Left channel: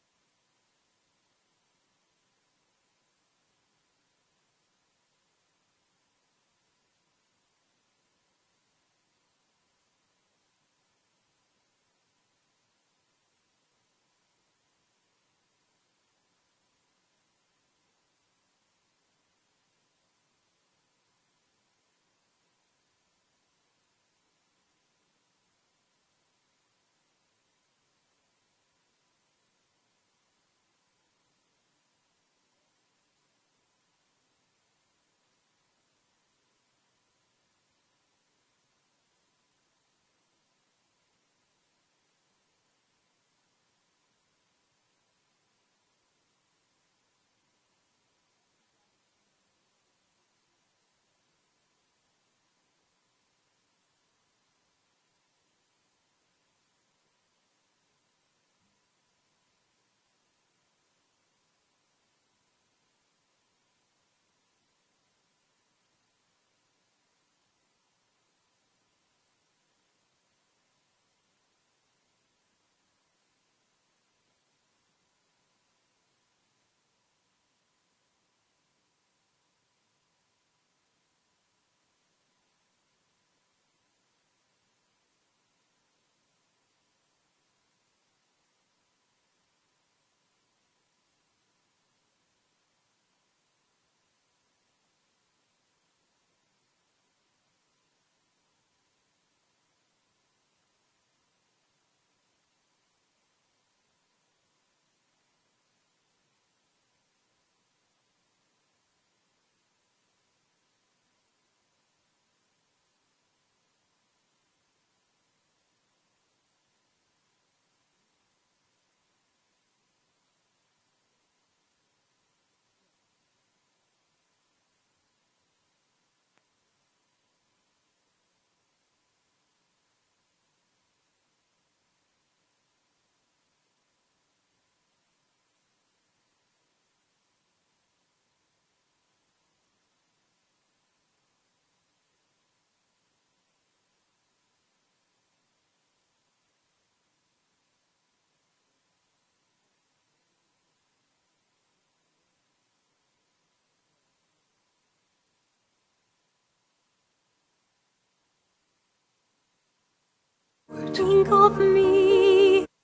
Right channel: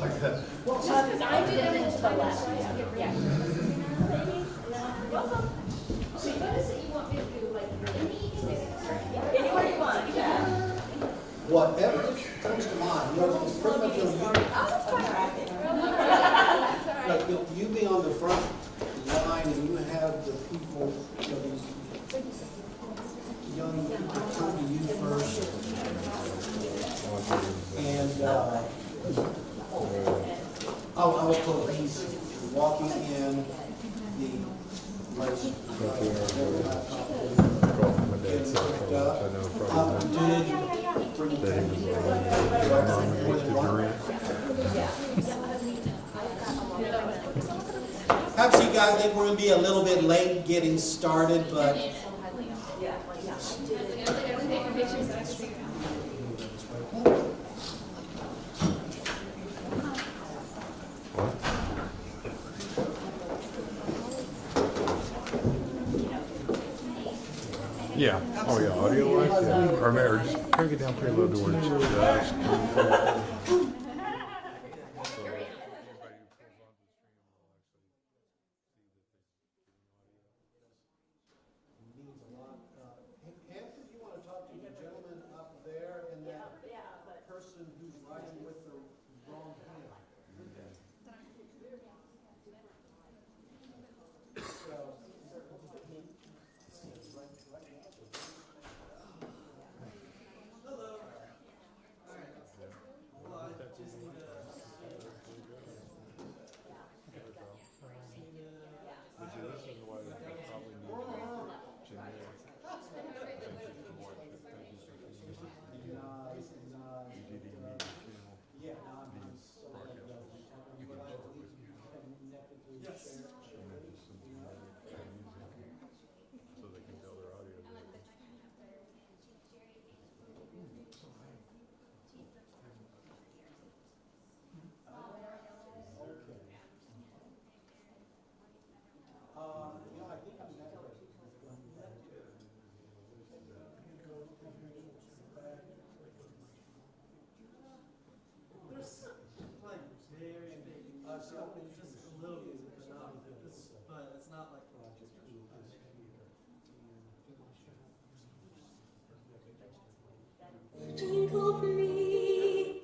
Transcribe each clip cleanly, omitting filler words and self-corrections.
Like that. I did it to the left. Yeah. Anywhere you want, yeah. Whatever comes to mind, you know, it's pretty much you be on the front line and you have the people, you know, these young people come to you first. And I was told he's walking in the most perhaps you guys think we're going to be a little bit late getting started, but Yeah. Oh yeah, audio wise, yeah. Or maybe just crank it down pretty low to where it's just. Hampton, you want to talk to the gentleman up there and that person who's writing with the wrong pen? Think of me.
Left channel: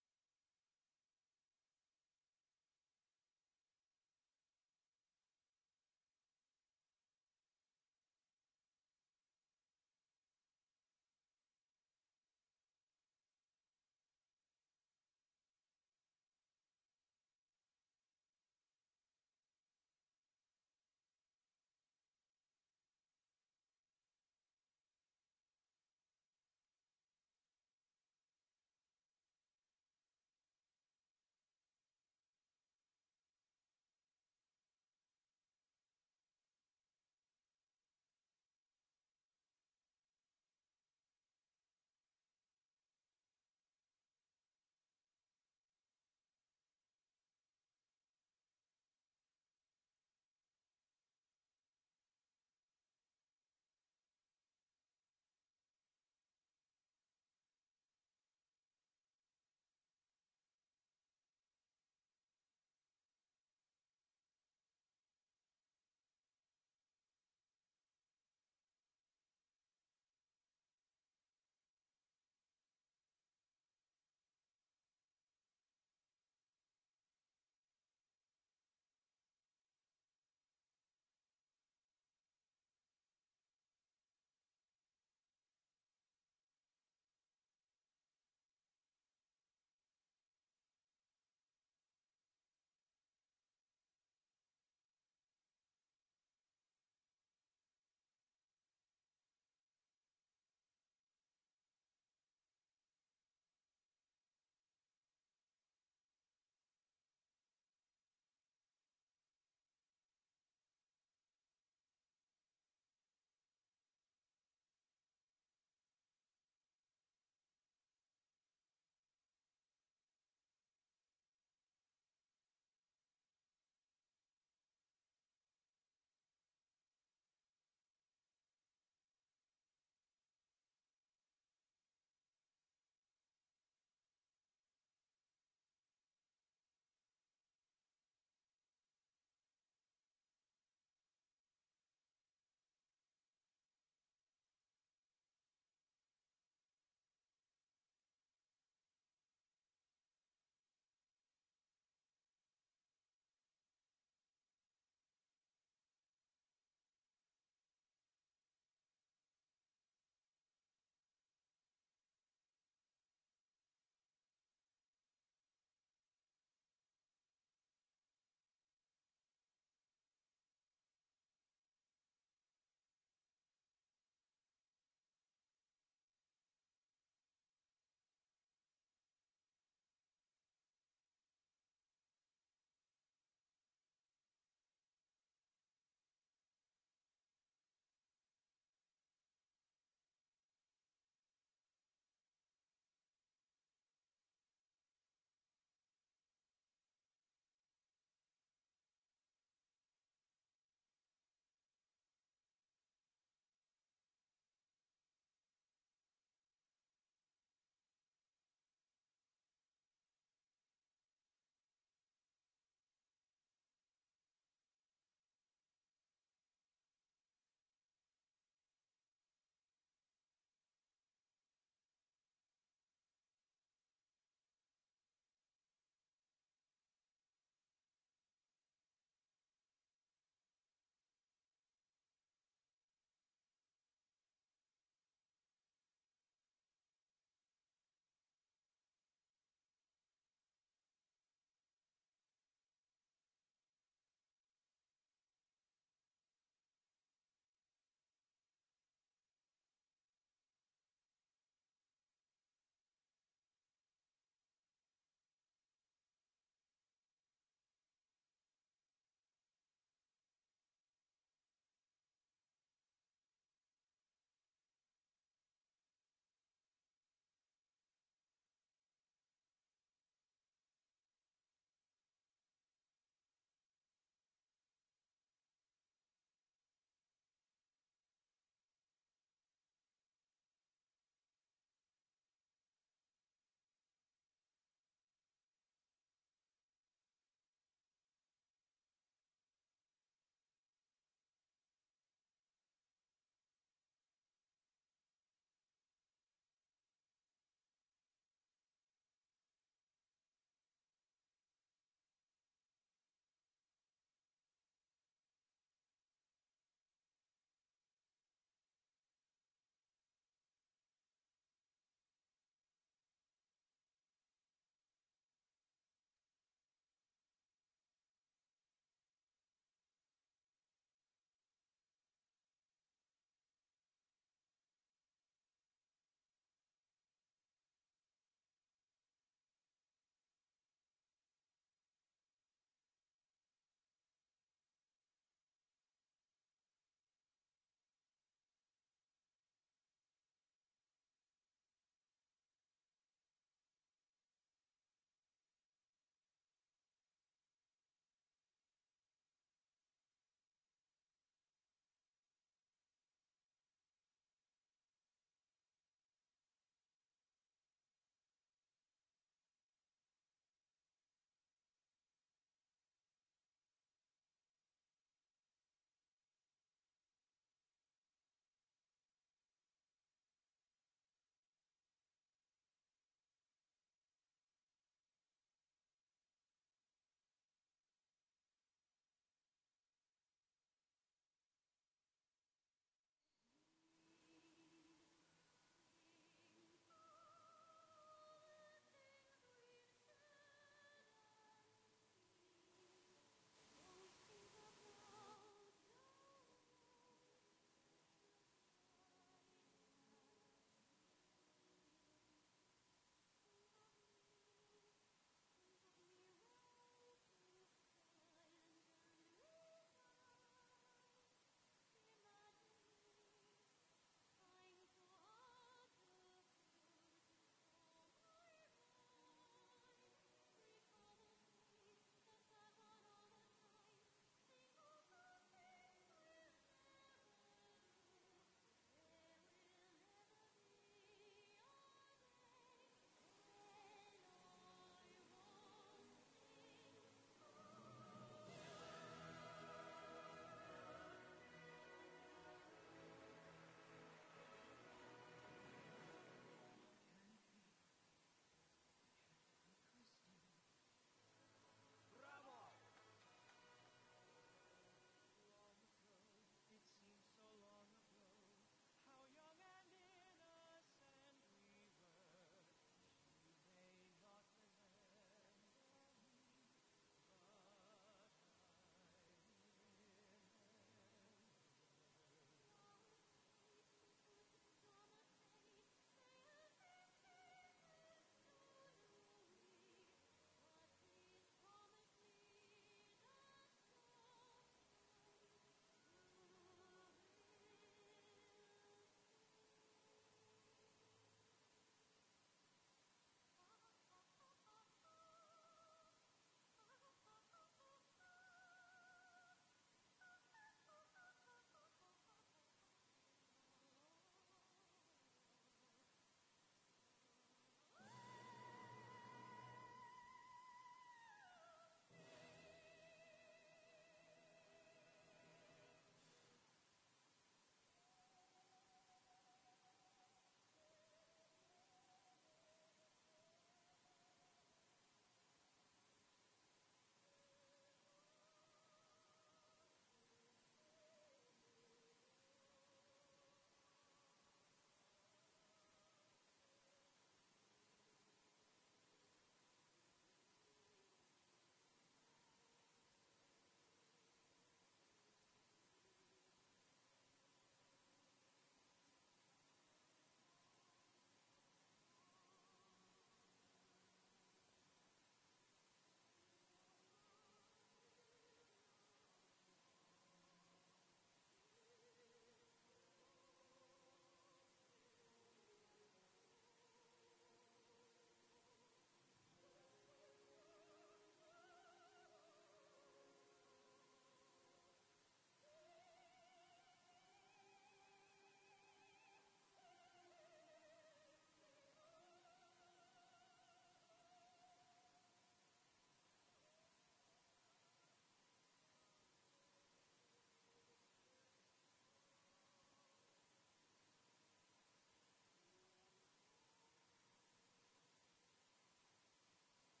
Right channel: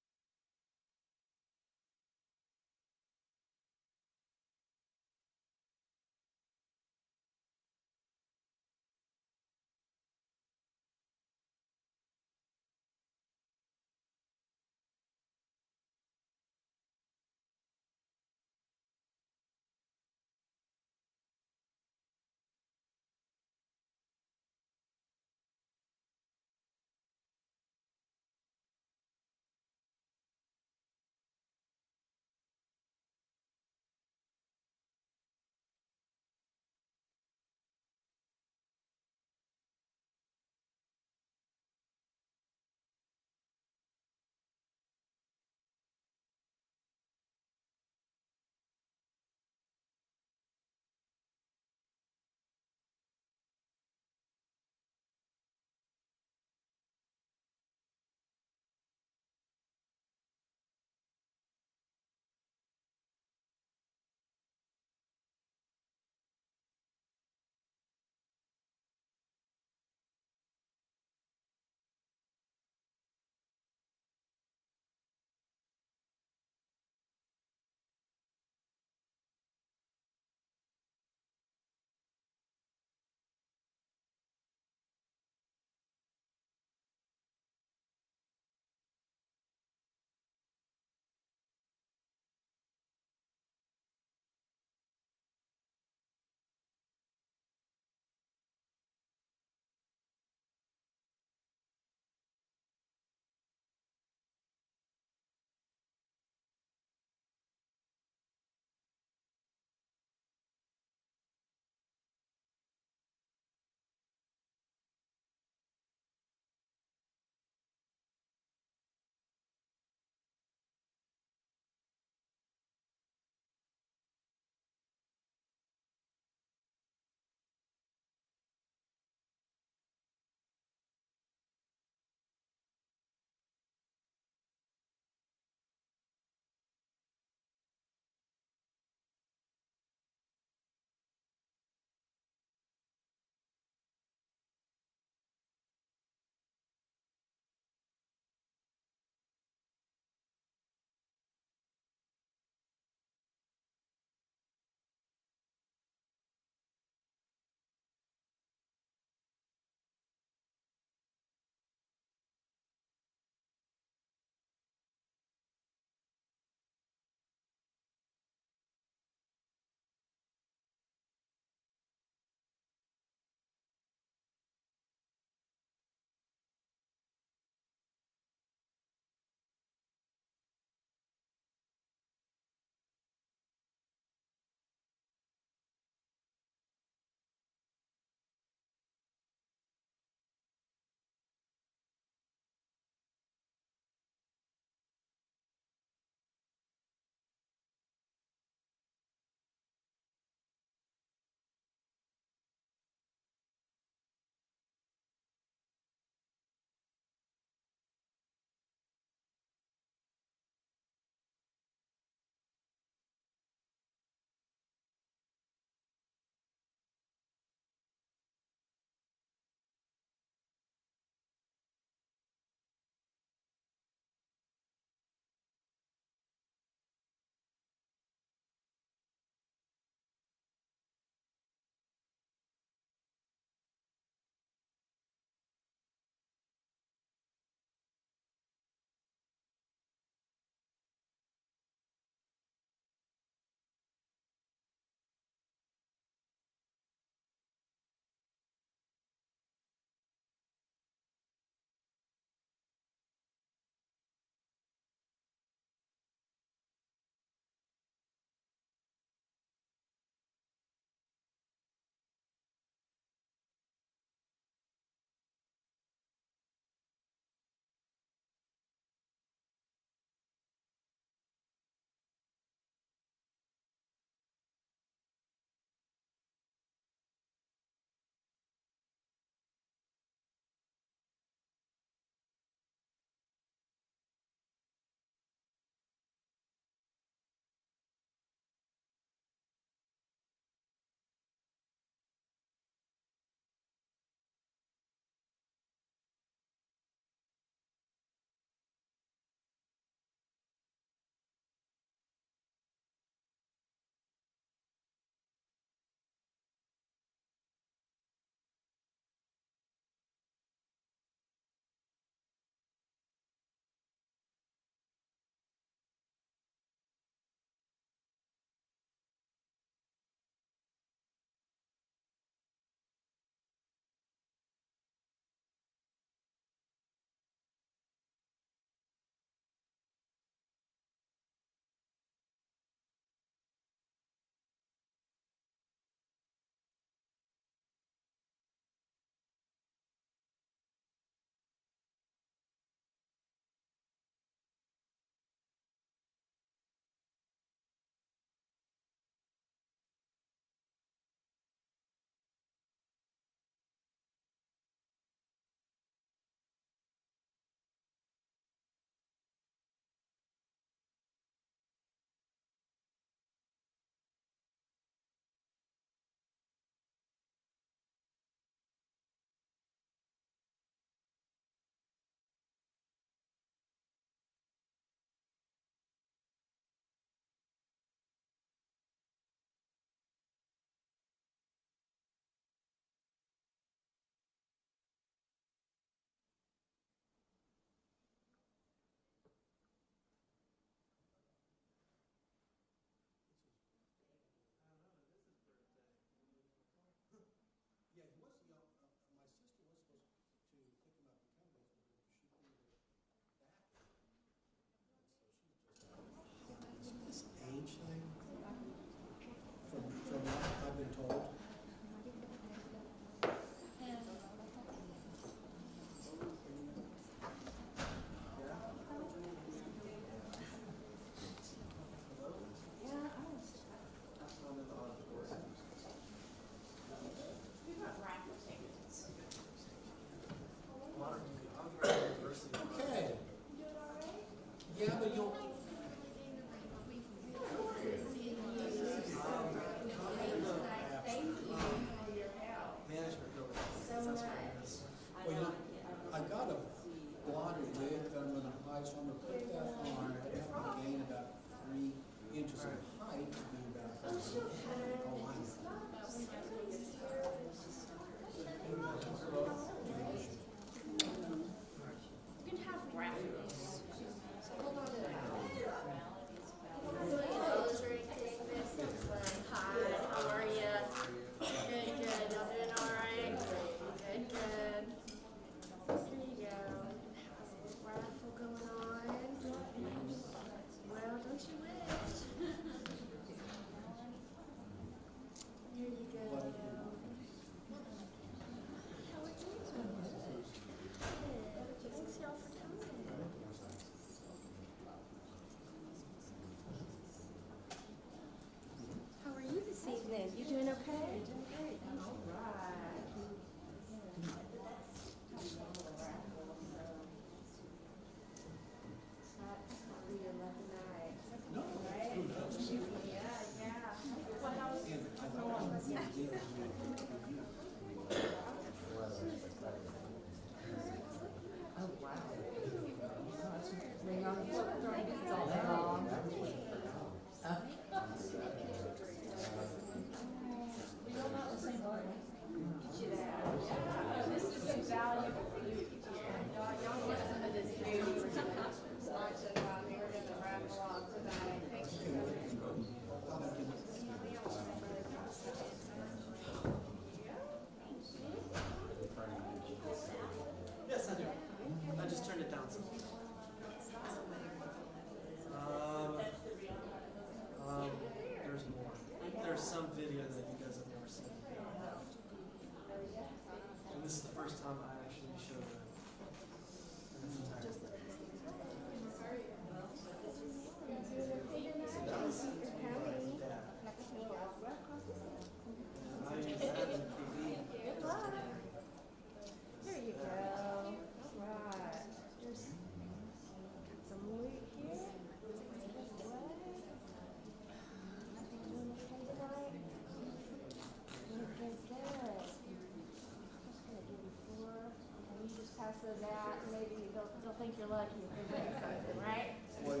those out, and maybe they'll think you're lucky if they bring something, right? Very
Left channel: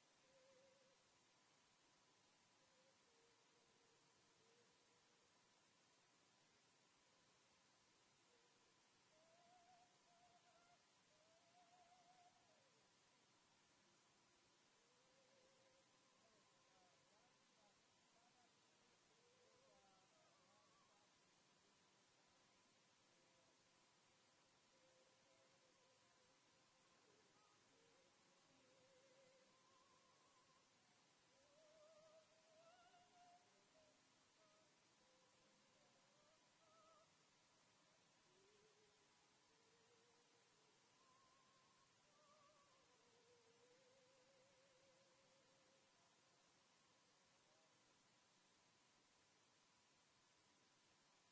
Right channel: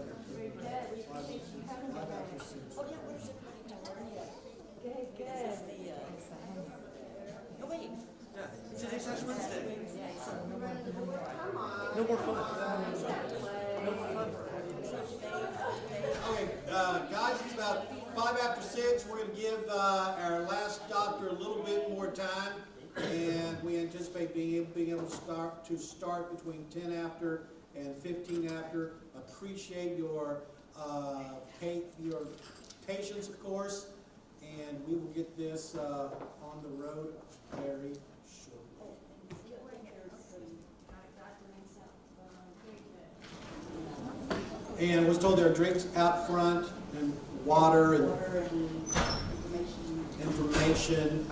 good. We appreciate you coming today. Oh, yeah, what is everybody doing? Good, good. Oh, wait. Today's Ash Wednesday. No more fun. No more fun. Okay, guys, it's about 6:05. We're going to give our last doctor a little bit more time, and we anticipate being able to start between 10 after and 15 after. Appreciate your patience, of course, and we will get this on the road very shortly. And I was told there are drinks out front and water and information.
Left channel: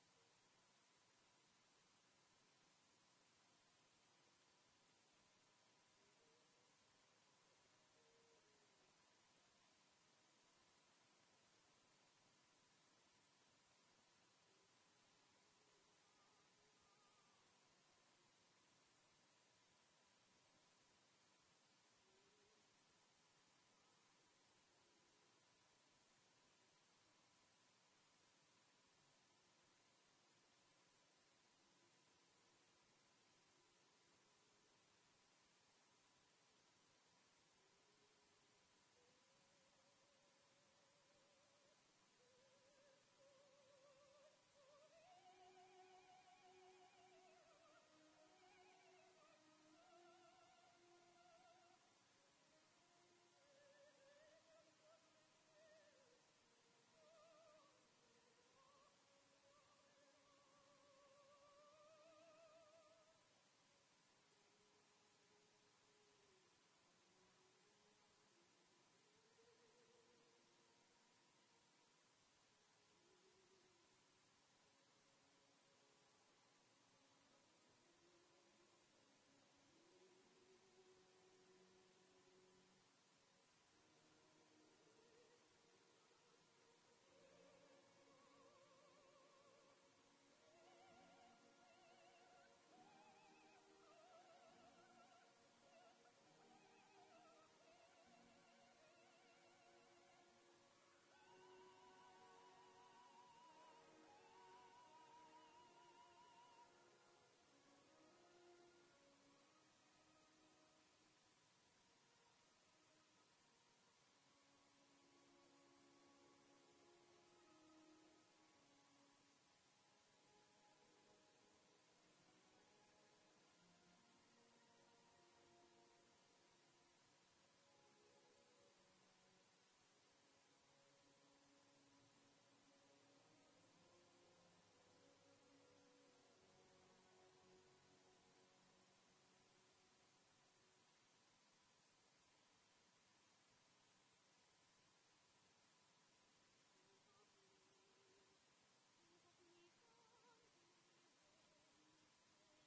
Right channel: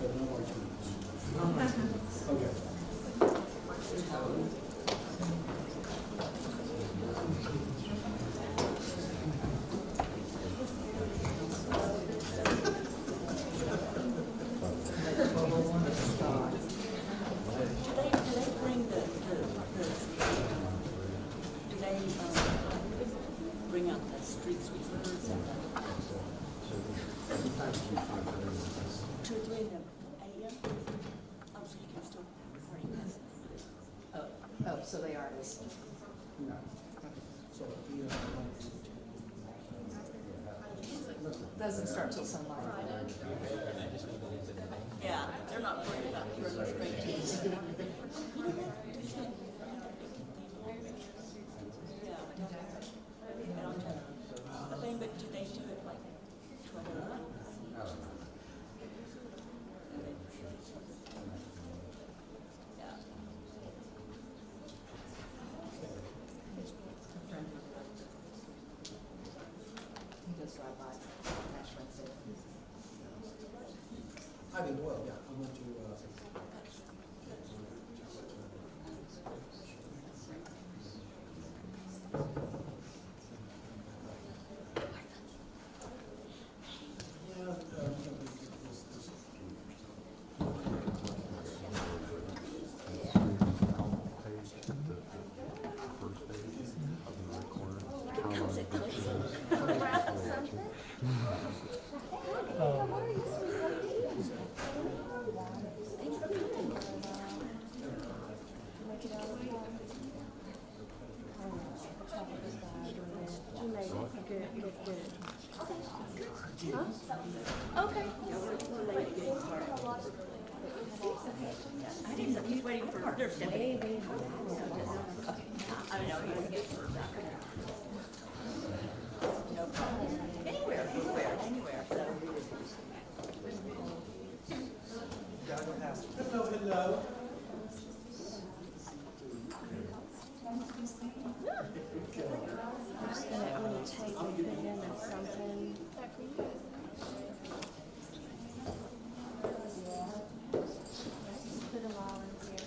But no more drinks. Okay. Bring out the street sweepers and 2 or 3 in the AM? Oh, so you can still bring this. Oh, so they are listening. No. So, Doesn't start till sunlight. Yeah, they're not worried about your straight teeth. Yeah, I don't know. But do they do it like 12? Yeah. He does drive by Ash Wednesday. I did well, yeah. I went to, I think so. He's waiting for their stepping. I don't know. No problem. Anywhere. hello. I'm just gonna take a pen or something. Put them all in here.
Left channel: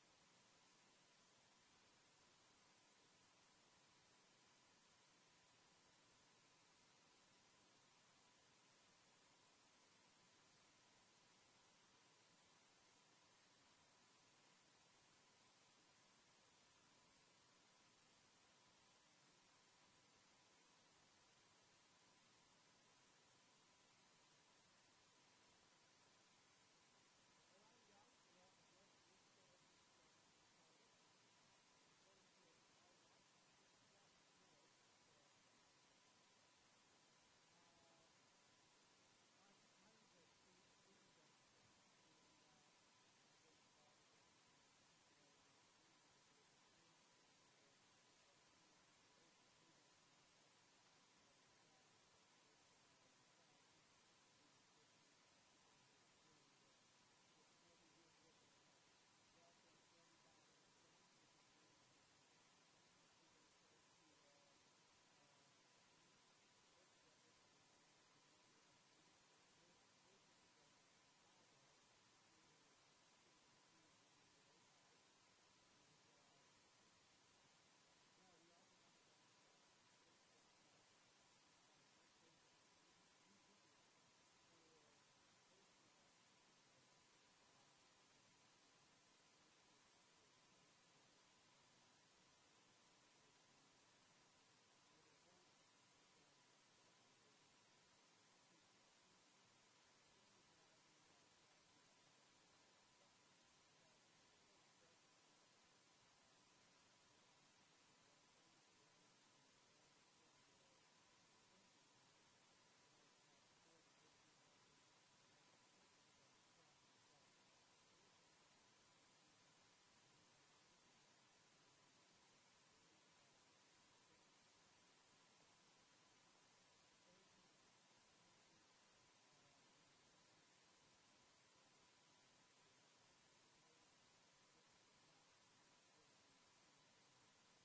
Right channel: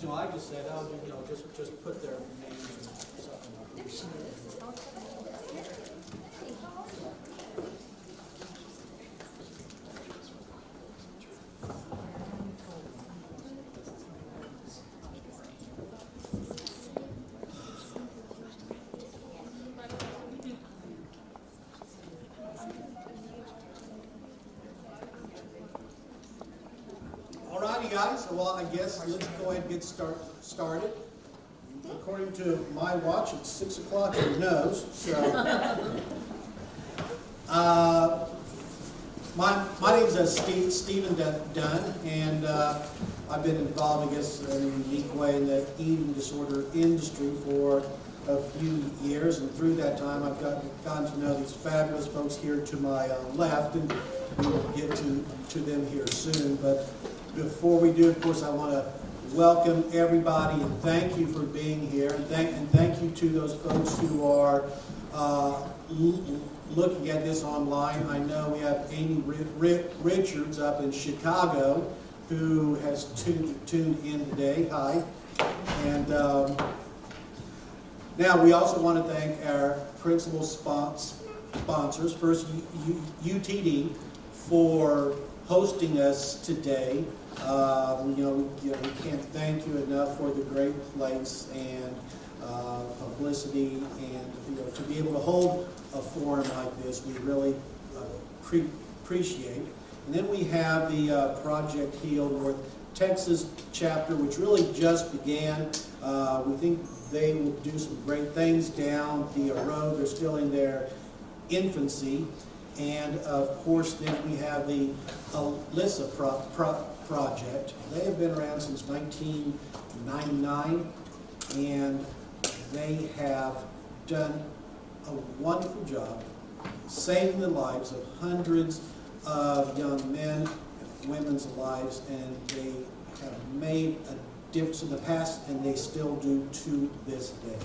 So I just said, oh, just put their names or something like that. Alrighty, guys, well, I guess let's go ahead and get started. According to my watch, it's 6 o'clock in your nose, so. My name's Stephen Dunn, and I've been involved, I guess, in a unique way in the eating disorder industry for a few years, and through that time I've gotten to know these fabulous folks here to my left, and we will get to them here soon. But before we do, of course, I want to welcome everybody and thank you for being here, and thank you to those folks who are looking at this online. I know we have Amy Richards up in Chicago who has tuned in today. Hi. And now we also want to thank our principal sponsors. First, UTD for hosting us today. We can't thank you enough for the great place and publicity, and to be able to hold a forum like this, we really appreciate. And then we have the Project Heal North Texas chapter, which really just began. We think they will do some great things down the road. They're still in their infancy. And of course, then we have the Alyssa project. They have been around since 1999, and they have done a wonderful job saving the lives of hundreds of young men and women's lives, and they have made a difference in the past, and they still do to this day.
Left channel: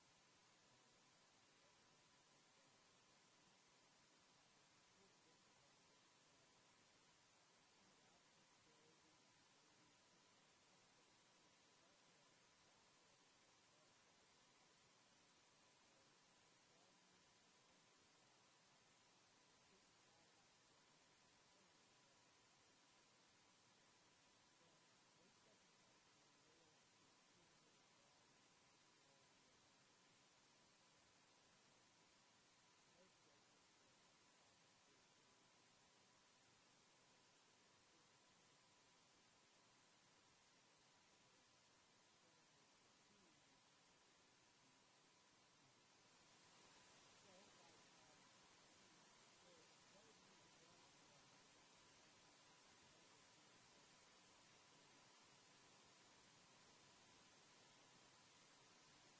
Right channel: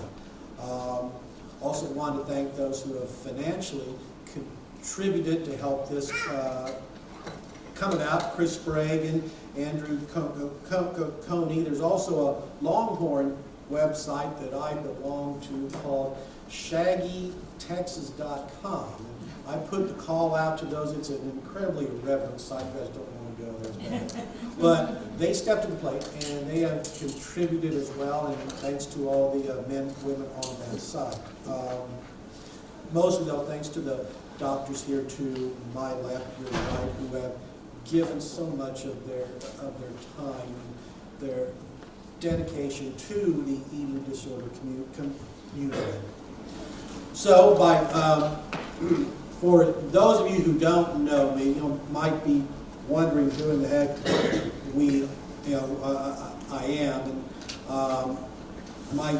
Also want to thank those who have financially contributed to help this come about. Chris Sprague and Andrew Coney. There's also a Longhorn website that I belong to called shaggytexas.com. I put the call out to those. It's an incredibly irreverent site. You guys don't want to go there. But they stepped to the plate, and they have contributed as well, and thanks to all the men and women on that side. Mostly, though, thanks to the doctors here to my left, your right, who have given so much of their time, their dedication to the eating disorder community. So, for those of you who don't know me, might be wondering who in the heck I am. And, my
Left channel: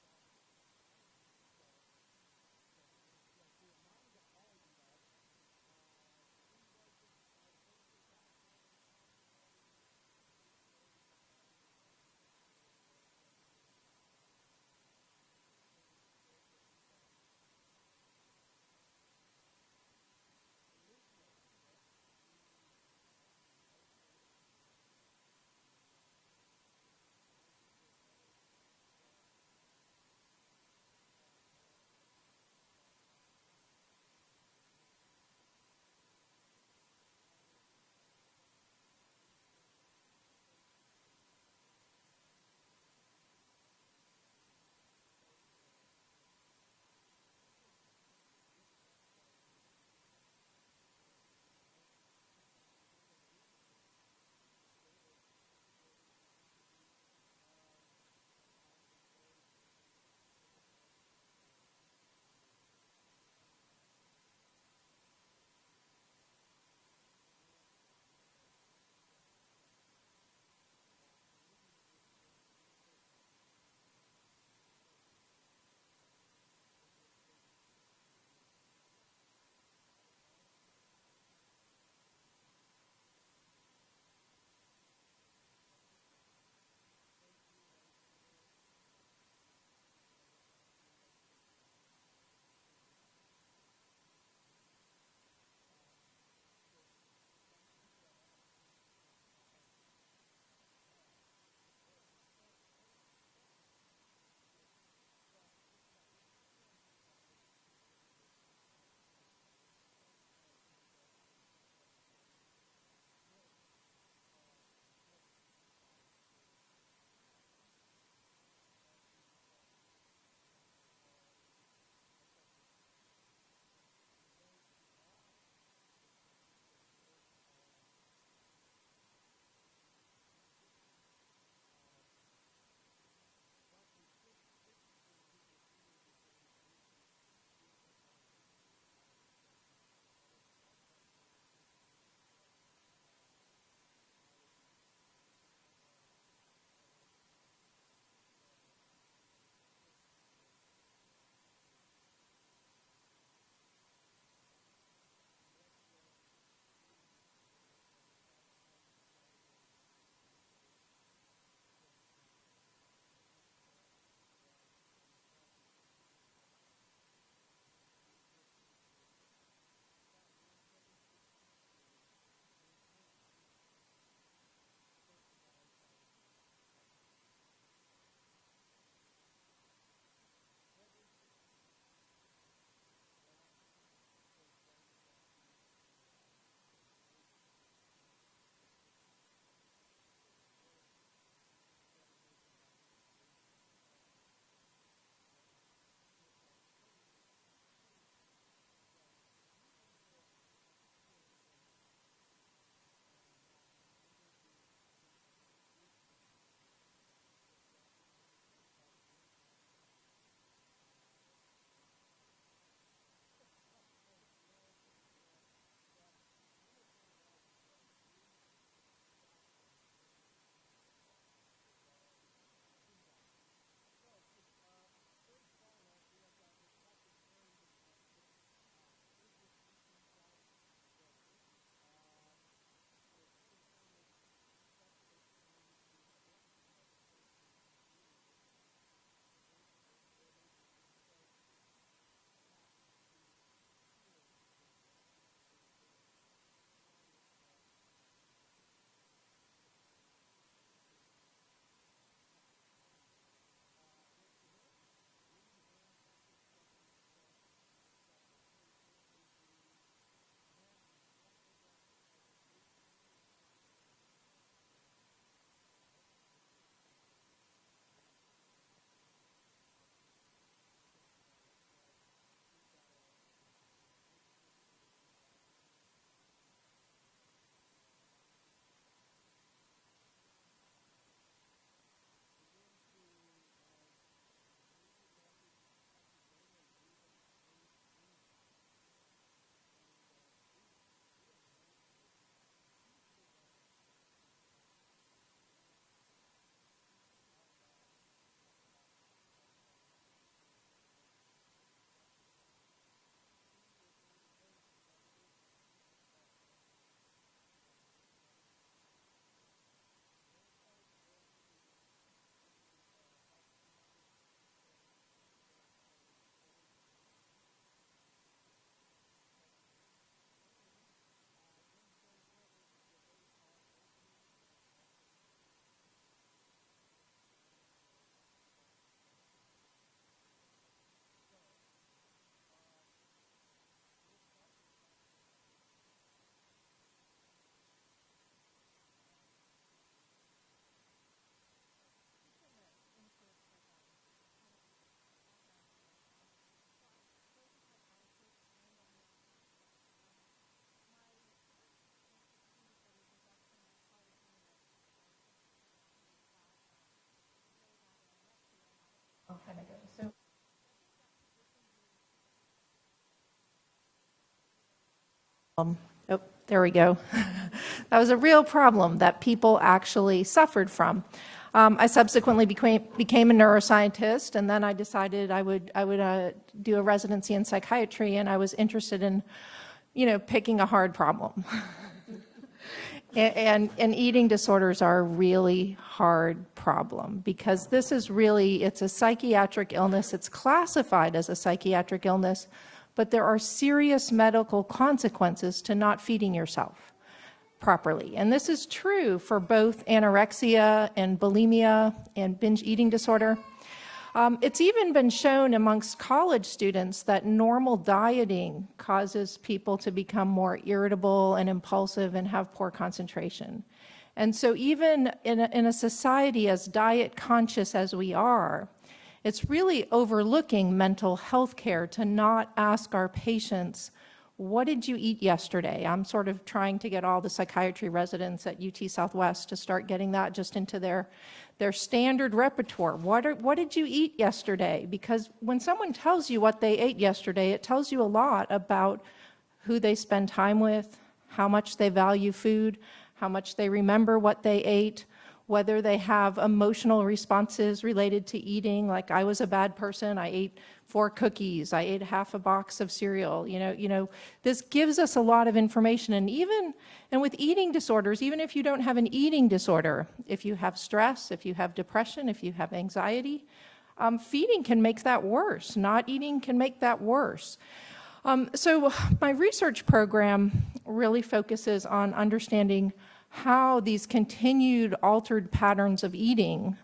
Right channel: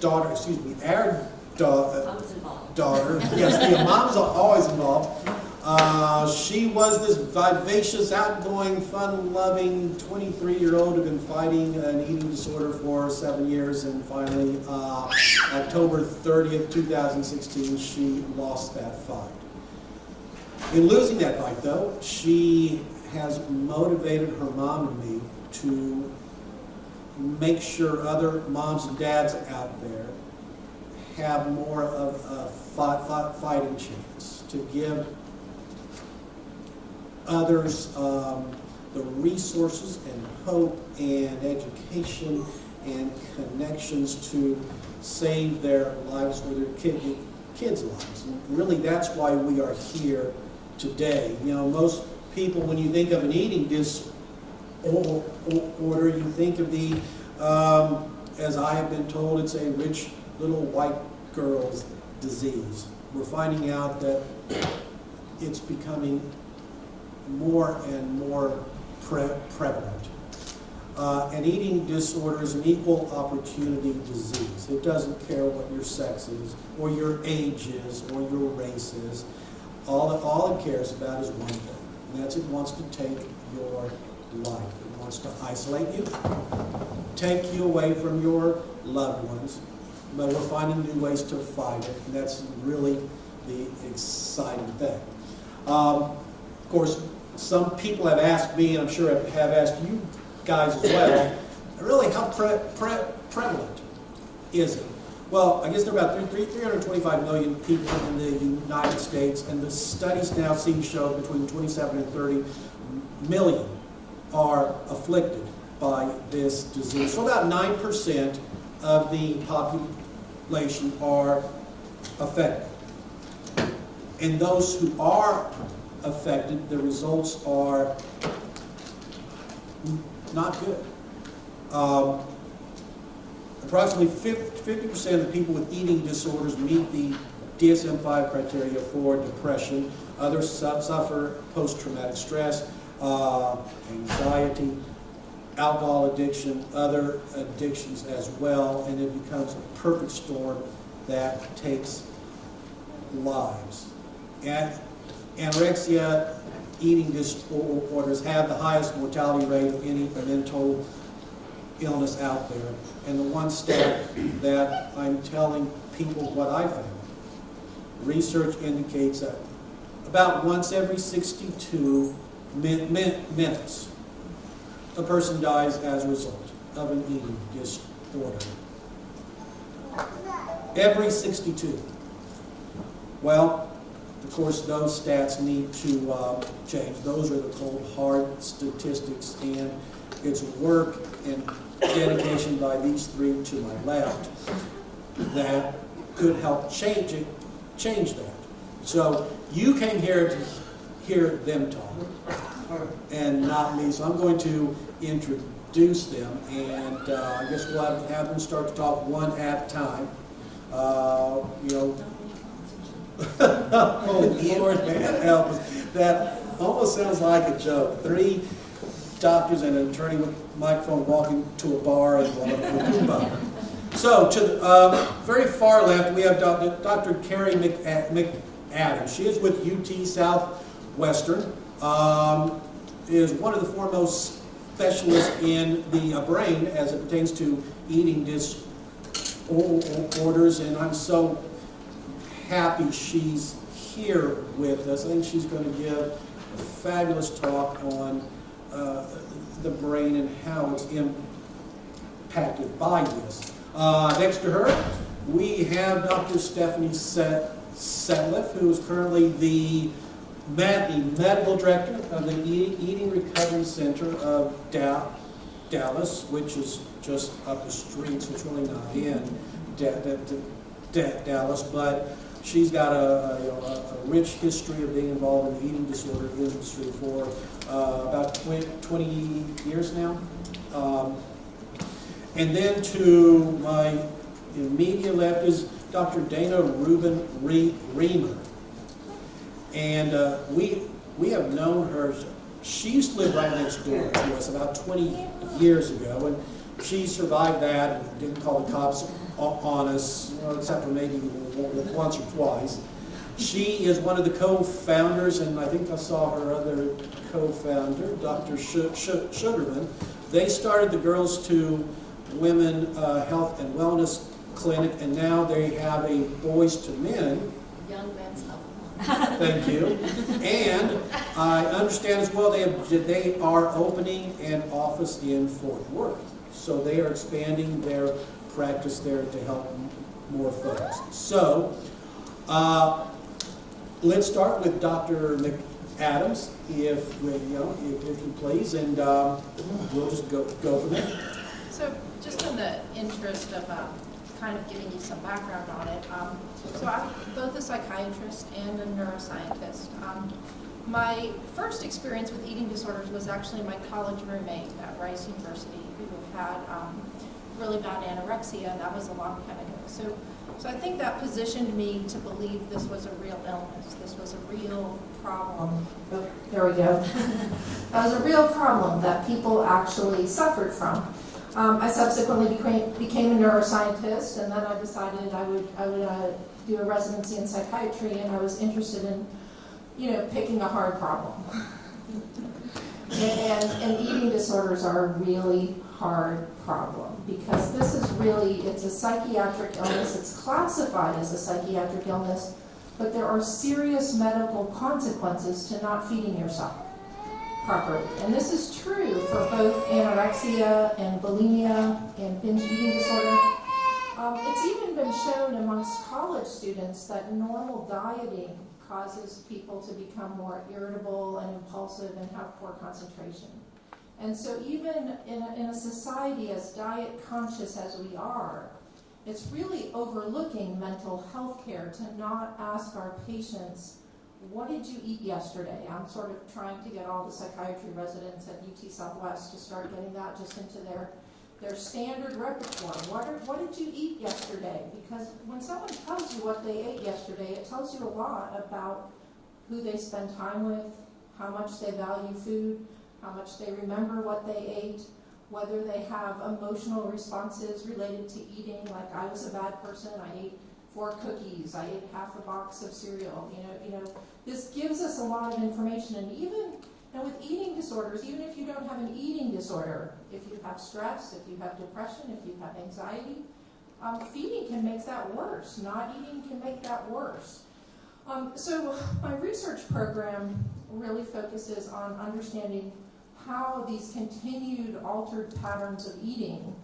daughter, our daughter, yes, mom's always involved. She was this vivacious, outgoing, fun-loving 23-year-old who'd been fighting an eating disorder for 7 years, and finally, October 30th, 2016, she lost that fight. In losing that fight, though, she has motivated her mom and me to make sure other moms and dads out there have more of a fighting chance, to give others the resources and hope and education and connections to save their lives or their kids' lives. And really, that's why we are here today. Most people, when you think of an eating disorder, you think of the, as I have been told, it's a rich little white girl's disease. We're finding out that it's becoming more and more prevalent. An eating disorder is an equal opportunity disease. It doesn't care what your sex is, or your age is, or your race is. All it cares about is one thing, and that's it wants to take your life. It wants to isolate you, take you away from your loved ones, but we're finding new ways to fight it, and that's really the exciting thing. Of course, some people have asked me, and I'm sure have asked you guys as well, really how prevalent is it? Well, I guess there are about 325 million people in the United States, and the studies now seem to show between 27 and 30 million are afflicted by this disease. So about 9% of the population are affected. And those who are affected, the results are not good. Approximately 50% of the people with eating disorders meet the DSM-5 criteria for depression. Others suffer post-traumatic stress, anxiety, alcohol addiction, other addictions as well, and it becomes a perfect storm that takes lives. Anorexia, eating disorders have the highest mortality rate of any mental illness out there. And the one stat that I'm telling people what I found, research indicates that about once every 62 minutes, a person dies as a result of an eating disorder. Every 62. Well, of course, those stats need to change. Those are the cold, hard statistics, and it's work and dedication by these three to my left that could help change that. So you came here to hear them talk, and not me. So I'm going to introduce them, and I guess we'll have them start to talk one at a time. Oh, Lord, man, help us. That almost sounds like a joke. 3 doctors and an attorney with a microphone walking to a bar and one of them. So, to the very far left, we have Dr. Carrie McAdams. She is with UT Southwestern, is one of the foremost specialists in the brain as it pertains to eating disorders, and I'm so happy she's here with us. I think she's going to give a fabulous talk on the brain and how it's impacted by this. Next to her, we have Dr. Stephanie Setliff, who is currently the medical director of the Eating Recovery Center of Dallas, which is just up the street, so it's really not in Dallas, but she's got a rich history of being involved in the eating disorder industry for about 20 years now. And then to my immediate left is Dr. Dana Rubin Reamer. And we have known her. She used to live right next door to us about 20 years ago, and she survived that and didn't call the cops on us, except for maybe once or twice. She is one of the co-founders, and I think I saw her other co-founder, Dr. Sugarman. They started the Girls to Women Health and Wellness Clinic, and now they have a Boys to Men. Young Men's Health. Thank you. And I understand as well they are opening an office in Fort Worth. So they are expanding their practice there to help more folks. So let's start with Dr. McAdams, if you please, and we'll just go from there. So just in the interest of kind of giving you some background on it, so I'm both a psychiatrist and a neuroscientist. My first experience with eating disorders was actually my college roommate at Rice University who had really bad anorexia, and that was a long time ago. So I think that positioned me to believe this was a real illness. This was a real problem. Oh, there we go. That was a real problem that people actually suffered from. I subsequently became a neuroscientist, and then I decided I would do a residency in psychiatry, and I was interested in, picking a hard problem. and eating disorders are a really hard problem because this is it's a psychiatric illness. It's classified as a psychiatric illness, but there are serious medical consequences to not feeding yourself. properly. And this is true for both anorexia and bulimia and binge eating disorder. It's even been shown amongst college students that normal dieting causes people to become more irritable and impulsive and have poor concentration. And so even in a society as diet conscious as we are, it's really overlooking mental health care to not ask our patients, what did you eat yesterday? I'm sort of trying to get all the psychiatry residents at UT Southwest to start getting that just into their standard repertoire. What did you eat yesterday? Because when someone tells you what they ate yesterday, it tells you a lot about who they spend time with, how much they value food, how much they remember what they ate, whether they have emotional responses related to eating, like I was a bad person, I ate 4 cookies, I ate half a box of cereal. You know, this gives us a lot of information. And with eating disorders, even if you don't have an eating disorder, if you have stress, if you have depression, if you have anxiety, feeding can make that worse. Not eating can make that worse. So my research program really focuses on understanding how these continued altered patterns of eating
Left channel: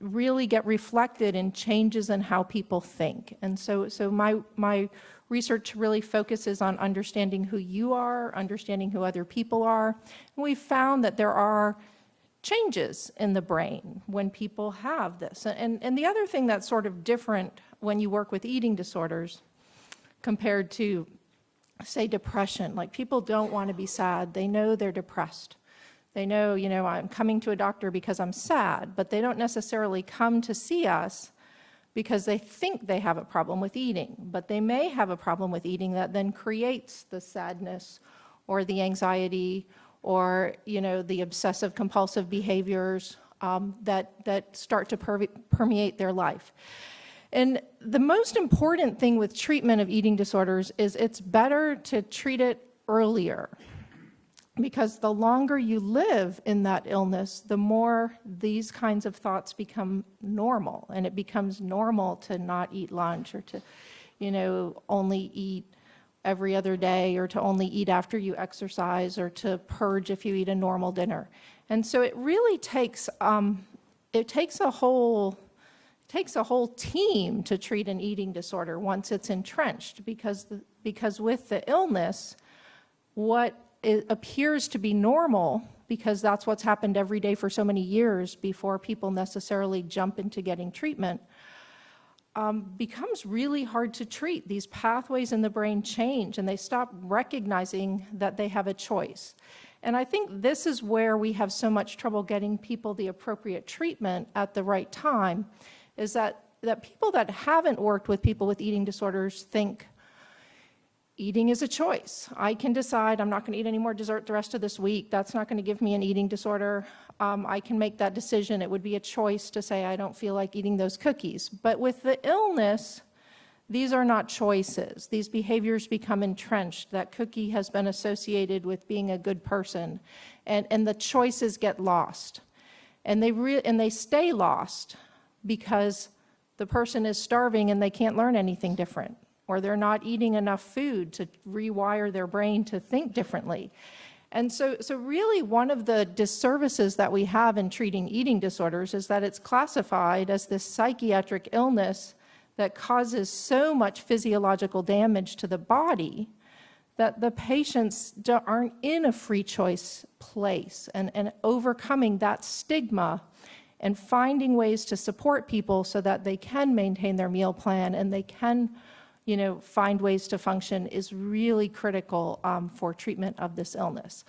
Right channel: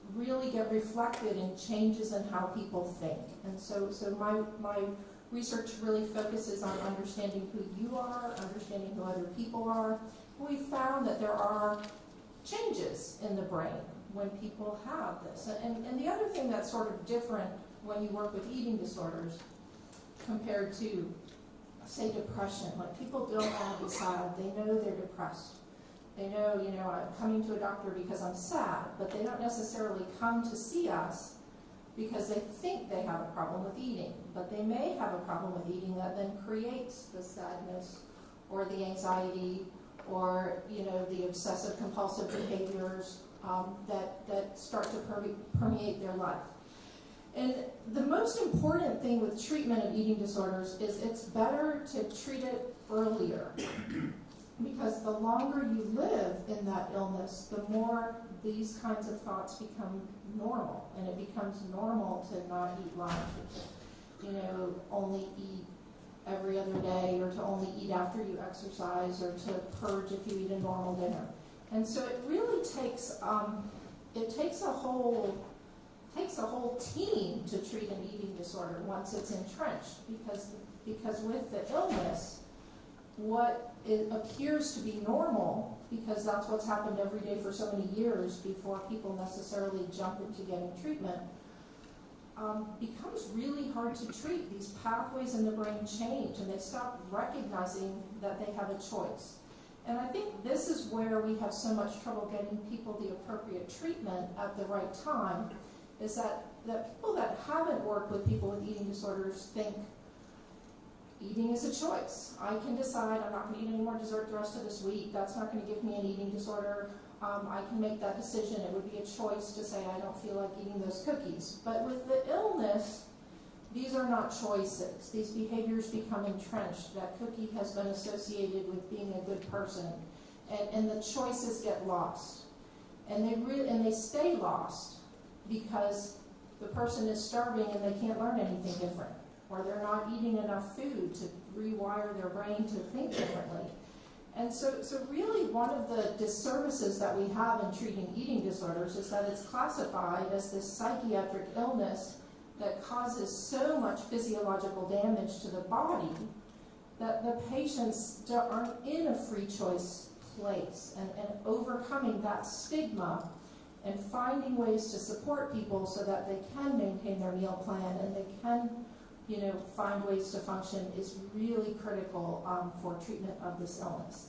really get reflected in changes in how people think. And so my research really focuses on understanding who you are, understanding who other people are. And we found that there are changes in the brain when people have this. And the other thing that's sort of different when you work with eating disorders compared to, say, depression, like people don't want to be sad. They know they're depressed. They know, I'm coming to a doctor because I'm sad, but they don't necessarily come to see us because they think they have a problem with eating, but they may have a problem with eating that then creates the sadness or the anxiety or, the obsessive compulsive behaviors that start to permeate their life. And the most important thing with treatment of eating disorders is it's better to treat it earlier, because the longer you live in that illness, the more these kinds of thoughts become normal, and it becomes normal to not eat lunch or to, only eat every other day, or to only eat after you exercise, or to purge if you eat a normal dinner. And so it really takes a whole team to treat an eating disorder once it's entrenched, because with the illness, what it appears to be normal, because that's what's happened every day for so many years before people necessarily jump into getting treatment, becomes really hard to treat. These pathways in the brain change, and they stop recognizing that they have a choice. And I think this is where we have so much trouble getting people the appropriate treatment at the right time, is that people that haven't worked with people with eating disorders think eating is a choice. I can decide I'm not going to eat any more dessert the rest of this week. That's not going to give me an eating disorder. I can make that decision. It would be a choice to say I don't feel like eating those cookies. But with the illness, these are not choices. These behaviors become entrenched. That cookie has been associated with being a good person, and the choices get lost. And they stay lost because the person is starving and they can't learn anything different, or they're not eating enough food to rewire their brain to think differently. And so really one of the disservices that we have in treating eating disorders is that it's classified as this psychiatric illness that causes so much physiological damage to the body that the patients aren't in a free choice place. And overcoming that stigma and finding ways to support people so that they can maintain their meal plan and they can find ways to function is really critical for treatment of this illness.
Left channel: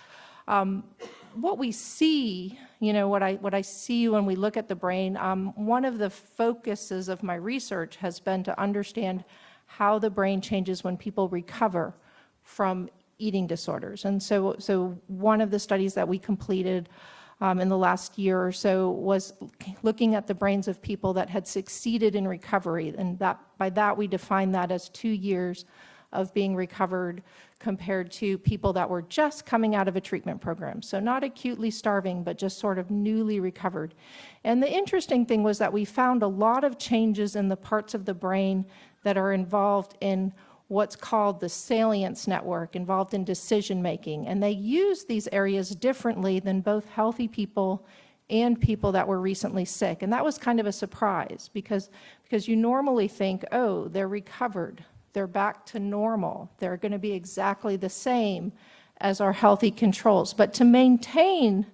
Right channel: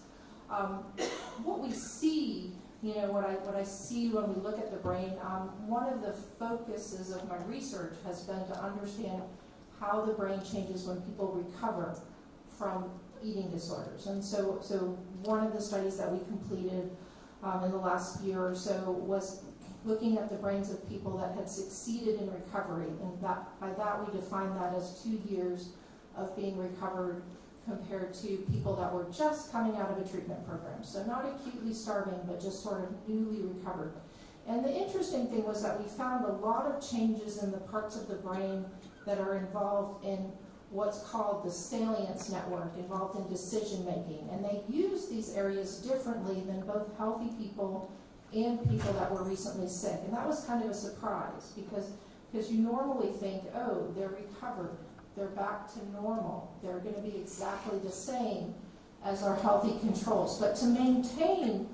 What we see, what I see when we look at the brain, one of the focuses of my research has been to understand how the brain changes when people recover from eating disorders. And so one of the studies that we completed in the last year or so was looking at the brains of people that had succeeded in recovery, and by that we define that as 2 years of being recovered compared to people that were just coming out of a treatment program. So not acutely starving, but just sort of newly recovered. And the interesting thing was that we found a lot of changes in the parts of the brain that are involved in what's called the salience network involved in decision making. And they use these areas differently than both healthy people and people that were recently sick. And that was kind of a surprise because you normally think, oh, they're recovered, they're back to normal, they're going to be exactly the same as our healthy controls. But to maintain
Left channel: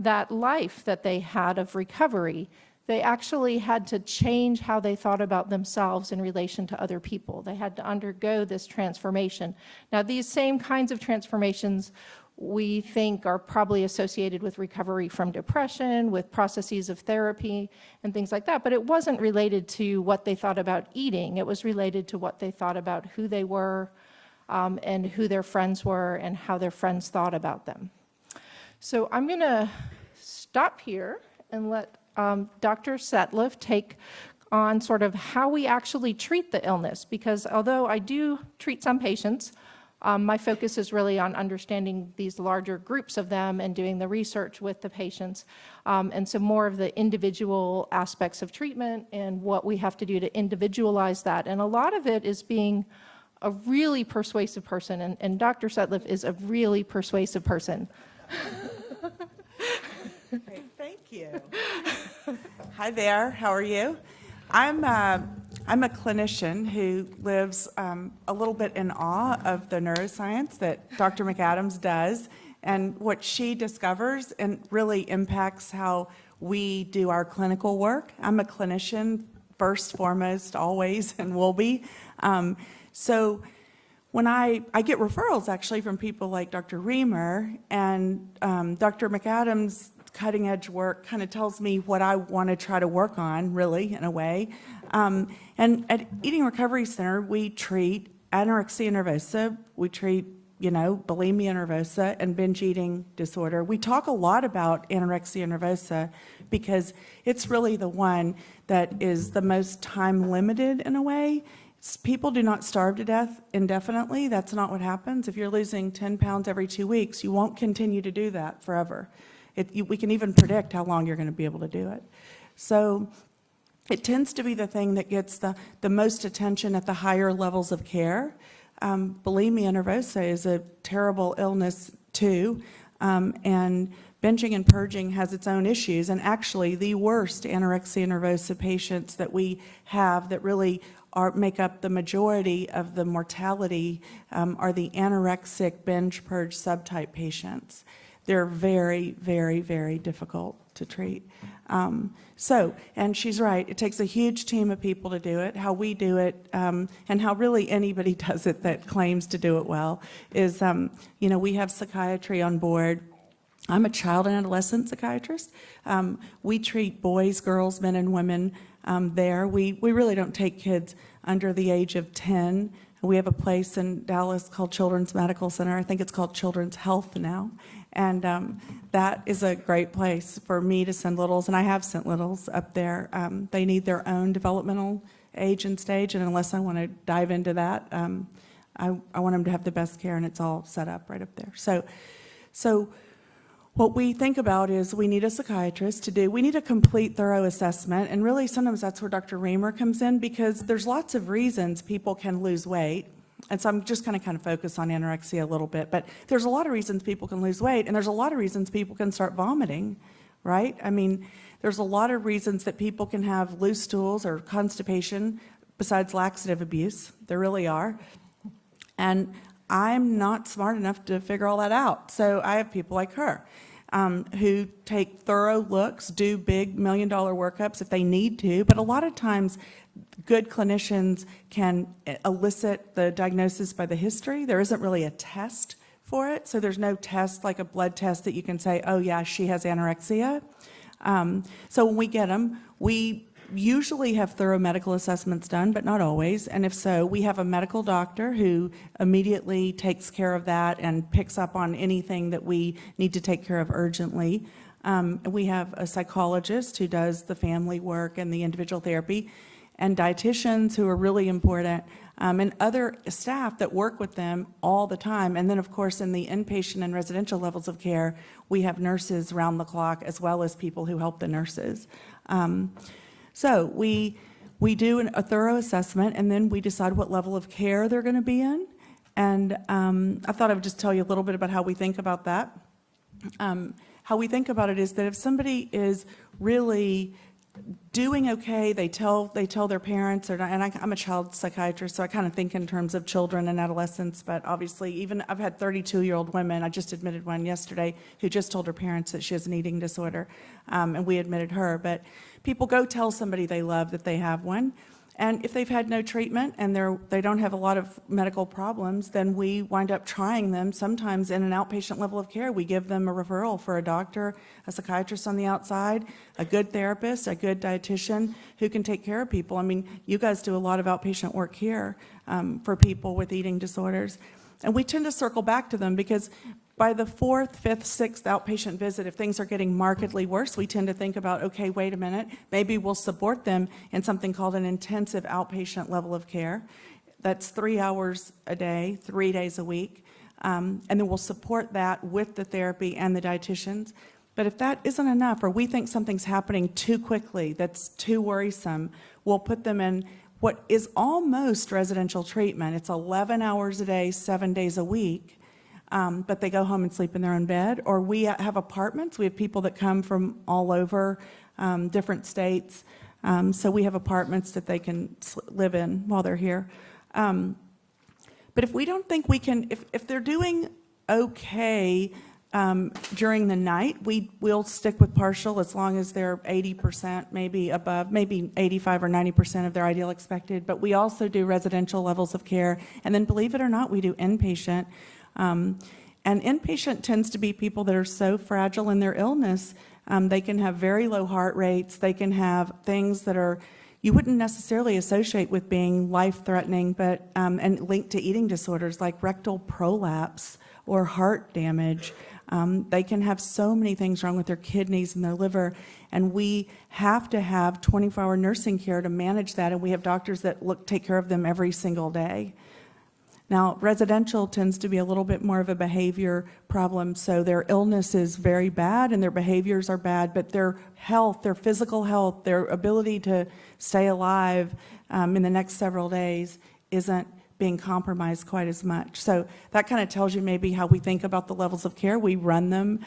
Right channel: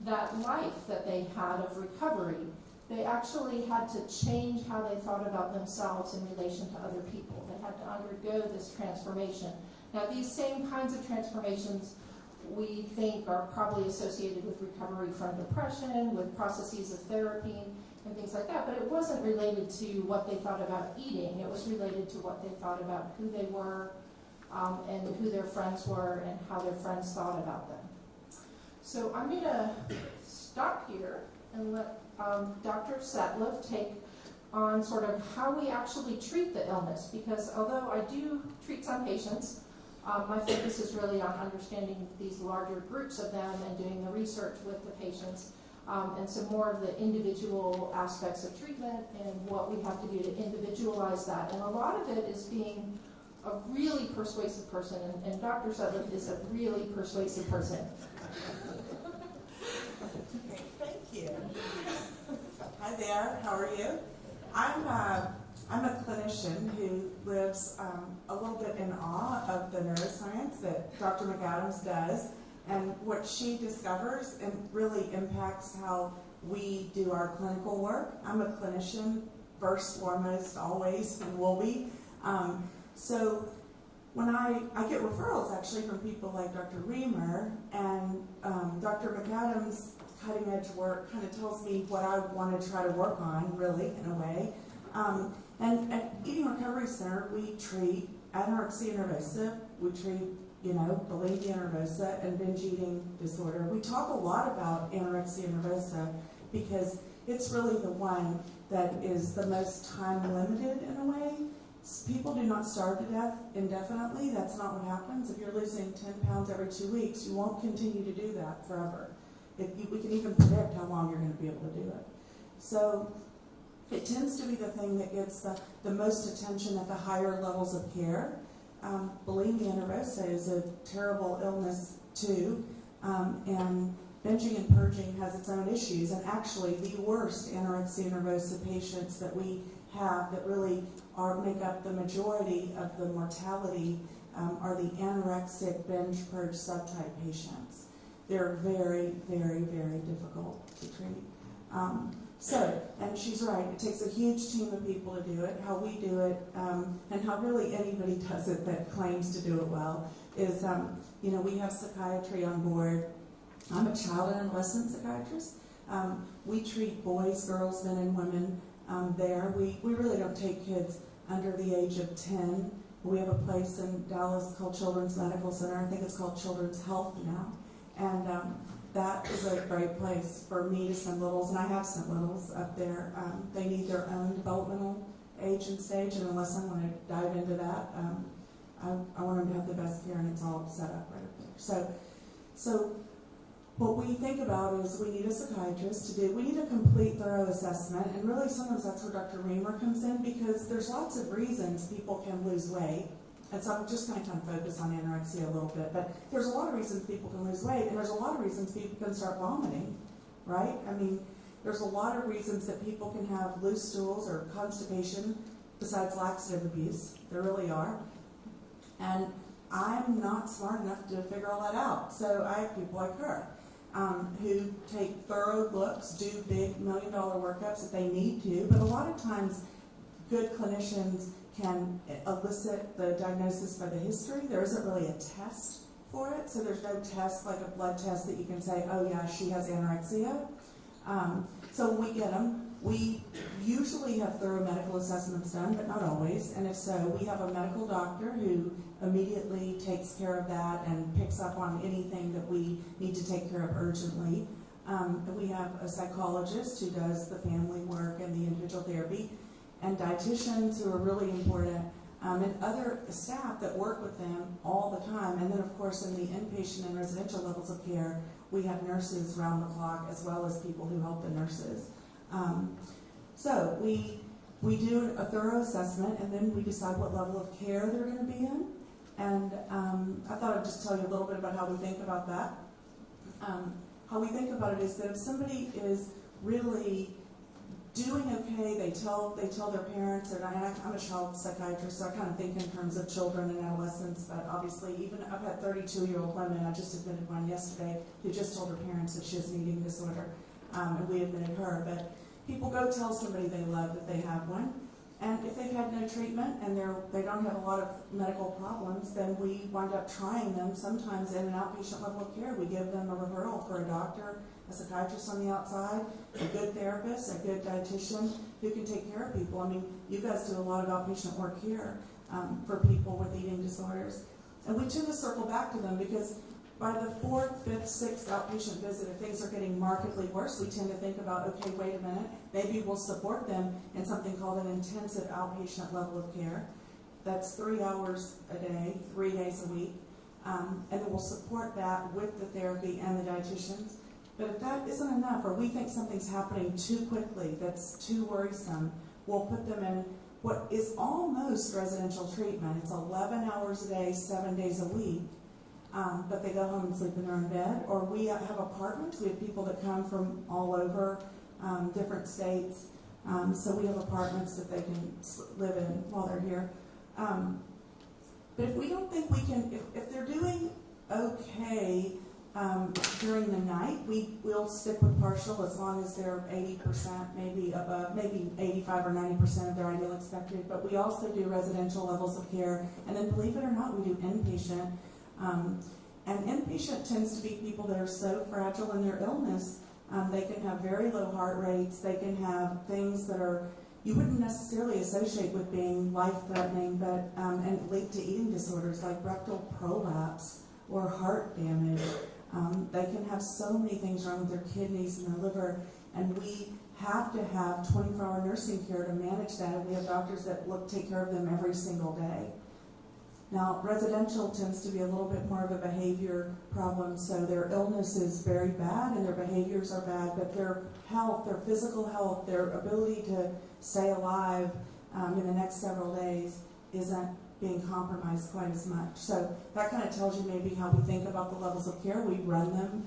that life that they had of recovery, they actually had to change how they thought about themselves in relation to other people. They had to undergo this transformation. Now, these same kinds of transformations we think are probably associated with recovery from depression, with processes of therapy, and things like that. But it wasn't related to what they thought about eating. It was related to what they thought about who they were, and who their friends were, and how their friends thought about them. So I'm going to stop here and let Dr. Setliff take on sort of how we actually treat the illness, because although I do treat some patients, my focus is really on understanding these larger groups of them and doing the research with the patients, and some more of the individual aspects of treatment and what we have to do to individualize that. And a lot of it is being a really persuasive person, and Dr. Setliff is a really persuasive person. Great, thank you. Hi there, how are you? I'm a clinician who lives a little bit in awe of the neuroscience that Dr. McAdams does and what she discovers and really impacts how we do our clinical work. I'm a clinician first, foremost, always, and will be. So when I get referrals actually from people like Dr. Reamer, and Dr. McAdams' cutting edge work kind of tells me what I want to try to work on, really, in a way. And at Eating Recovery Center, we treat anorexia nervosa, we treat, bulimia nervosa, and binge eating disorder. We talk a lot about anorexia nervosa because it's really the one that is the most time limited in a way. People do not starve to death indefinitely. That's not what happens. If you're losing 10 pounds every 2 weeks, you won't continue to do that forever. We can even predict how long you're going to be able to do it. So it tends to be the thing that gets the most attention at the higher levels of care. Bulimia nervosa is a terrible illness too, and binging and purging has its own issues. And actually, the worst anorexia nervosa patients that we have that really make up the majority of the mortality are the anorexic binge purge subtype patients. They're very, very, very difficult to treat. And she's right, it takes a huge team of people to do it. How we do it, and how really anybody does it that claims to do it well, is, we have psychiatry on board. I'm a child and adolescent psychiatrist. We treat boys, girls, men, and women there. We really don't take kids under the age of 10. We have a place in Dallas called Children's Medical Center. I think it's called Children's Health now. And that is a great place for me to send littles, and I have sent littles up there. They need their own developmental age and stage, and unless I want to dive into that, I want them to have the best care, and it's all set up right up there. So what we think about is we need a psychiatrist to do, we need a complete thorough assessment, and really sometimes that's where Dr. Reamer comes in, because there's lots of reasons people can lose weight. And so I'm just going to kind of focus on anorexia a little bit, but there's a lot of reasons people can lose weight, and there's a lot of reasons people can start vomiting, right? I mean, there's a lot of reasons that people can have loose stools or constipation besides laxative abuse. There really are. And I'm not smart enough to figure all that out. So I have people like her who take thorough looks, do big $1 million workups if they need to, but a lot of times good clinicians can elicit the diagnosis by the history. There isn't really a test for it, so there's no test like a blood test that you can say, oh yeah, she has anorexia. So when we get them, we usually have thorough medical assessments done, but not always. And if so, we have a medical doctor who immediately takes care of that and picks up on anything that we need to take care of urgently. We have a psychologist who does the family work and the individual therapy, and dietitians who are really important, and other staff that work with them all the time. And then, of course, in the inpatient and residential levels of care, we have nurses round the clock, as well as people who help the nurses. So we we do a thorough assessment, and then we decide what level of care they're going to be in. And I thought I would just tell you a little bit about how we think about that. How we think about it is that if somebody is really doing okay, they tell their parents, or not, and I'm a child psychiatrist, so I kind of think in terms of children and adolescents, but obviously even I've had 32-year-old women, I just admitted one yesterday, who just told her parents that she has an eating disorder, and we admitted her. But people go tell somebody they love that they have one, and if they've had no treatment and they don't have a lot of medical problems, then we wind up trying them sometimes in an outpatient level of care. We give them a referral for a doctor, a psychiatrist on the outside, a good therapist, a good dietitian who can take care of people. I mean, you guys do a lot of outpatient work here for people with eating disorders. And we tend to circle back to them because by the 4th, 5th, 6th outpatient visit, if things are getting markedly worse, we tend to think about, okay, wait a minute, maybe we'll support them in something called an intensive outpatient level of care. That's 3 hours a day, 3 days a week. And then we'll support that with the therapy and the dietitians. But if that isn't enough, or we think something's happening too quickly, that's too worrisome, we'll put them in what is almost residential treatment. It's 11 hours a day, 7 days a week. But they go home and sleep in their own bed. Or we have apartments. We have people that come from all over different states. So we have apartments that they can live in while they're here. But if we don't think we can, if they're doing okay during the night, we'll stick with partial as long as they're 80%, maybe above, maybe 85 or 90% of their ideal expected. But we also do residential levels of care. And then believe it or not, we do inpatient. And inpatient tends to be people that are so fragile in their illness. They can have very low heart rates. They can have things that are you wouldn't necessarily associate with being life-threatening, but and linked to eating disorders like rectal prolapse or heart damage. They can have so many things wrong with their kidneys and their liver, and we have to have 24-hour nursing care to manage that, and we have doctors that take care of them every single day. Now, residential tends to be a little bit more of a behavior problem, so their illness is very bad and their behaviors are bad, but their health, their physical health, their ability to stay alive in the next several days isn't being compromised quite as much. So that kind of tells you maybe how we think about the levels of care. We run them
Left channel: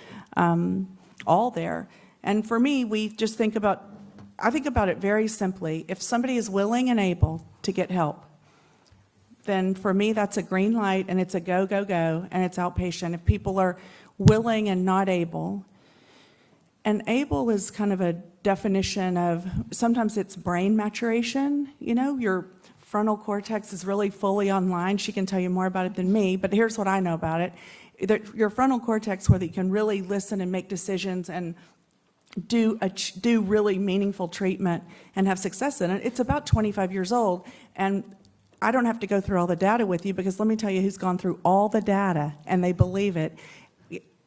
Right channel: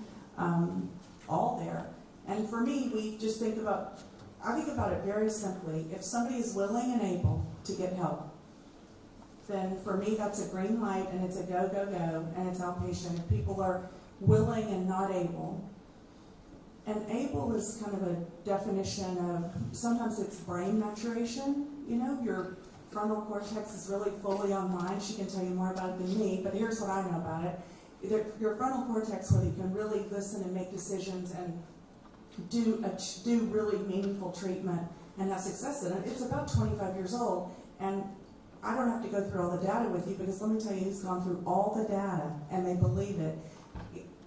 all there. And for me, I think about it very simply. If somebody is willing and able to get help, then for me that's a green light and it's a go, go, go, and it's outpatient. If people are willing and not able, and able is kind of a definition of, sometimes it's brain maturation, your frontal cortex is really fully online. She can tell you more about it than me, but here's what I know about it. Your frontal cortex, where you can really listen and make decisions and do really meaningful treatment and have success in it, it's about 25 years old. And I don't have to go through all the data with you, because let me tell you who's gone through all the data and they believe it.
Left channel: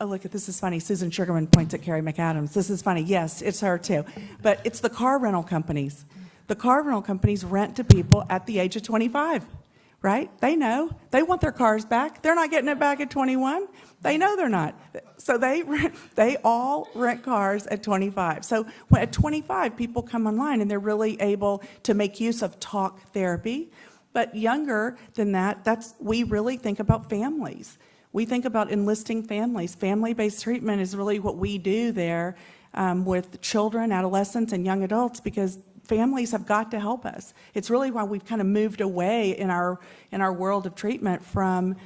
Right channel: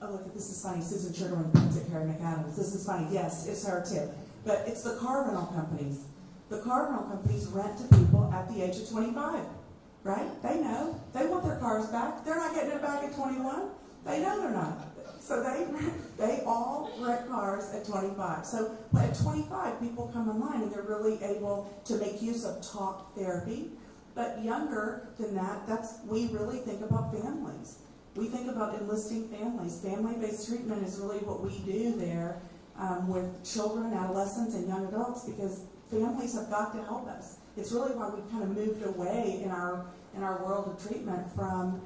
Oh, look, this is funny. Susan Sugarman points at Carrie McAdams. This is funny. Yes, it's her too. But it's the car rental companies. The car rental companies rent to people at the age of 25, right? They know. They want their cars back. They're not getting it back at 21. They know they're not. So they all rent cars at 25. So at 25, people come online and they're really able to make use of talk therapy. But younger than that, we really think about families. We think about enlisting families. Family-based treatment is really what we do there with children, adolescents, and young adults, because families have got to help us. It's really why we've kind of moved away in our world of treatment from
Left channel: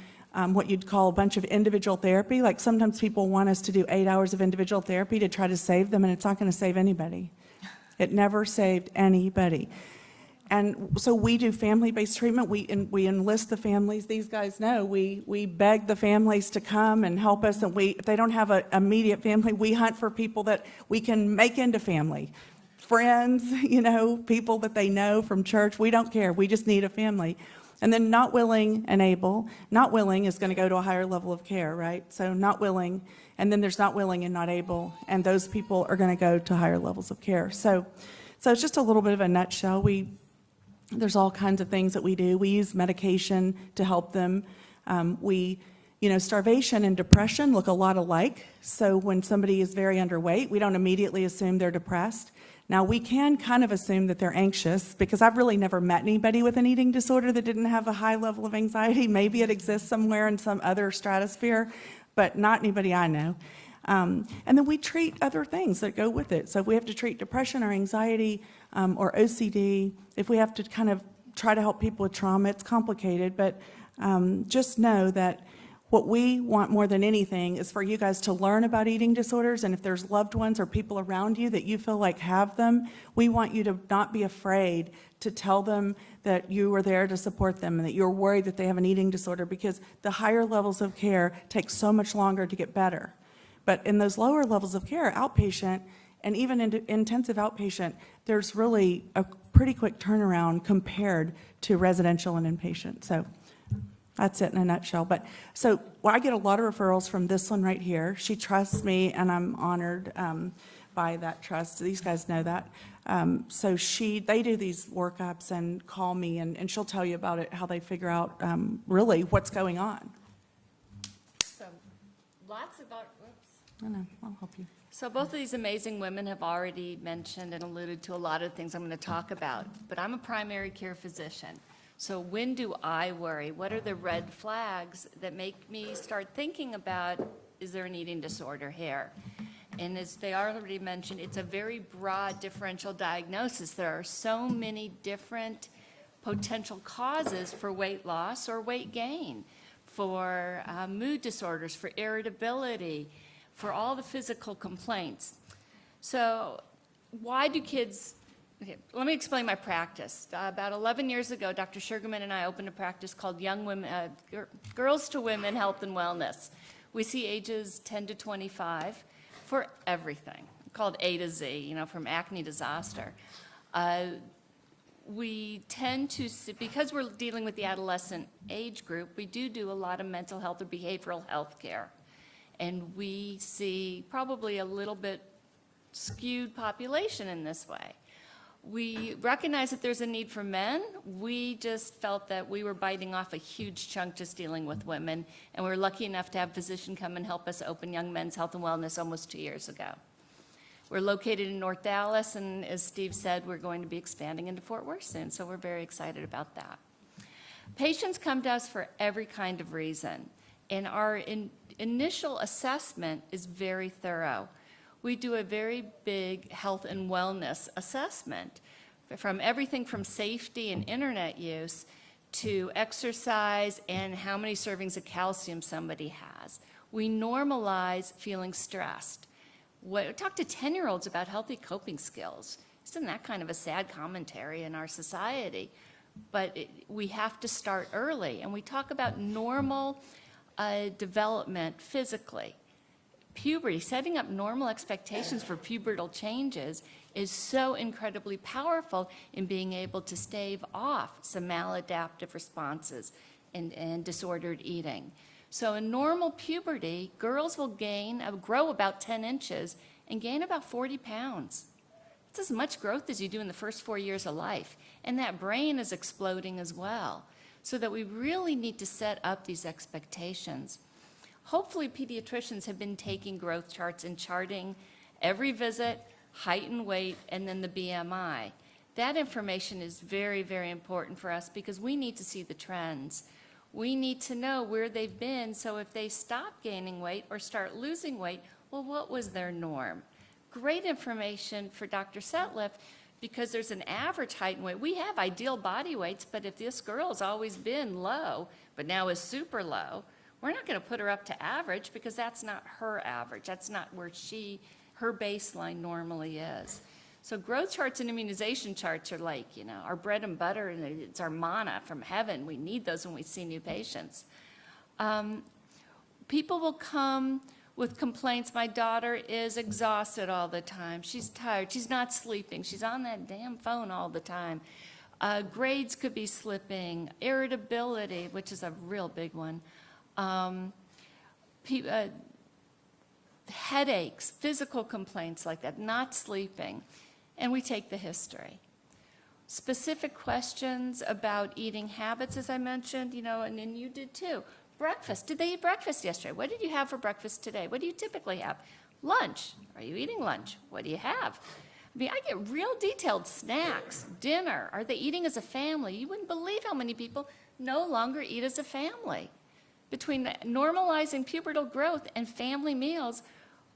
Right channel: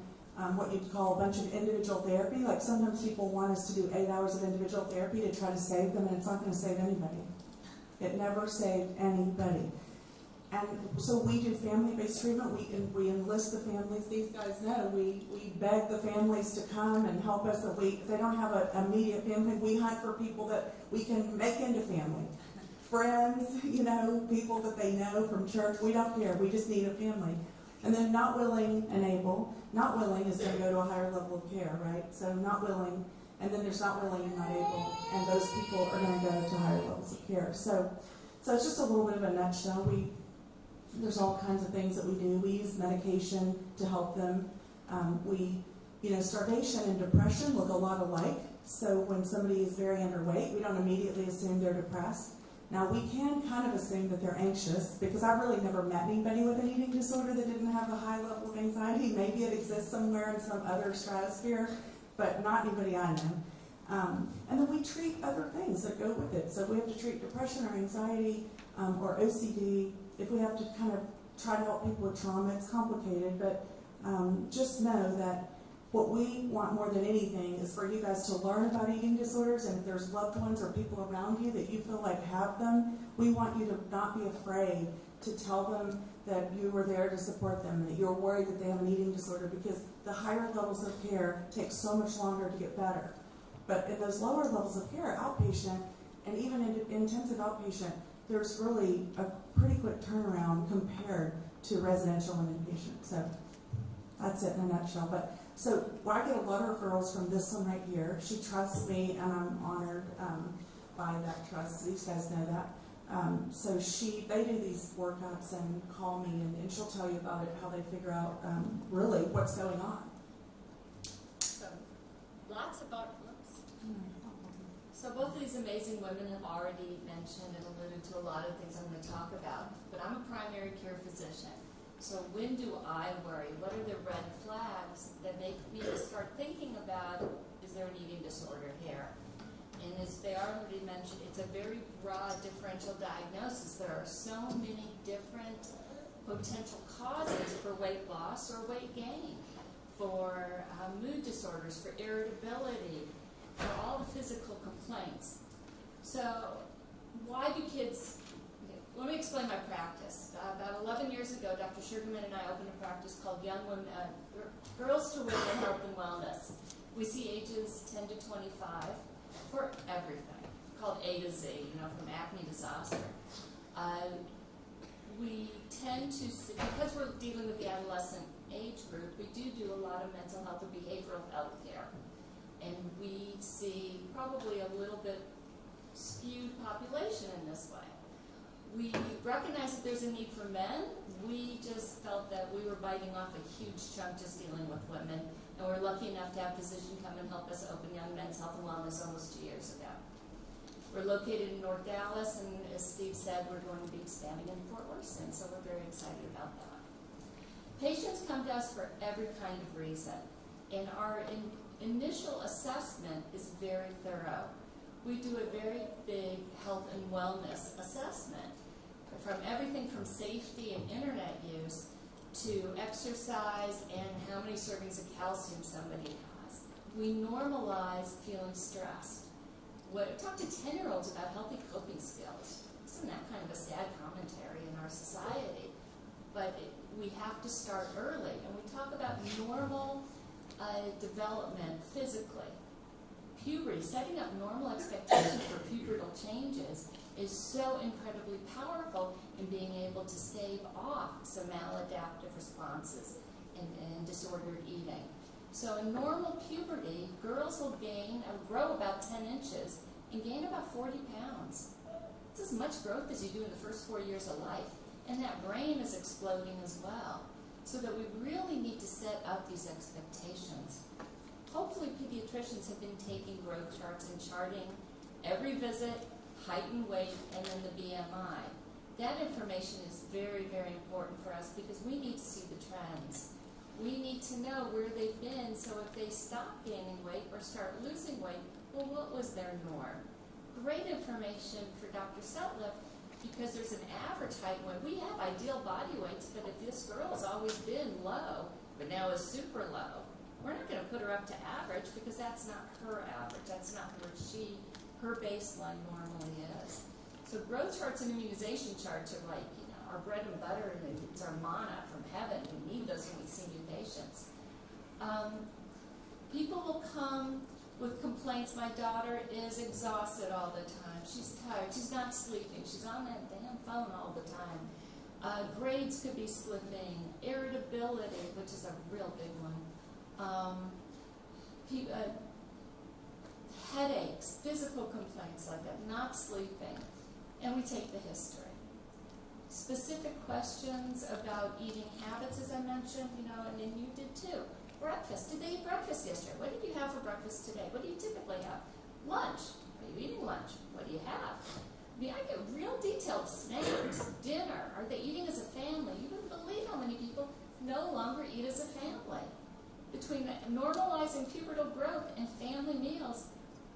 what you'd call a bunch of individual therapy. Like sometimes people want us to do 8 hours of individual therapy to try to save them, and it's not going to save anybody. It never saved anybody. And so we do family-based treatment. We enlist the families. These guys know we beg the families to come and help us. And if they don't have an immediate family, we hunt for people that we can make into family, friends, people that they know from church. We don't care. We just need a family. And then not willing and able. Not willing is going to go to a higher level of care, right? So not willing, and then there's not willing and not able, and those people are going to go to higher levels of care. So it's just a little bit of a nutshell. There's all kinds of things that we do. We use medication to help them. Starvation and depression look a lot alike. So when somebody is very underweight, we don't immediately assume they're depressed. Now, we can kind of assume that they're anxious because I've really never met anybody with an eating disorder that didn't have a high level of anxiety. Maybe it exists somewhere in some other stratosphere, but not anybody I know. And then we treat other things that go with it. So we have to treat depression or anxiety or OCD. If we have to kind of try to help people with trauma, it's complicated, but just know that what we want more than anything is for you guys to learn about eating disorders, and if there's loved ones or people around you that you feel like have them, we want you to not be afraid to tell them that you are there to support them and that you're worried that they have an eating disorder, because the higher levels of care take so much longer to get better. But in those lower levels of care, outpatient and even intensive outpatient, there's really a pretty quick turnaround compared to residential and inpatient. So that's it in a nutshell. But so I get a lot of referrals from this one right here. She trusts me, and I'm honored by that trust. These guys know that. So they do these workups and call me, and she'll tell you about it, how they figure out really what's going on. So, lots about, whoops. I know, I'll help you. So both of these amazing women have already mentioned and alluded to a lot of things I'm going to talk about, but I'm a primary care physician. So when do I worry? What are the red flags that make me start thinking about, is there an eating disorder here? And as they already mentioned, it's a very broad differential diagnosis. There are so many different potential causes for weight loss or weight gain, for mood disorders, for irritability, for all the physical complaints. So why do kids, okay, let me explain my practice. About 11 years ago, Dr. Sugarman and I opened a practice called Young Women, Girls to Women Health and Wellness. We see ages 10 to 25 for everything, called A to Z, from acne to zoster. We tend to see, because we're dealing with the adolescent age group, we do a lot of mental health or behavioral health care. And we see probably a little bit skewed population in this way. We recognize that there's a need for men. We just felt that we were biting off a huge chunk just dealing with women, and we were lucky enough to have a physician come and help us open Young Men's Health and Wellness almost 2 years ago. We're located in North Dallas, and as Steve said, we're going to be expanding into Fort Worth soon, so we're very excited about that. Patients come to us for every kind of reason, and our initial assessment is very thorough. We do a very big health and wellness assessment, from everything from safety and internet use to exercise and how many servings of calcium somebody has. We normalize feeling stressed. Talk to 10-year-olds about healthy coping skills. Isn't that kind of a sad commentary in our society? But we have to start early, and we talk about normal development physically. Puberty, setting up normal expectations for pubertal changes is so incredibly powerful in being able to stave off some maladaptive responses and disordered eating. So in normal puberty, girls will grow about 10 inches and gain about 40 pounds. It's as much growth as you do in the first 4 years of life. And that brain is exploding as well. So that we really need to set up these expectations. Hopefully pediatricians have been taking growth charts and charting every visit, height and weight, and then the BMI. That information is very, very important for us because we need to see the trends. We need to know where they've been, so if they stop gaining weight or start losing weight, well, what was their norm? Great information for Dr. Setliff, because there's an average height and weight. We have ideal body weights, but if this girl has always been low, but now is super low, we're not going to put her up to average because that's not her average. That's not where her baseline normally is. So growth charts and immunization charts are like, our bread and butter, and it's our manna from heaven. We need those when we see new patients. People will come with complaints. My daughter is exhausted all the time. She's tired. She's not sleeping. She's on that damn phone all the time. Grades could be slipping. Irritability, which is a real big one. Headaches, physical complaints like that, not sleeping. And we take the history. Specific questions about eating habits, as I mentioned, and you did too. Breakfast. Did they eat breakfast yesterday? What did you have for breakfast today? What do you typically have? Lunch. Are you eating lunch? What do you have? I mean, I get real detailed snacks, dinner. Are they eating as a family? You wouldn't believe how many people no longer eat as a family. Between normalizing pubertal growth and family meals,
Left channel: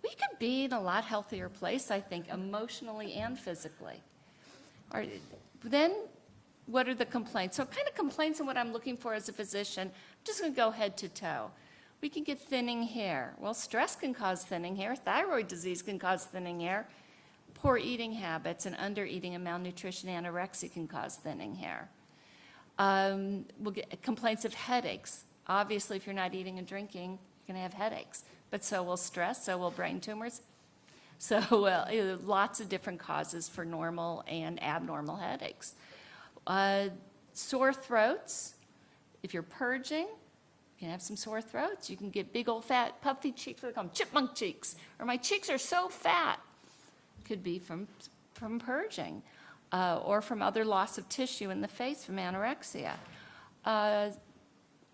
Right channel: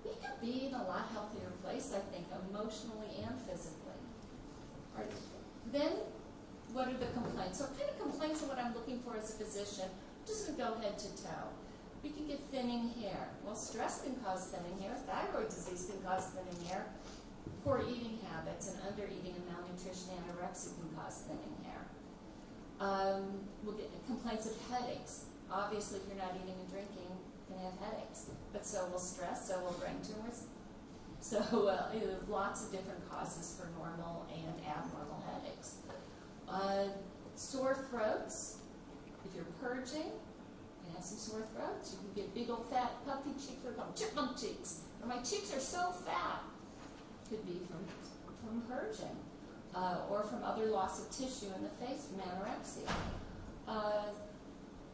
we could be in a lot healthier place, I think, emotionally and physically. All right, then, what are the complaints? So kind of complaints on what I'm looking for as a physician. I'm just gonna go head to toe. We can get thinning hair. Well, stress can cause thinning hair. Thyroid disease can cause thinning hair. Poor eating habits and under-eating and malnutrition, anorexia can cause thinning hair. We'll get complaints of headaches. Obviously, if you're not eating and drinking, you're gonna have headaches. But so will stress, so will brain tumors. So, lots of different causes for normal and abnormal headaches. Sore throats. If you're purging, you can have some sore throats. You can get big old fat puffy cheeks, they call them chipmunk cheeks, or my cheeks are so fat. Could be from purging, or from other loss of tissue in the face from anorexia.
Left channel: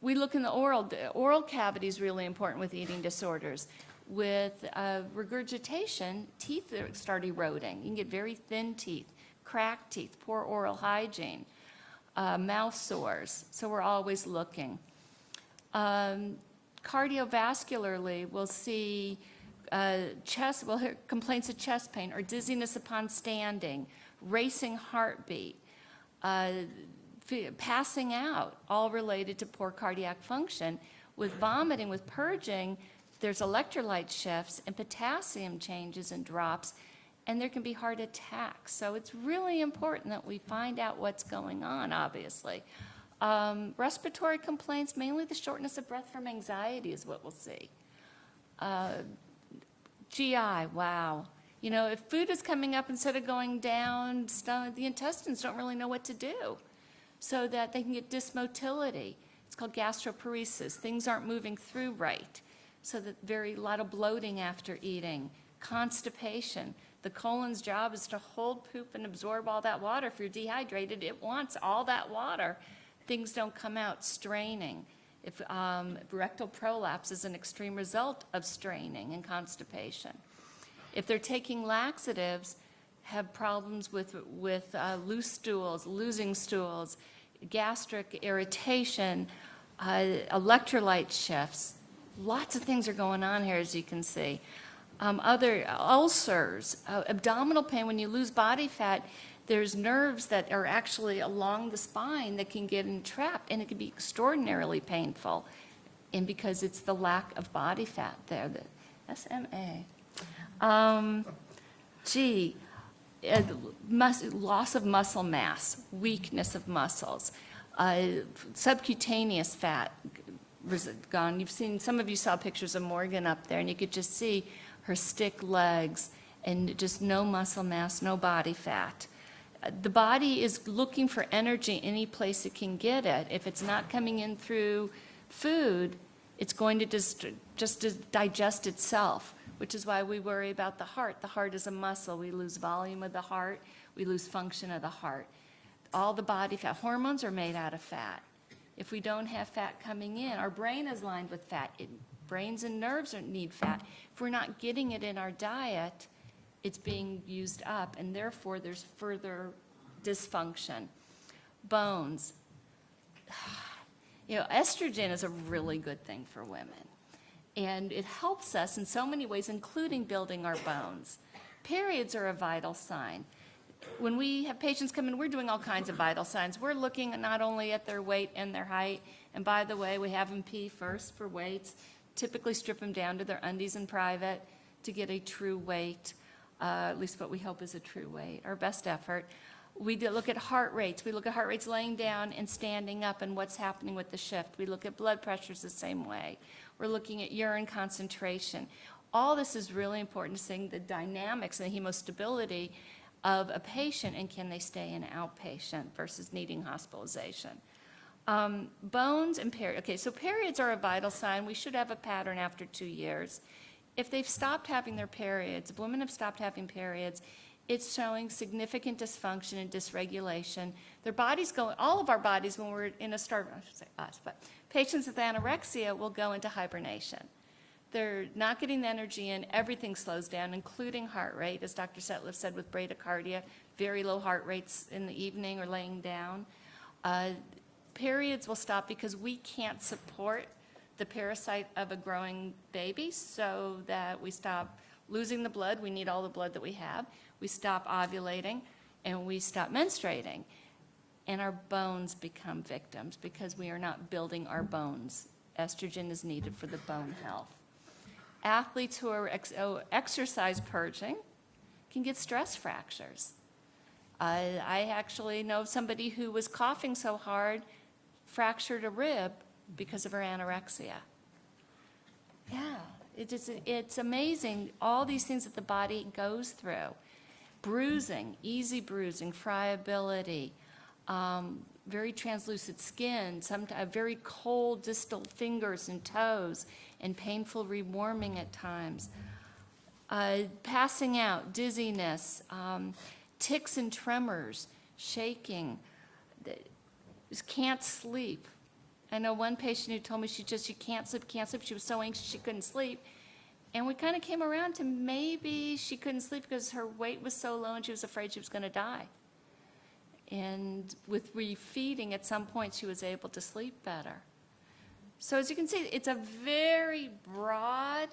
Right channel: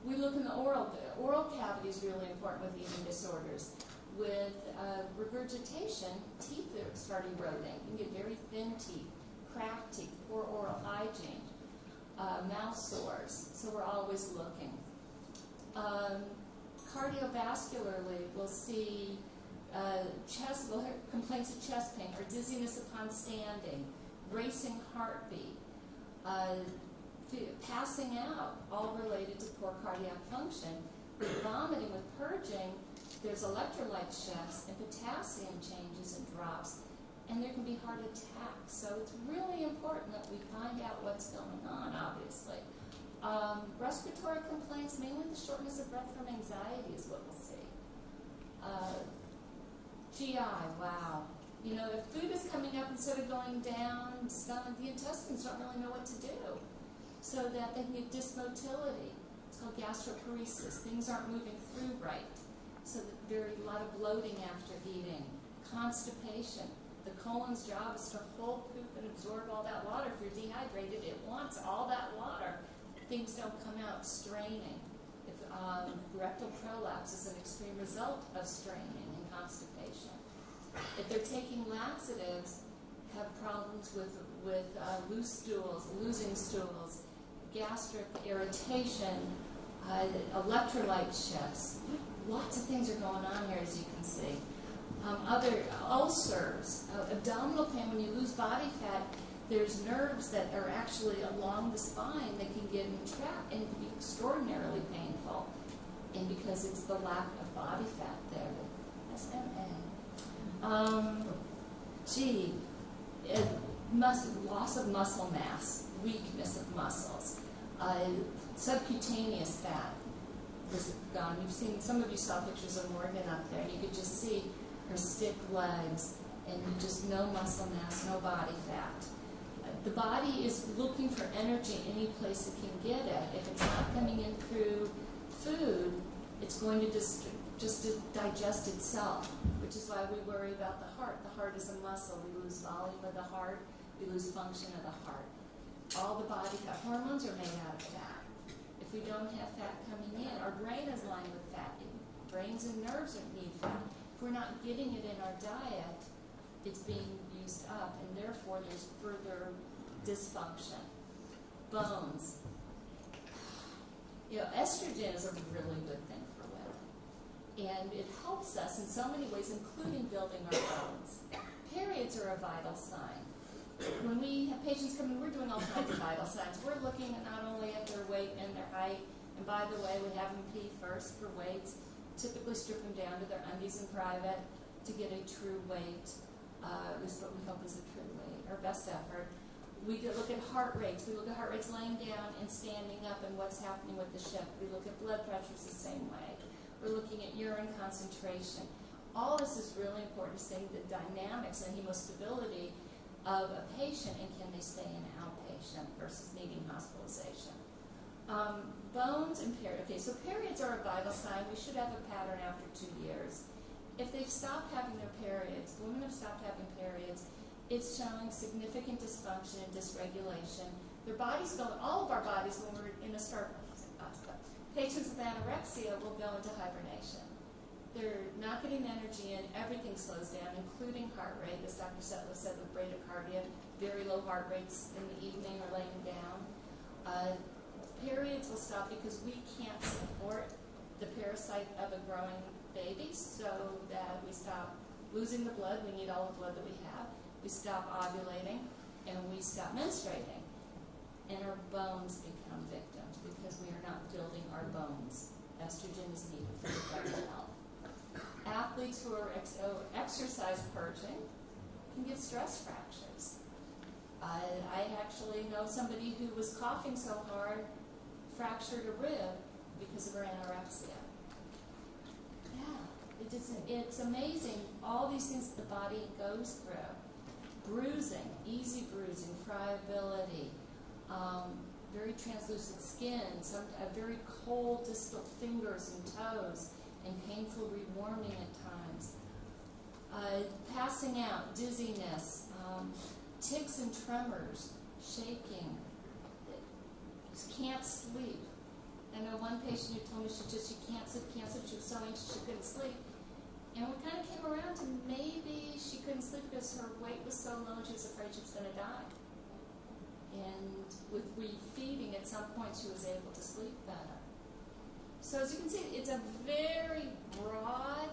We look in the oral cavity is really important with eating disorders. With regurgitation, teeth start eroding. You can get very thin teeth, cracked teeth, poor oral hygiene, mouth sores. So we're always looking. Cardiovascularly, we'll see complaints of chest pain or dizziness upon standing, racing heartbeat, passing out, all related to poor cardiac function. With vomiting, with purging, there's electrolyte shifts and potassium changes and drops, and there can be heart attacks. So it's really important that we find out what's going on, obviously. Respiratory complaints, mainly the shortness of breath from anxiety is what we'll see. GI, wow. You know, if food is coming up instead of going down, the intestines don't really know what to do, so that they can get dysmotility. It's called gastroparesis. Things aren't moving through right. So that a lot of bloating after eating. Constipation. The colon's job is to hold poop and absorb all that water. If you're dehydrated, it wants all that water. Things don't come out. Straining. If rectal prolapse is an extreme result of straining and constipation. If they're taking laxatives, have problems with loose stools, losing stools, gastric irritation, electrolyte shifts. Lots of things are going on here, as you can see. Other ulcers, abdominal pain. When you lose body fat, there's nerves that are actually along the spine that can get entrapped, and it can be extraordinarily painful. And because it's the lack of body fat there, the SMA. Loss of muscle mass, weakness of muscles, subcutaneous fat gone. Some of you saw pictures of Morgan up there, and you could just see her stick legs and just no muscle mass, no body fat. The body is looking for energy any place it can get it. If it's not coming in through food, it's going to just digest itself, which is why we worry about the heart. The heart is a muscle. We lose volume of the heart. We lose function of the heart. All the body fat. Hormones are made out of fat. If we don't have fat coming in, our brain is lined with fat. Brains and nerves need fat. If we're not getting it in our diet, it's being used up, and therefore there's further dysfunction. Bones. You know, estrogen is a really good thing for women, and it helps us in so many ways, including building our bones. Periods are a vital sign. When we have patients come in, we're doing all kinds of vital signs. We're looking not only at their weight and their height, and by the way, we have them pee first for weights, typically strip them down to their undies in private to get a true weight, at least what we hope is a true weight, our best effort. We look at heart rates. We look at heart rates laying down and standing up and what's happening with the shift. We look at blood pressures the same way. We're looking at urine concentration. All this is really important to seeing the dynamics and the hemostability of a patient, and can they stay an outpatient versus needing hospitalization. Bones and periods. Okay, so periods are a vital sign. We should have a pattern after 2 years. If they've stopped having their periods, if women have stopped having periods, it's showing significant dysfunction and dysregulation. Their bodies go, all of our bodies, when we're in a I should say us, but patients with anorexia will go into hibernation. they're not getting the energy in, everything slows down, including heart rate, as Dr. Setliff said with bradycardia, very low heart rates in the evening or laying down. Periods will stop because we can't support the parasite of a growing baby, so that we stop losing the blood. We need all the blood that we have. We stop ovulating, and we stop menstruating. And our bones become victims because we are not building our bones. Estrogen is needed for the bone health. Athletes who are exercise purging can get stress fractures. I actually know somebody who was coughing so hard, fractured a rib because of her anorexia. Yeah, it's amazing, all these things that the body goes through. Bruising, easy bruising, friability, very translucent skin, sometimes very cold distal fingers and toes, and painful rewarming at times. Passing out, dizziness, tics and tremors, shaking, just can't sleep. I know one patient who told me she can't sleep. She was so anxious she couldn't sleep. And we kind of came around to maybe she couldn't sleep because her weight was so low and she was afraid she was going to die. And with refeeding, at some point, she was able to sleep better. So as you can see, it's a very broad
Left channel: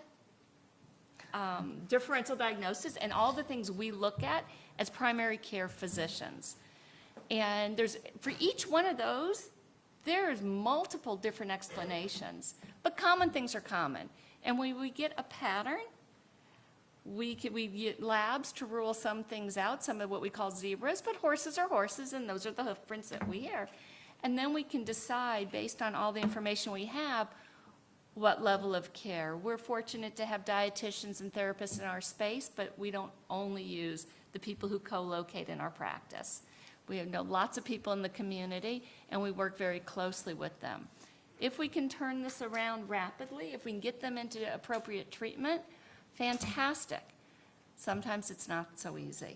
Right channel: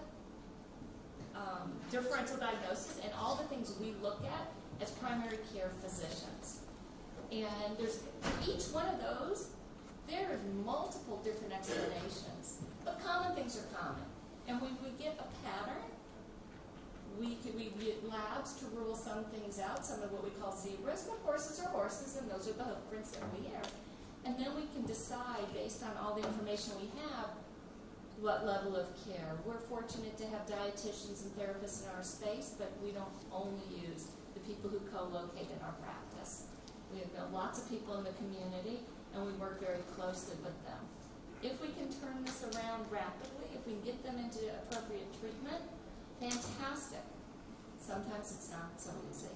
differential diagnosis, and all the things we look at as primary care physicians. And for each one of those, there's multiple different explanations, but common things are common. And when we get a pattern, we get labs to rule some things out, some of what we call zebras, but horses are horses, and those are the hoof prints that we hear. And then we can decide, based on all the information we have, what level of care. We're fortunate to have dietitians and therapists in our space, but we don't only use the people who co-locate in our practice. We know lots of people in the community, and we work very closely with them. If we can turn this around rapidly, if we can get them into appropriate treatment, fantastic. Sometimes it's not so easy.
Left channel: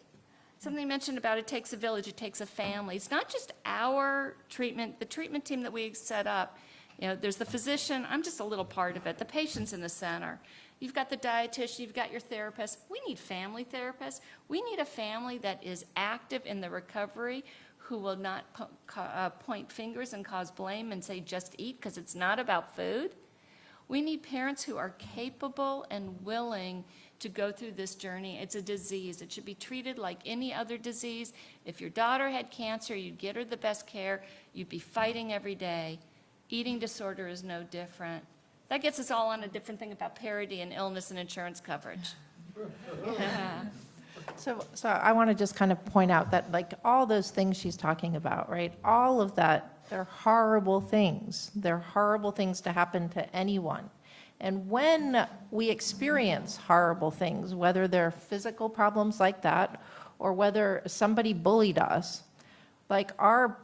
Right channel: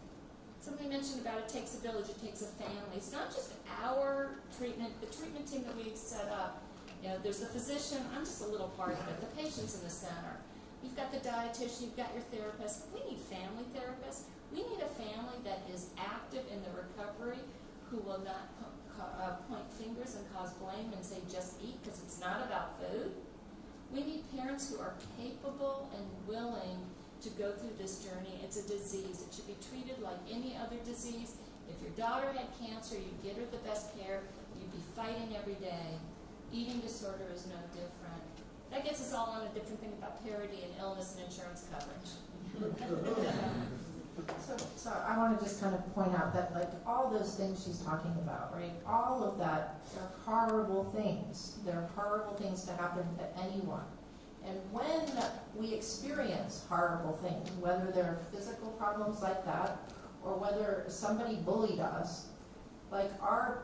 Something you mentioned about it takes a village, it takes a family. It's not just our treatment, the treatment team that we set up. You know, there's the physician, I'm just a little part of it. The patient's in the center. You've got the dietitian, you've got your therapist. We need family therapists. We need a family that is active in the recovery, who will not point fingers and cause blame and say just eat, because it's not about food. We need parents who are capable and willing to go through this journey. It's a disease. It should be treated like any other disease. If your daughter had cancer, you'd get her the best care. You'd be fighting every day. Eating disorder is no different. That gets us all on a different thing about parity and illness and insurance coverage. So I want to just kind of point out that, like, all those things she's talking about, right? All of that, they're horrible things. They're horrible things to happen to anyone. And when we experience horrible things, whether they're physical problems like that, or whether somebody bullied us, like, our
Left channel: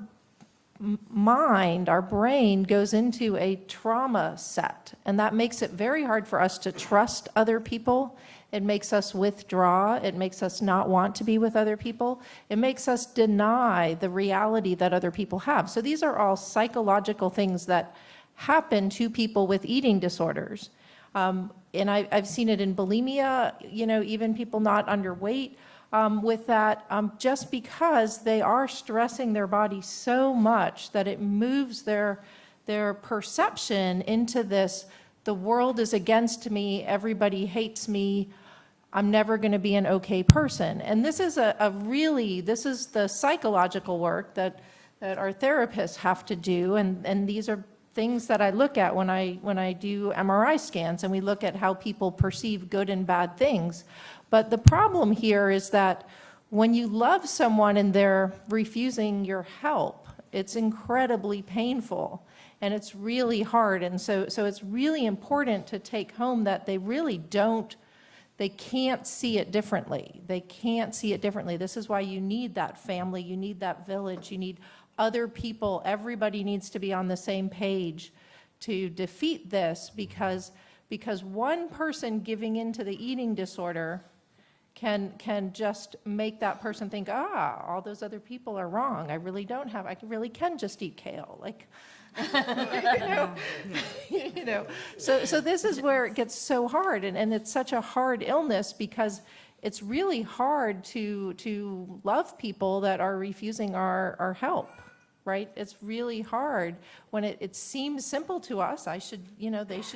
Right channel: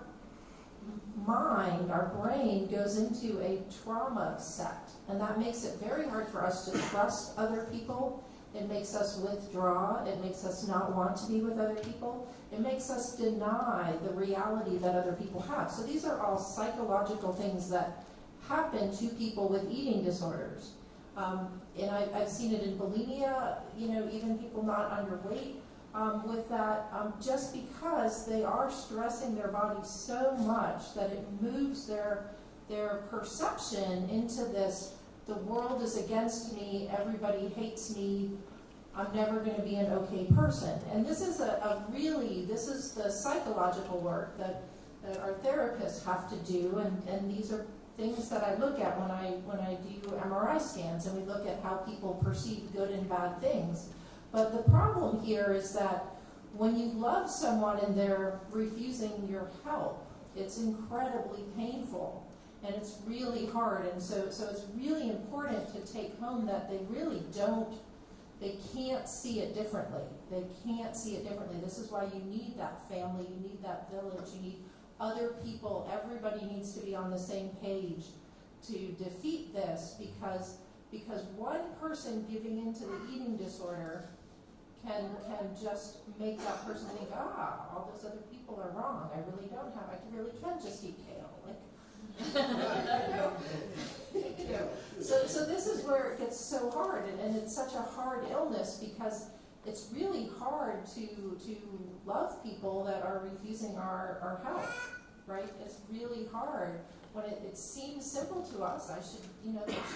mind, our brain goes into a trauma set, and that makes it very hard for us to trust other people. It makes us withdraw. It makes us not want to be with other people. It makes us deny the reality that other people have. So these are all psychological things that happen to people with eating disorders. And I've seen it in bulimia, you know, even people not underweight with that, just because they are stressing their body so much that it moves their perception into this, the world is against me, everybody hates me, I'm never going to be an okay person. And this is this is the psychological work that our therapists have to do, and these are things that I look at when I do MRI scans, and we look at how people perceive good and bad things. But the problem here is that when you love someone and they're refusing your help, it's incredibly painful, and it's really hard. And so it's really important to take home that they can't see it differently. They can't see it differently. This is why you need that family, you need that village, you need other people. Everybody needs to be on the same page to defeat this, because one person giving into the eating disorder can just make that person think, all those other people are wrong. I really can just eat kale. Like, You know, so this is where it gets so hard, and it's such a hard illness because it's really hard to love people that are refusing our help, right? It's really hard when it seems simple to us. They should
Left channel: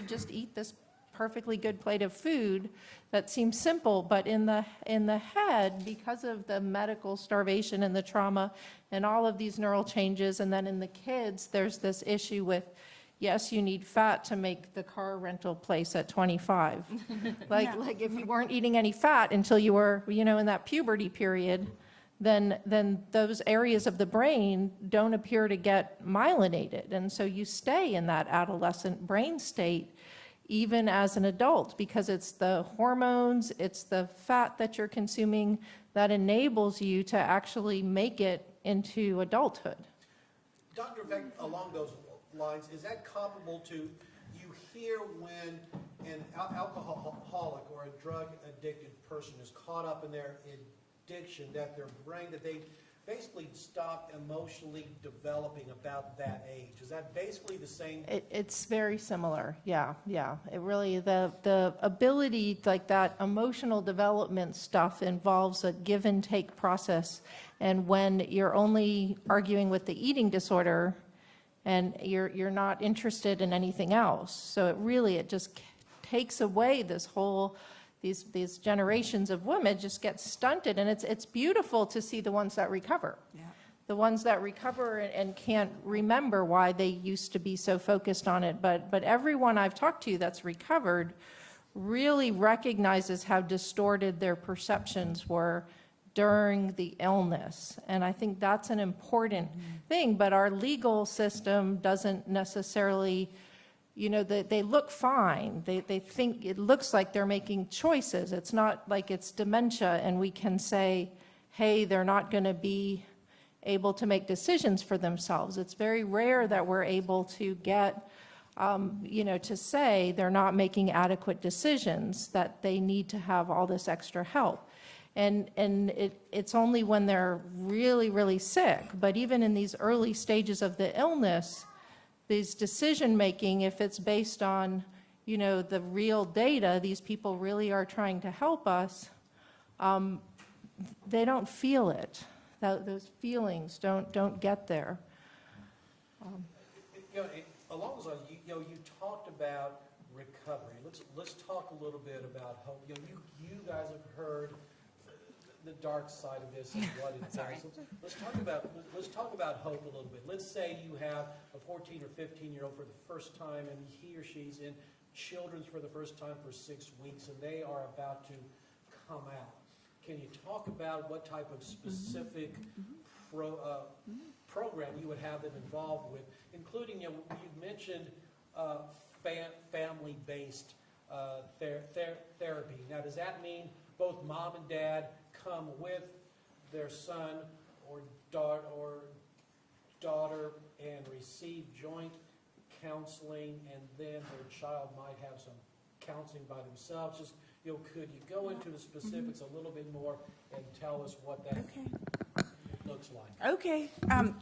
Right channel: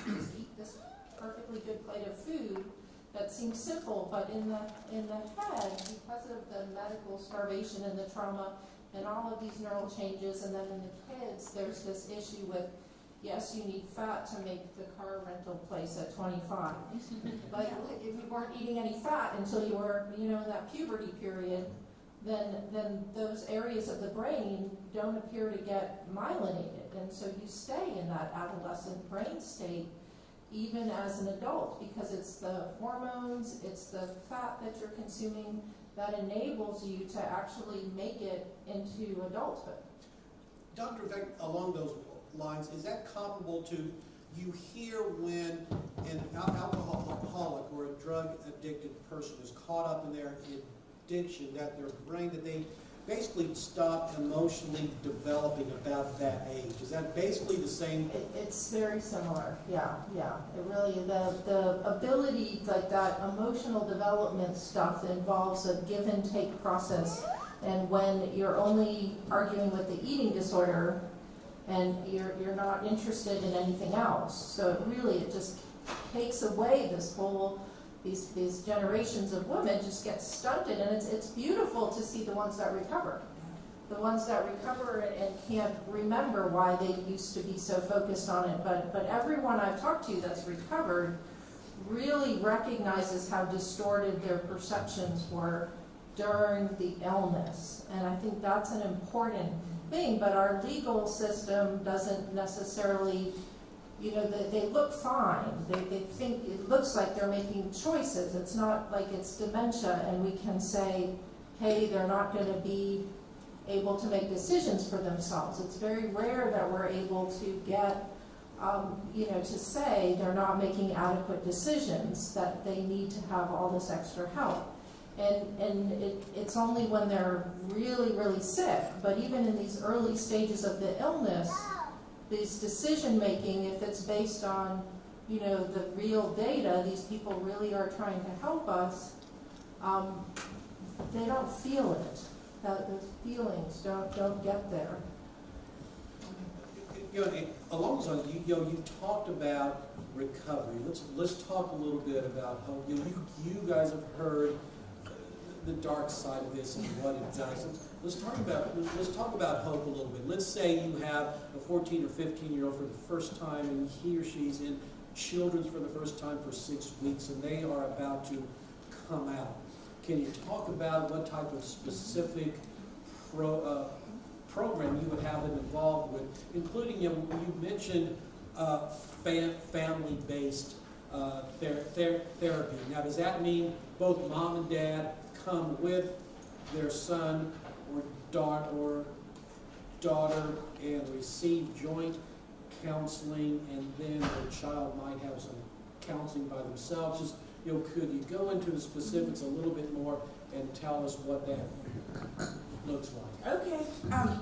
just eat this perfectly good plate of food that seems simple, but in the head, because of the medical starvation and the trauma and all of these neural changes, and then in the kids, there's this issue with, yes, you need fat to make the car rental place at 25. Like if you weren't eating any fat until you were, in that puberty period, then those areas of the brain don't appear to get myelinated. And so you stay in that adolescent brain state even as an adult, because it's the hormones, it's the fat that you're consuming that enables you to actually make it into adulthood. Dr. Beck, along those lines, is that comparable to, you hear when an alcoholic or a drug addicted person is caught up in their addiction, that their brain, that they basically stop emotionally developing about that age? Is that basically the same? It's very similar, yeah. It really, the ability, like that emotional development stuff involves a give and take process. And when you're only arguing with the eating disorder and you're not interested in anything else, so it just takes away this whole, these generations of women just get stunted, and it's beautiful to see the ones that recover. Yeah. The ones that recover and can't remember why they used to be so focused on it, but everyone I've talked to that's recovered really recognizes how distorted their perceptions were during the illness. And I think that's an important thing, but our legal system doesn't necessarily, they look fine. They think it looks like they're making choices. It's not like it's dementia and we can say, hey, they're not going to be able to make decisions for themselves. It's very rare that we're able to get, to say they're not making adequate decisions, that they need to have all this extra help. And it's only when they're really, really sick. But even in these early stages of the illness, these decision-making, if it's based on, the real data, these people really are trying to help us, they don't feel it. Those feelings don't get there. Along those lines, you talked about recovery. Let's talk a little bit about hope. You guys have heard the dark side of this and what it does. Let's talk about hope a little bit. Let's say you have a 14 or 15-year-old for the first time, and he or she's in Children's for the first time for 6 weeks, and they are about to come out. Can you talk about what type of specific program you would have them involved with, including, you mentioned family-based therapy. Now, does that mean both mom and dad come with their son or daughter and receive joint counseling, and then their child might have some counseling by themselves? Just, could you go into the specifics a little bit more and tell us what that looks like? Okay,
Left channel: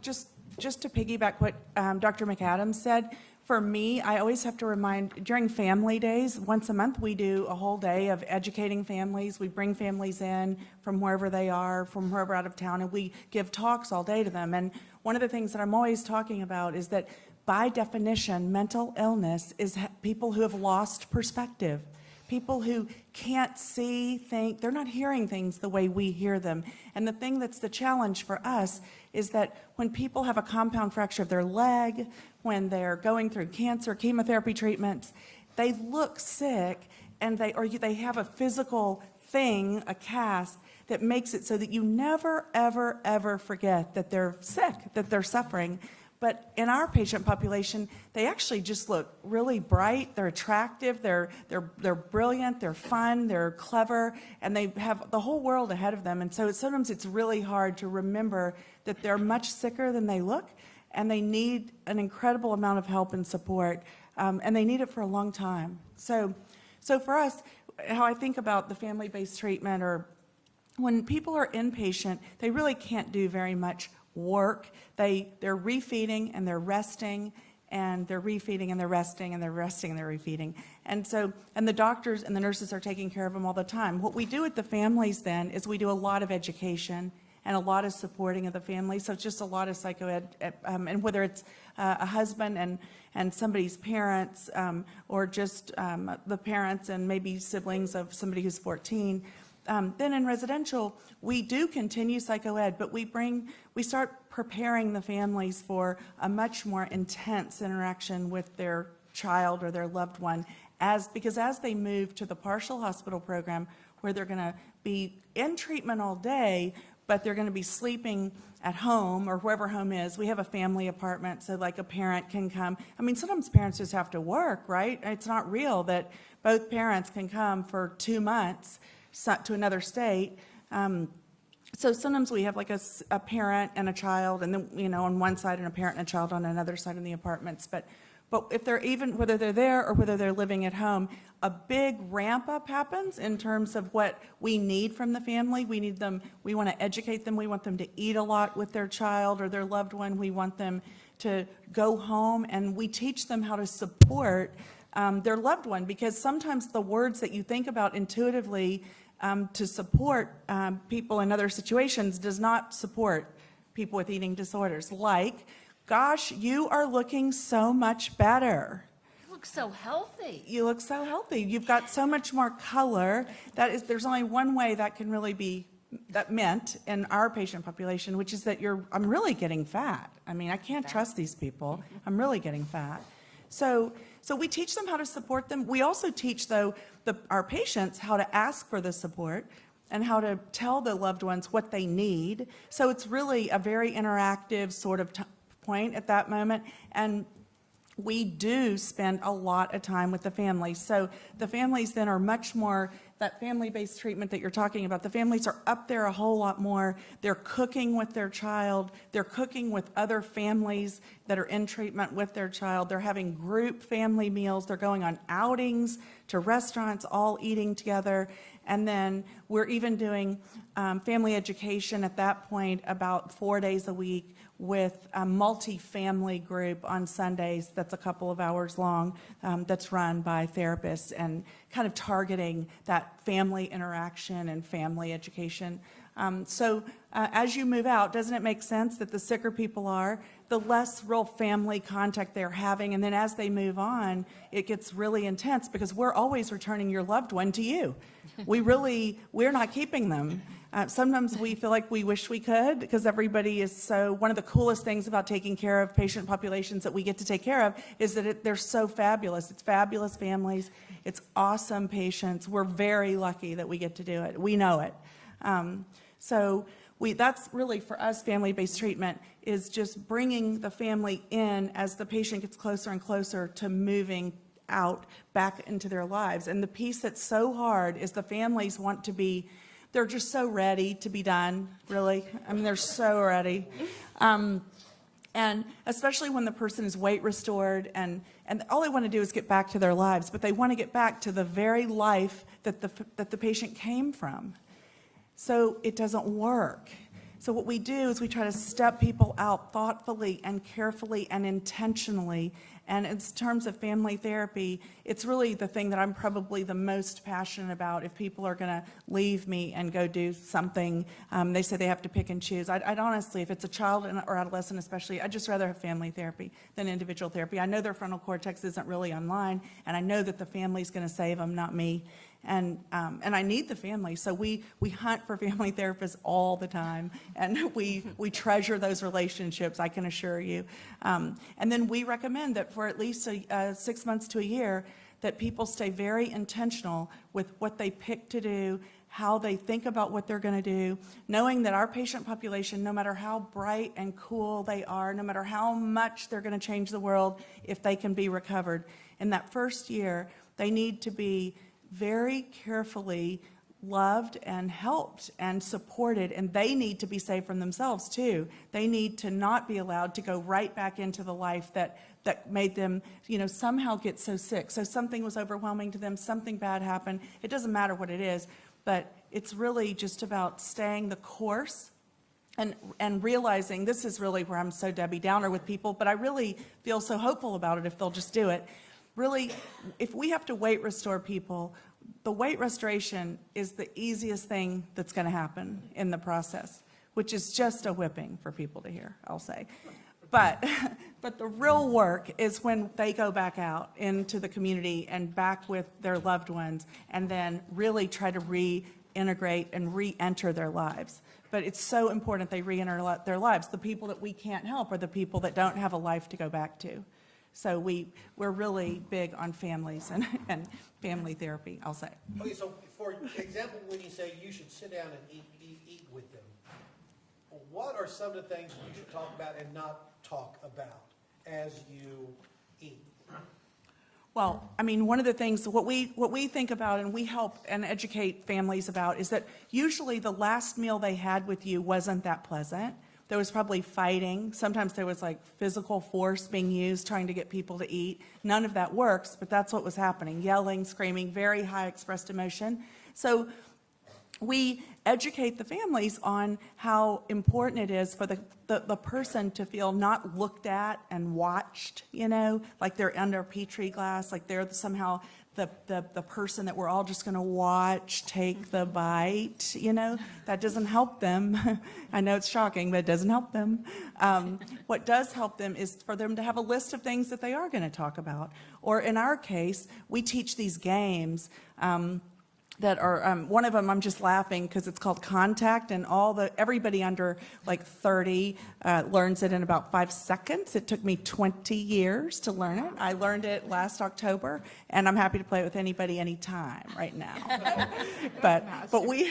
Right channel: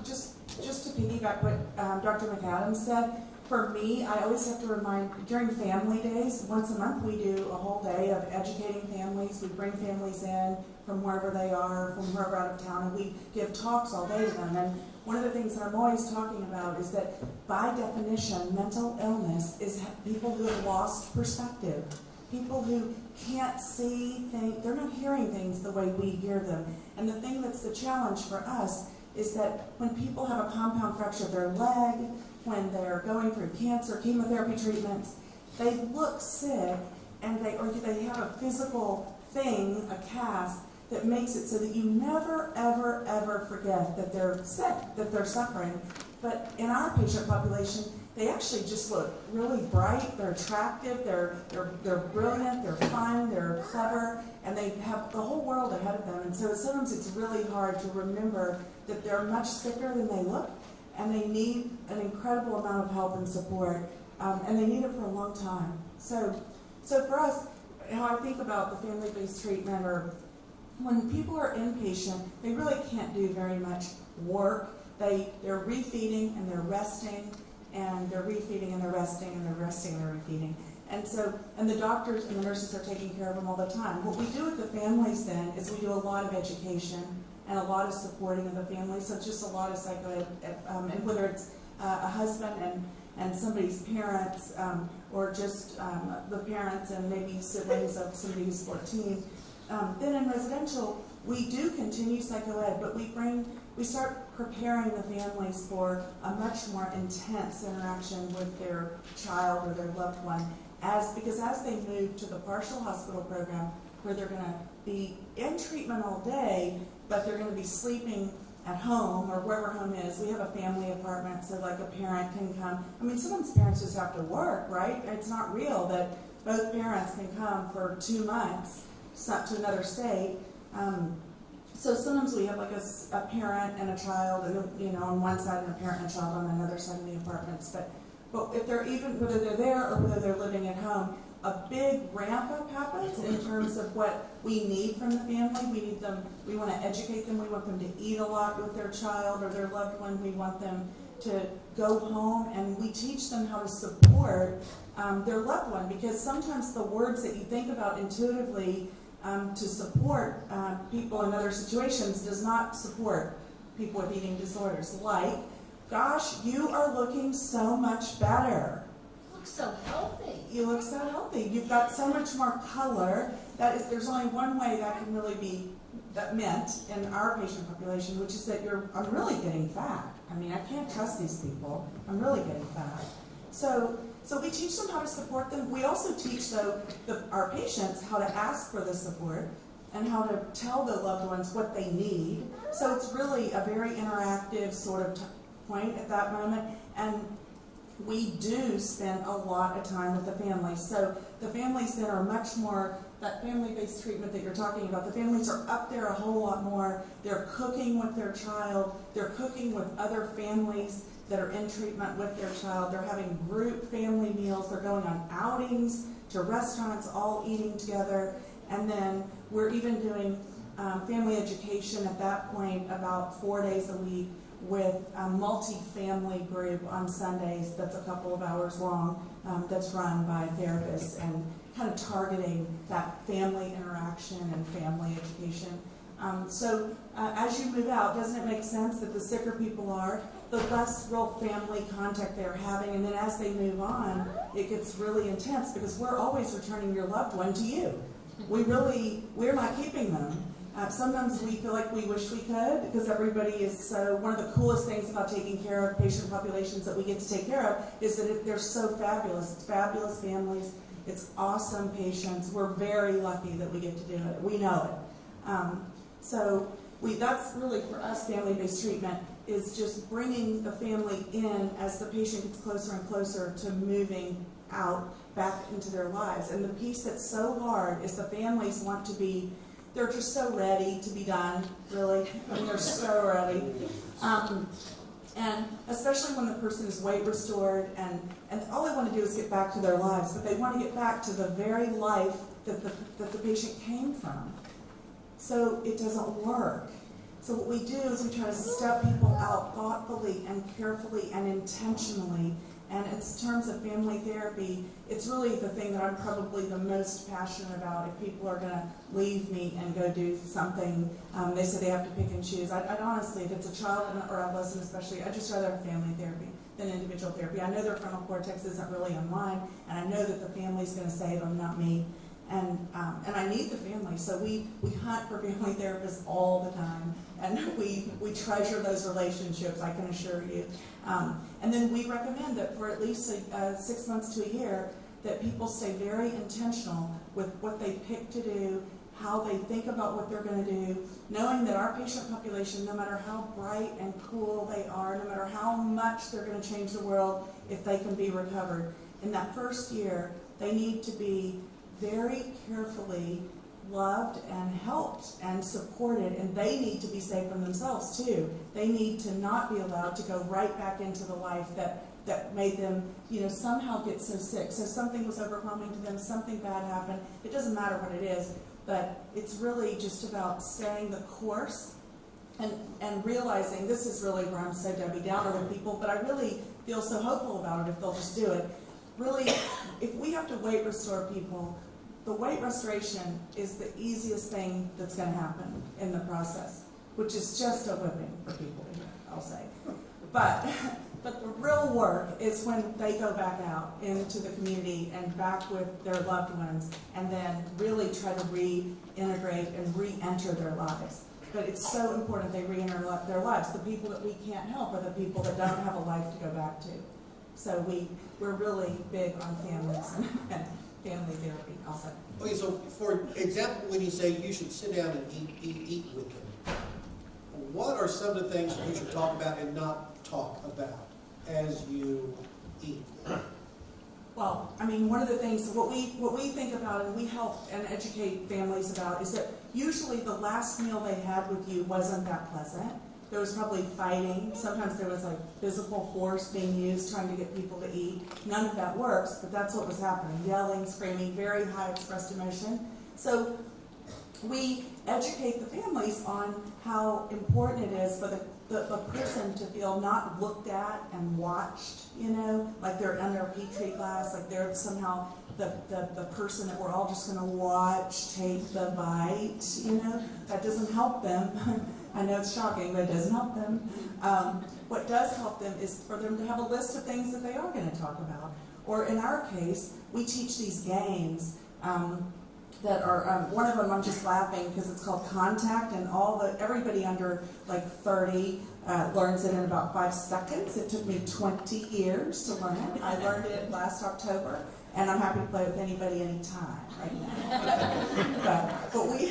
just to piggyback what Dr. McAdams said, for me, I always have to remind, during family days, once a month we do a whole day of educating families. We bring families in from wherever they are, from wherever out of town, and we give talks all day to them. And one of the things that I'm always talking about is that, by definition, mental illness is people who have lost perspective. People who can't see, they're not hearing things the way we hear them. And the thing that's the challenge for us is that when people have a compound fracture of their leg, when they're going through cancer, chemotherapy treatments, they look sick, and they have a physical thing, a cast, that makes it so that you never, ever, ever forget that they're sick, that they're suffering. But in our patient population, they actually just look really bright, they're attractive, they're brilliant, they're fun, they're clever, and they have the whole world ahead of them. And so sometimes it's really hard to remember that they're much sicker than they look, and they need an incredible amount of help and support, and they need it for a long time. So for us, how I think about the family-based treatment, or when people are inpatient, they really can't do very much work. They're refeeding and they're resting, and they're refeeding and they're resting and they're resting and they're refeeding. And so, and the doctors and the nurses are taking care of them all the time. What we do with the families then is we do a lot of education and a lot of supporting of the family. So just a lot of psychoed, and whether it's a husband and somebody's parents, or just the parents and maybe siblings of somebody who's 14. Then in residential, we do continue psychoed, but we start preparing the families for a much more intense interaction with their child or their loved one, because as they move to the partial hospital program, where they're going to be in treatment all day, but they're going to be sleeping at home or wherever home is. We have a family apartment, so like a parent can come. I mean, sometimes parents just have to work, right? It's not real that both parents can come for 2 months to another state. So sometimes we have like a parent and a child, and then, on one side, and a parent and a child on another side in the apartments. But if they're whether they're there or whether they're living at home, a big ramp up happens in terms of what we need from the family. We want to educate them. We want them to eat a lot with their child or their loved one. We want them to go home, and we teach them how to support their loved one, because sometimes the words that you think about intuitively to support people in other situations does not support people with eating disorders. Like, gosh, you are looking so much better. So healthy. You look so healthy. You've got so much more color. There's only one way that can really be meant in our patient population, which is that I'm really getting fat. I mean, I can't trust these people. I'm really getting fat. So we teach them how to support them. We also teach, though, our patients how to ask for the support and how to tell the loved ones what they need. So it's really a very interactive sort of point at that moment. And we do spend a lot of time with the families. So the families then are much more, that family-based treatment that you're talking about, the families are up there a whole lot more. They're cooking with their child. They're cooking with other families that are in treatment with their child. They're having group family meals. They're going on outings to restaurants, all eating together. And then we're even doing family education at that point about 4 days a week, with a multi-family group on Sundays that's a couple of hours long, that's run by therapists and kind of targeting that family interaction and family education. As you move out, doesn't it make sense that the sicker people are, the less real family contact they're having, and then as they move on, it gets really intense because we're always returning your loved one to you. We're not keeping them. Sometimes we feel like we wish we could, because everybody is so, one of the coolest things about taking care of patient populations that we get to take care of is that they're so fabulous. It's fabulous families. It's awesome patients. We're very lucky that we get to do it. We know it. That's really, for us, family-based treatment is just bringing the family in as the patient gets closer and closer to moving out back into their lives. And the piece that's so hard is the families want to be, they're just so ready to be done, really. I mean, they're so ready. And especially when the person is weight restored and all they want to do is get back to their lives, but they want to get back to the very life that the patient came from. So it doesn't work. So what we do is we try to step people out thoughtfully and carefully and intentionally. And in terms of family therapy, it's really the thing that I'm probably the most passionate about. If people are going to leave me and go do something, they say they have to pick and choose. I'd honestly, if it's a child or adolescent especially, I'd just rather have family therapy than individual therapy. I know their frontal cortex isn't really online, and I know that the family's going to save them, not me. And I need the family, so we hunt for family therapists all the time, and we treasure those relationships, I can assure you. And then we recommend that for at least 6 months to a year, that people stay very intentional with what they pick to do, how they think about what they're going to do, knowing that our patient population, no matter how bright and cool they are, no matter how much they're going to change the world, if they can be recovered, in that first year, they need to be very carefully loved and helped and supported, and they need to be safe from themselves too. They need to not be allowed to go right back into the life that made them, somehow get so sick. So something was overwhelming to them, something bad happened. It doesn't matter what it is, but it's really just about staying the course and realizing this is really where I'm so Debbie Downer with people, but I really feel so hopeful about it if they'll just do it. Really, if we have to weight restore people, the weight restoration is the easiest thing that's going to happen in the process, which is just a whipping for people to hear, I'll say. But the real work is when they go back out into the community and back with their loved ones and then really try to reintegrate and re-enter their lives. But it's so important they re-enter their lives. The people that we can't help are the people that don't have a life to go back to. So we're really big on families and family therapy, I'll say. Okay, so for example, when you say you should sit down and eat with them, what are some of the things you should talk about and not talk about as you eat? Well, I mean, one of the things, what we think about and we help and educate families about is that usually the last meal they had with you wasn't that pleasant. There was probably fighting. Sometimes there was like physical force being used trying to get people to eat. None of that works, but that's what was happening. Yelling, screaming, very high expressed emotion. So we educate the families on how important it is for the person to feel not looked at and watched, you know, like they're under a petri glass, like they're somehow the person that we're all just going to watch take the bite, you know. That doesn't help them. I know it's shocking, but it doesn't help them. What does help them is for them to have a list of things that they are going to talk about. Or in our case, we teach these games that are, one of them I'm just laughing because it's called Contact, and everybody under like 30 learns it in about 5 seconds. It took me 20 years to learn it. I learned it last October, and I'm happy to play with anybody anytime right now. but we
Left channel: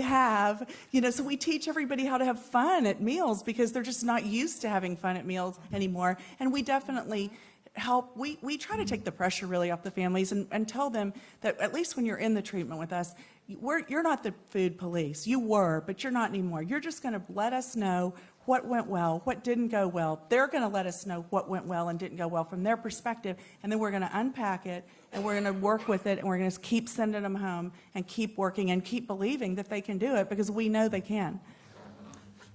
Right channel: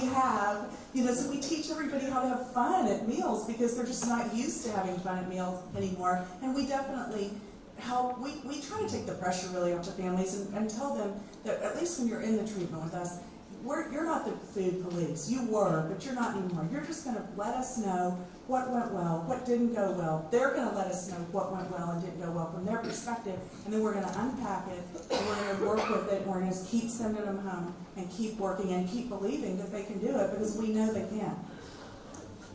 have, you know, so we teach everybody how to have fun at meals because they're just not used to having fun at meals anymore. And we definitely help, we try to take the pressure really off the families and tell them that at least when you're in the treatment with us, you're not the food police. You were, but you're not anymore. You're just going to let us know what went well, what didn't go well. They're going to let us know what went well and didn't go well from their perspective, and then we're going to unpack it, and we're going to work with it, and we're going to keep sending them home and keep working and keep believing that they can do it because we know they can.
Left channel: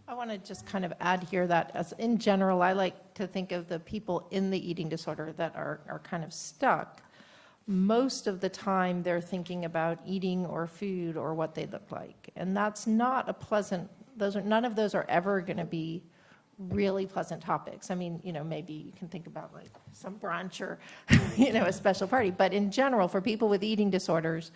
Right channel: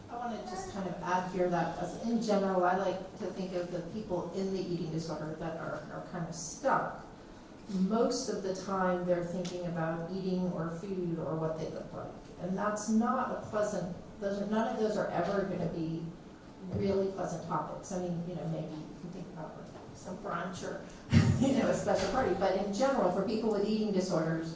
I want to just kind of add here that as in general, I like to think of the people in the eating disorder that are kind of stuck. Most of the time they're thinking about eating or food or what they look like. And that's not a pleasant, none of those are ever going to be really pleasant topics. I mean, you know, maybe you can think about like some brunch or, you know, a special party. But in general, for people with eating disorders,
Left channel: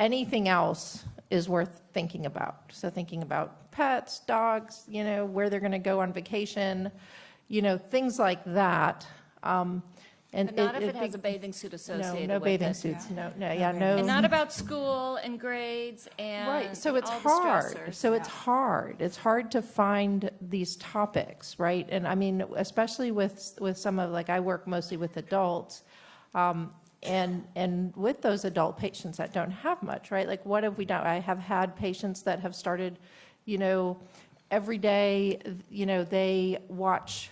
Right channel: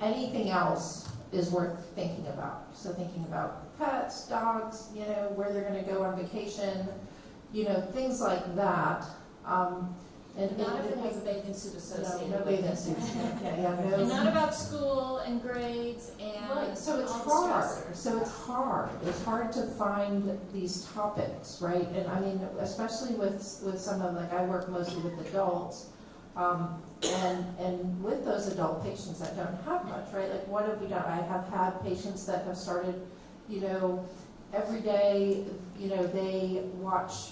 anything else is worth thinking about. So thinking about pets, dogs, you know, where they're going to go on vacation, you know, things like that. And not if it has a bathing suit associated no with bathing it. suits. No, And not about school and grades and right. So it's all the hard. stressors. So it's hard. It's hard to find these topics, right? And I mean, especially with some of, like, I work mostly with adults, and with those adult patients that don't have much, right? Like, what have we done? I have had patients that have started, you know, every day, you know, they watch,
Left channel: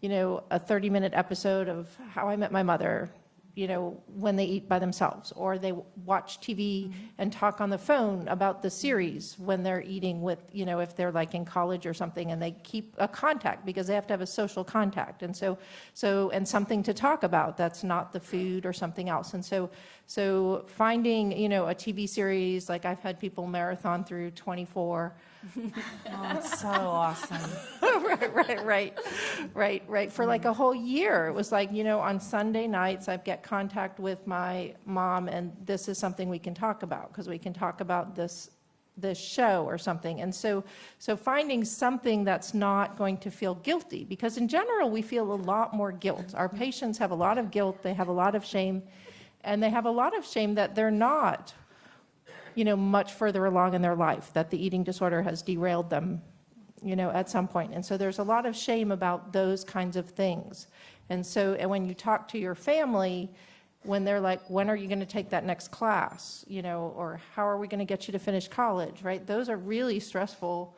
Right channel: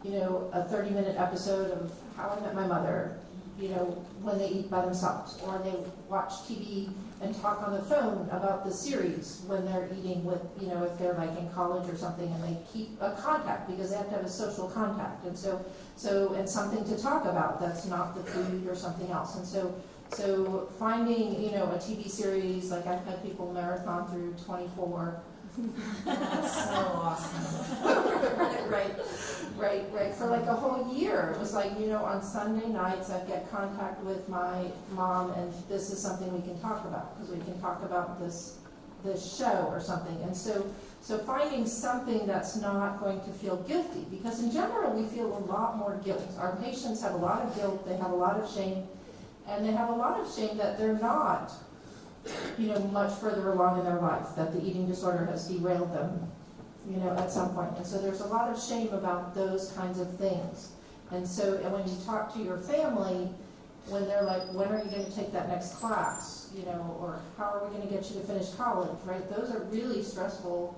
you know, a 30-minute episode of How I Met My Mother, you know, when they eat by themselves, or they watch TV and talk on the phone about the series when they're eating with, you know, if they're like in college or something, and they keep a contact because they have to have a social contact, and so and something to talk about that's not the food or something else, and so finding, you know, a TV series, like I've had people marathon through 24. Oh, it's so awesome. Right. For like a whole year. It was like, you know, on Sunday nights I get contact with my mom, and this is something we can talk about because we can talk about this show or something. And so finding something that's not going to feel guilty, because in general we feel a lot more guilt. Our patients have a lot of guilt, they have a lot of shame, and they have a lot of shame that they're not, you know, much further along in their life, that the eating disorder has derailed them, you know, at some point. And so there's a lot of shame about those kinds of things. And when you talk to your family, when they're like, when are you going to take that next class, you know, or how are we going to get you to finish college, right? Those are really stressful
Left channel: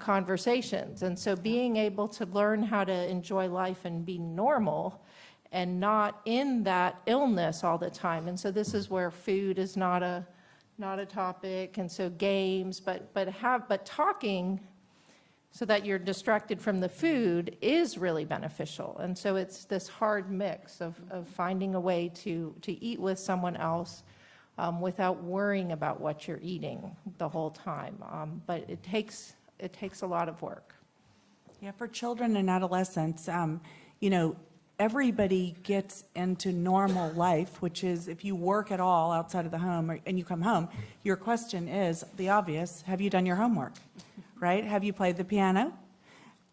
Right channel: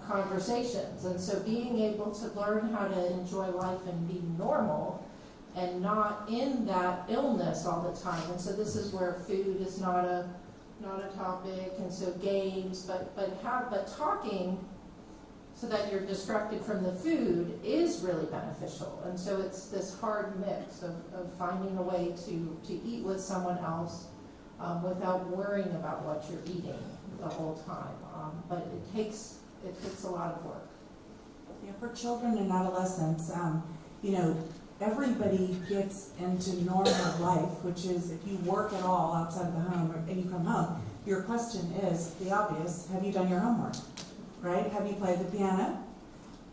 conversations. And so being able to learn how to enjoy life and be normal and not in that illness all the time. And so this is where food is not a topic, and so games, but talking so that you're distracted from the food is really beneficial. And so it's this hard mix of finding a way to eat with someone else without worrying about what you're eating the whole time. But it takes a lot of work. Yeah, for children and adolescents, you know, everybody gets into normal life, which is if you work at all outside of the home and you come home, your question is the obvious: have you done your homework? Right? Have you played the piano?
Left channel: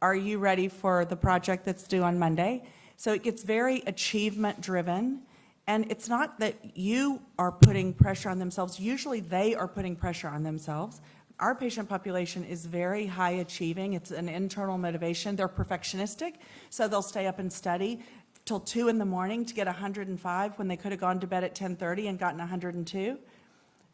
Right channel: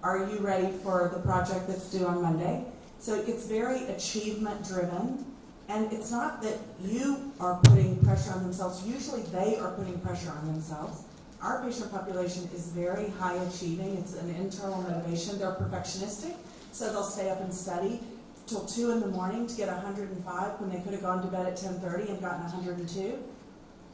Are you ready for the project that's due on Monday? So it gets very achievement driven. And it's not that you are putting pressure on themselves. Usually they are putting pressure on themselves. Our patient population is very high achieving. It's an internal motivation. They're perfectionistic, so they'll stay up and study till 2 in the morning to get 105 when they could have gone to bed at 10:30 and gotten 102.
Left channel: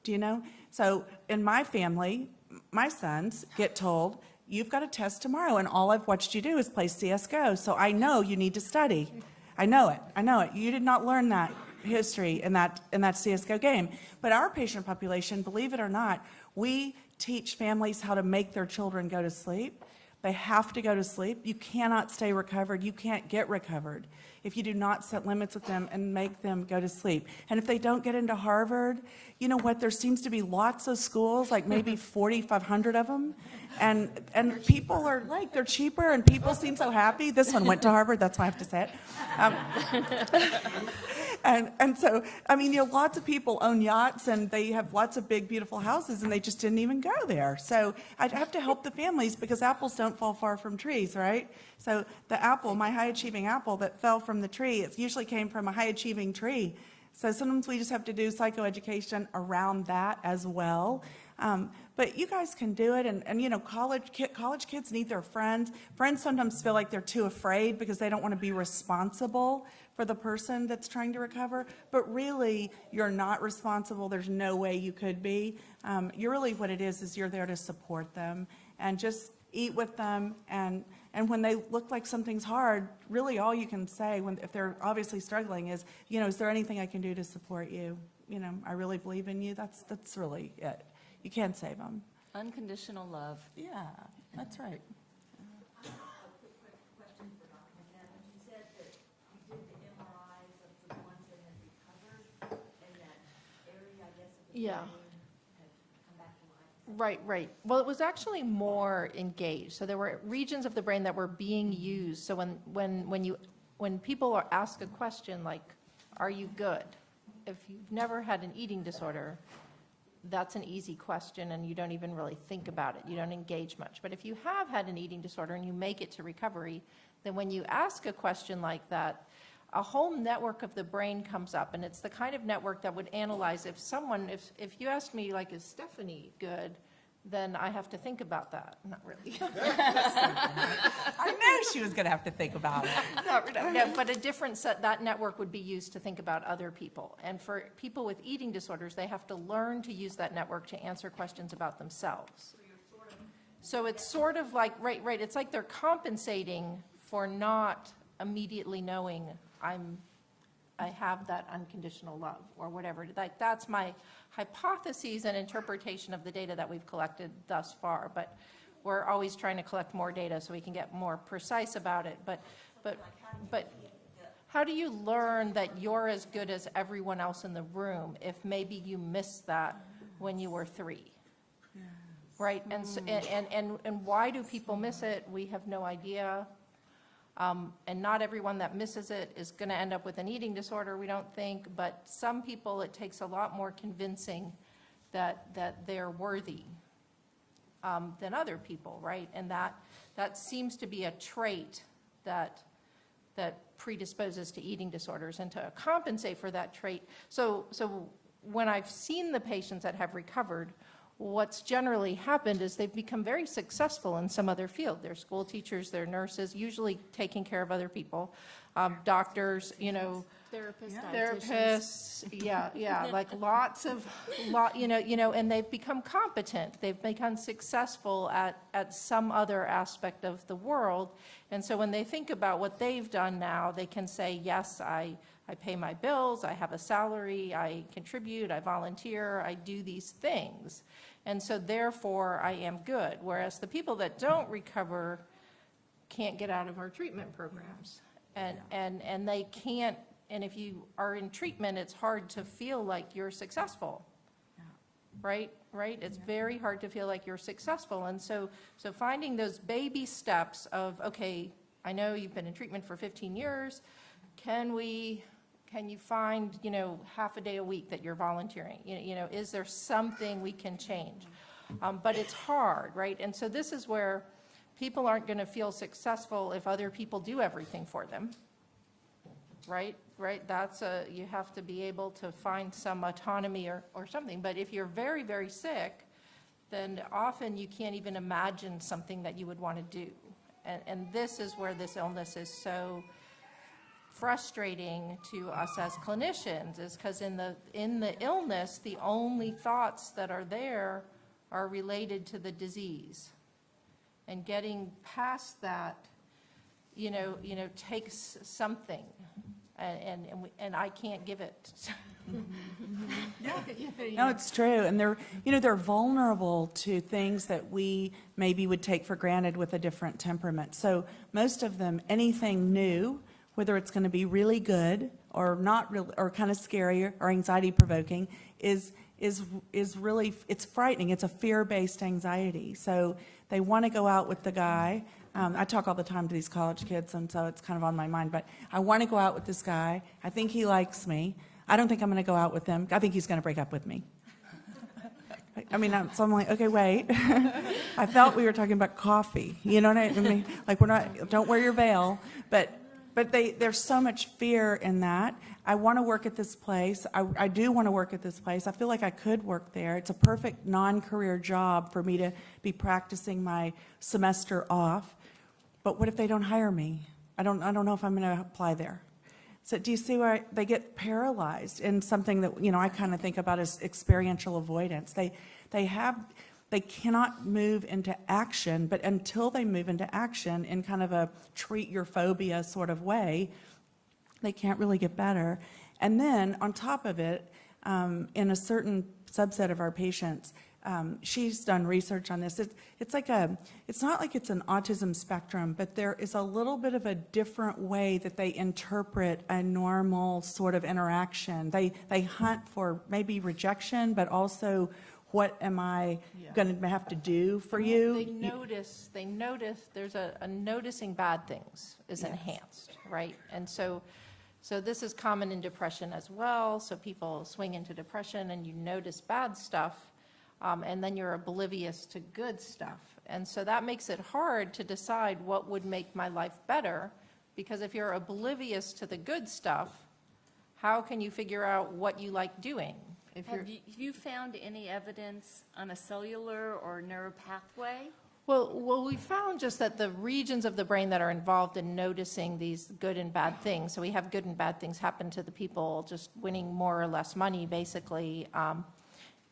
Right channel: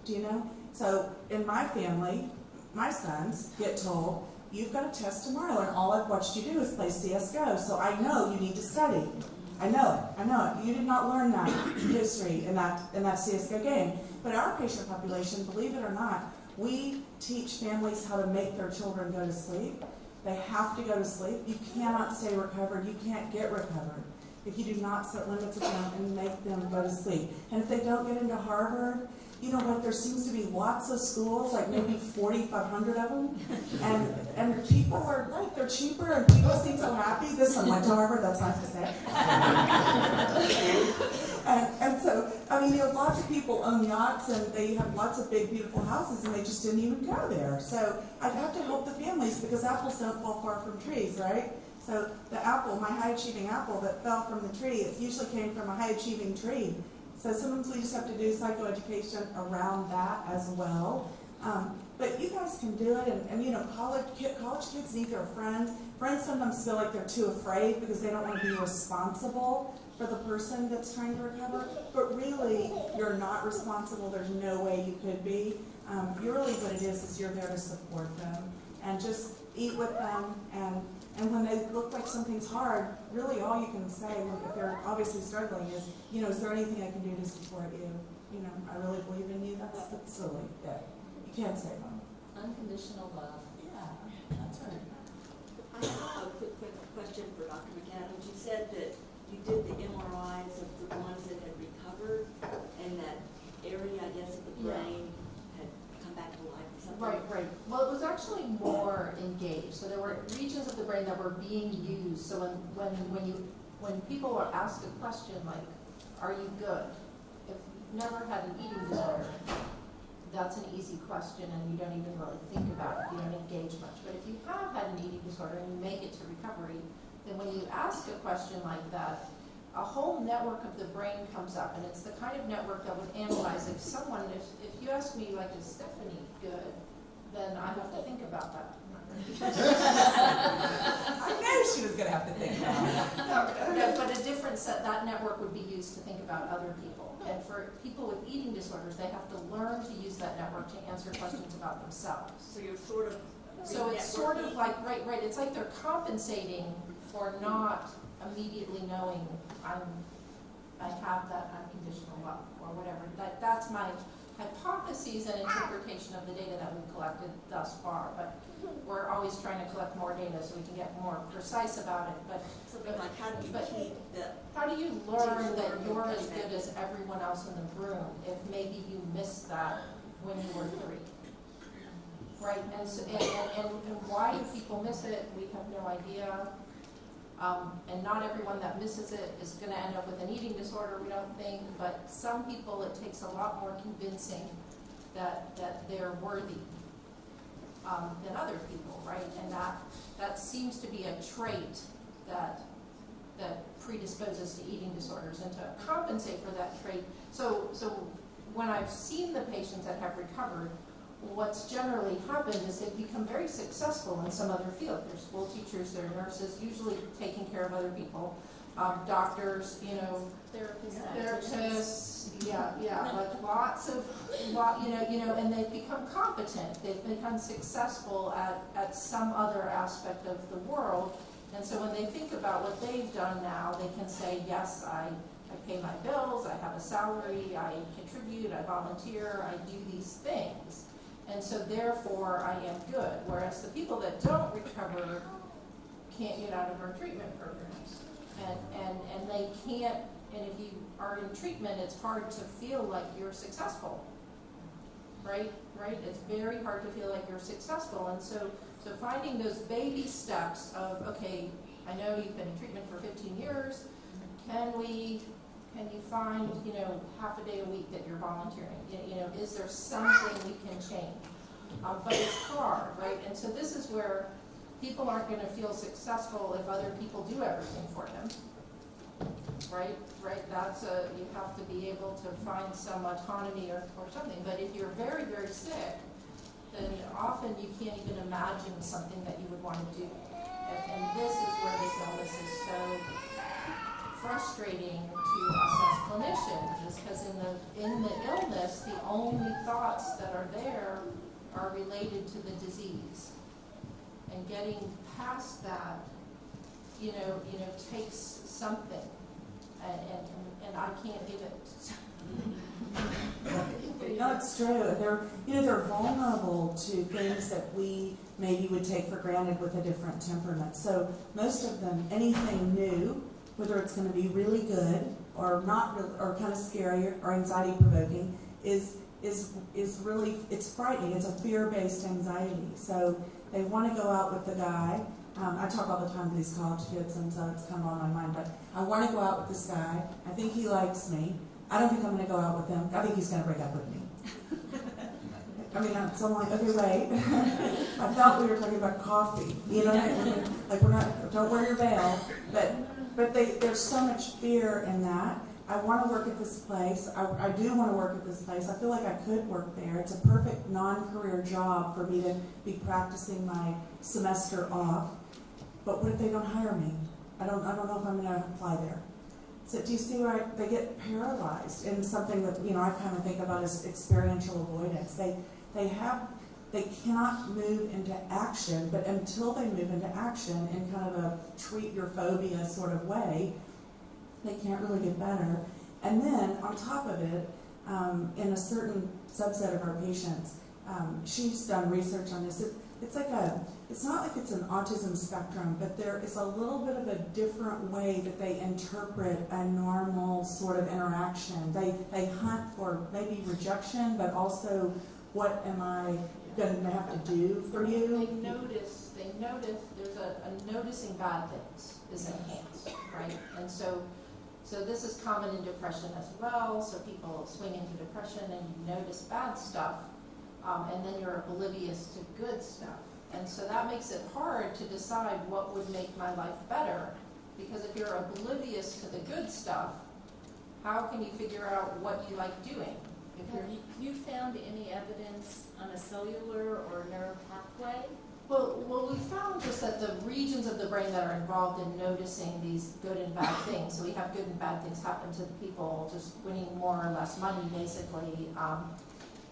Do you know? So in my family, my sons get told, you've got a test tomorrow, and all I've watched you do is play CSGO, so I know you need to study. I know it. You did not learn that history in that CSGO game. But our patient population, believe it or not, we teach families how to make their children go to sleep. They have to go to sleep. You cannot stay recovered. You can't get recovered if you do not set limits with them and make them go to sleep. And if they don't get into Harvard, you know what, there seems to be lots of schools, like maybe 4,500 of them, and people are like, they're cheaper, and people seem so happy. This one went to Harvard, that's why I have to say it. And so, I mean, you know, lots of people own yachts, and they have lots of big, beautiful houses, and they just didn't even go there. So I'd have to help the families, because apples don't fall far from trees, right? So the apple, my high-achieving apple that fell from the tree, it usually came from a high-achieving tree. So sometimes we just have to do psychoeducation around that as well. But you guys can do it, and you know, college kids need their friends. Friends sometimes feel like they're too afraid because they don't want to be responsible for the person that's trying to recover. But really, you're not responsible. There's no way you could be. You're really, what it is you're there to support them and just eat with them. And when they look like something's hard, really all you can say, if they're obviously struggling, is, you know, is there anything I can do to support you? You know, I really believe in you. That's really it. You can't save them. Unconditional love. Yeah, that's right. I have a quick question for Dr. McAdams. You said that you did the MRIs of the ones that had recovered, and that area, I guess, of the Yeah. brain had come back to life or something? Right. Well, it was actually more engaged. So there were regions of the brain that were being used. So when people are asked a question like, "Are you good?" If you've never had an eating disorder, that's an easy question, and you don't even really think about it. You don't engage much. But if you have had an eating disorder and you make it to recovery, then when you ask a question like that, a whole network of the brain comes up, and it's the kind of network that would analyze if you ask me, like, is Stephanie good, then I have to think about that. Not really. I know she was going to have to think about it. No, but a different set, that network would be used to think about other people. And for people with eating disorders, they have to learn to use that network to answer questions about themselves. So you're sort of... So it's sort of like, right, it's like they're compensating for not immediately knowing I have that unconditional love or whatever. That's my hypotheses and interpretation of the data that we've collected thus far, but we're always trying to collect more data so we can get more precise about it. But Something like, how do you but- keep the... how do you learn that you're as good as everyone else in the room if maybe you missed that when you were 3? Right, and so, and why do people miss it? We have no idea. And not everyone that misses it is going to end up with an eating disorder, we don't think, but some people it takes a lot more convincing that they're worthy than other people, right? And that seems to be a trait that predisposes to eating disorders, and to compensate for that trait. So when I've seen the patients that have recovered, what's generally happened is they've become very successful in some other field. They're school teachers, they're nurses, usually taking care of other people, doctors, you know, therapists, yeah, like and they've become competent. They've become successful at some other aspect of the world. And so when they think about what they've done now, they can say, yes, I pay my bills, I have a salary, I contribute, I volunteer, I do these things. And so therefore, I am good. Whereas the people that don't recover can't get out of our treatment programs. And they can't, and if you are in treatment, it's hard to feel like you're successful. Right? It's very hard to feel like you're successful. And so finding those baby steps of, okay, I know you've been in treatment for 15 years. Can you find, half a day a week that you're volunteering? Is there something we can change? But it's hard, right? And so this is where people aren't going to feel successful if other people do everything for them, right? You have to be able to find some autonomy or something. But if you're very, very sick, then often you can't even imagine something that you would want to do. And this is where this illness is so frustrating to us as clinicians, is because in the illness, the only thoughts that are there are related to the disease. And getting past that, takes something, and I can't give it. No, it's true, and they're vulnerable to things that we maybe would take for granted with a different temperament. So most of them, anything new, whether it's going to be really good or not really, or kind of scary or anxiety provoking, is really, it's frightening. It's a fear-based anxiety. So they want to go out with the guy. I talk all the time to these college kids, and so it's kind of on my mind. But I want to go out with this guy. I think he likes me. I don't think I'm going to go out with him. I think he's going to break up with me. So I'm like, okay, wait. I felt we were talking about coffee. You know what I mean? Like, we're not, don't wear your veil. But there's so much fear in that. I want to work at this place. I do want to work at this place. I feel like I could work there. It's a perfect non-career job for me to be practicing my semester off. But what if they don't hire me? I don't know if I'm going to apply there. So do you see where they get paralyzed in something that, I kind of think about as experiential avoidance. They cannot move into action, but until they move into action in kind of a treat your phobia sort of way, they can't really get better. And then on top of it, in a certain subset of our patients, she's done research on this. It's not like it's an autism spectrum, but there is a little bit of a different way that they interpret a normal sort of interaction. They hunt for maybe rejection, but also, what am I going to have to do for you? They notice, there's a noticing bad things is enhanced, right? And so this is common in depression as well. So people swing into depression and you notice bad stuff, and then you're oblivious to good stuff. And so that makes it hard to decide what would make my life better, because if you're oblivious to the good stuff, how can you figure out what you like doing? Have you found any evidence on a cellular or neuropathway? Well, we found just that the regions of the brain that are involved in noticing these good and bad things, so we have good and bad things happen to the people just winning more or less money, basically,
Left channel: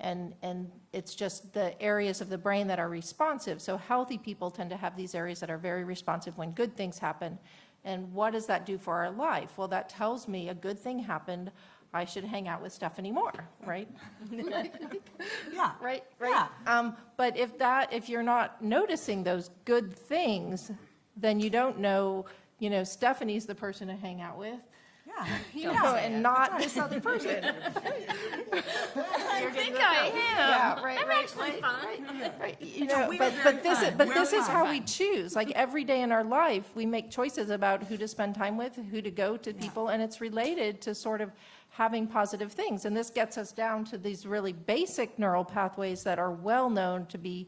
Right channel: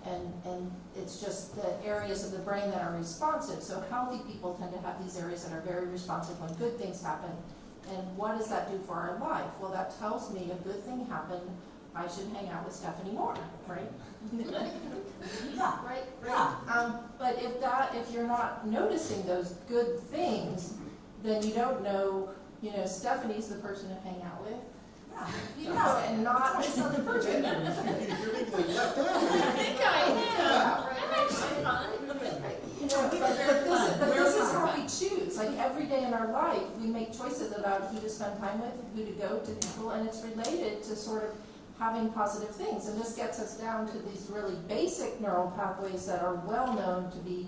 and it's just the areas of the brain that are responsive. So healthy people tend to have these areas that are very responsive when good things happen. And what does that do for our life? Well, that tells me a good thing happened. I should hang out with Stephanie more, right? Yeah. Right. Yeah. But if you're not noticing those good things, then you don't know, Stephanie's the person to hang out with. Yeah. And not this other person. I think I am. I'm actually fine. But this is how we choose. Like every day in our life, we make choices about who to spend time with, who to go to people, and it's related to sort of having positive things. And this gets us down to these really basic neural pathways that are well known to be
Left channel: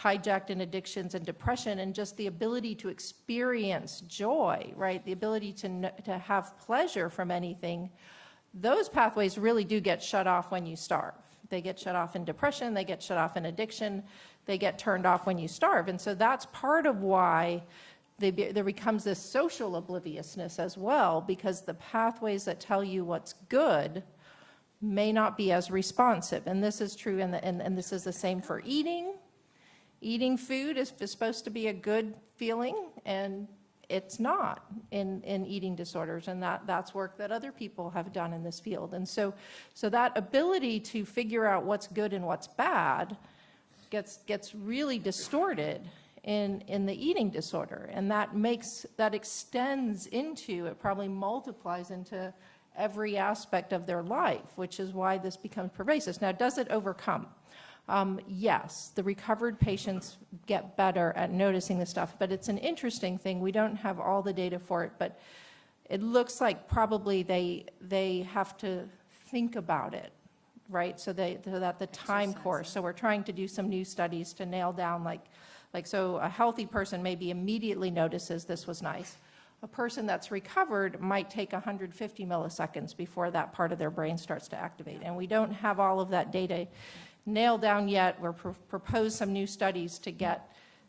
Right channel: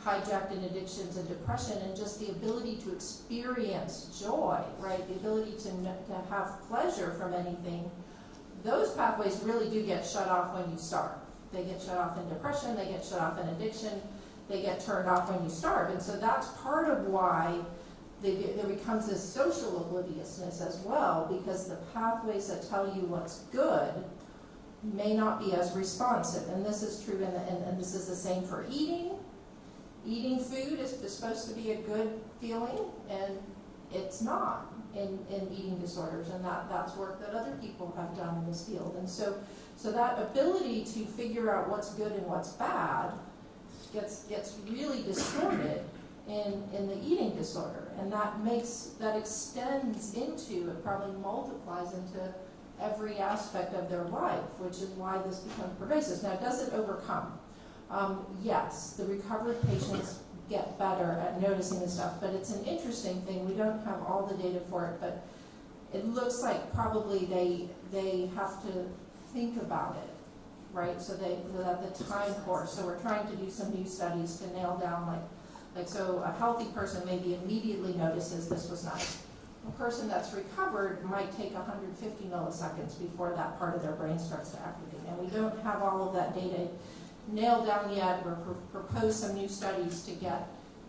hijacked in addictions and depression, and just the ability to experience joy, right? The ability to have pleasure from anything. Those pathways really do get shut off when you starve. They get shut off in depression, they get shut off in addiction, they get turned off when you starve. And so that's part of why there becomes this social obliviousness as well, because the pathways that tell you what's good may not be as responsive. And this is true, and this is the same for eating. Eating food is supposed to be a good feeling, and it's not in eating disorders, and that's work that other people have done in this field. And so that ability to figure out what's good and what's bad gets really distorted in the eating disorder. And that extends into, it probably multiplies into every aspect of their life, which is why this becomes pervasive. Now, does it overcome? Yes, the recovered patients get better at noticing this stuff, but it's an interesting thing. We don't have all the data for it, but it looks like probably they have to think about it, right? So that the time course. So we're trying to do some new studies to nail down so a healthy person maybe immediately notices this was nice. A person that's recovered might take 150 milliseconds before that part of their brain starts to activate. And we don't have all of that data nailed down yet. We're propose some new studies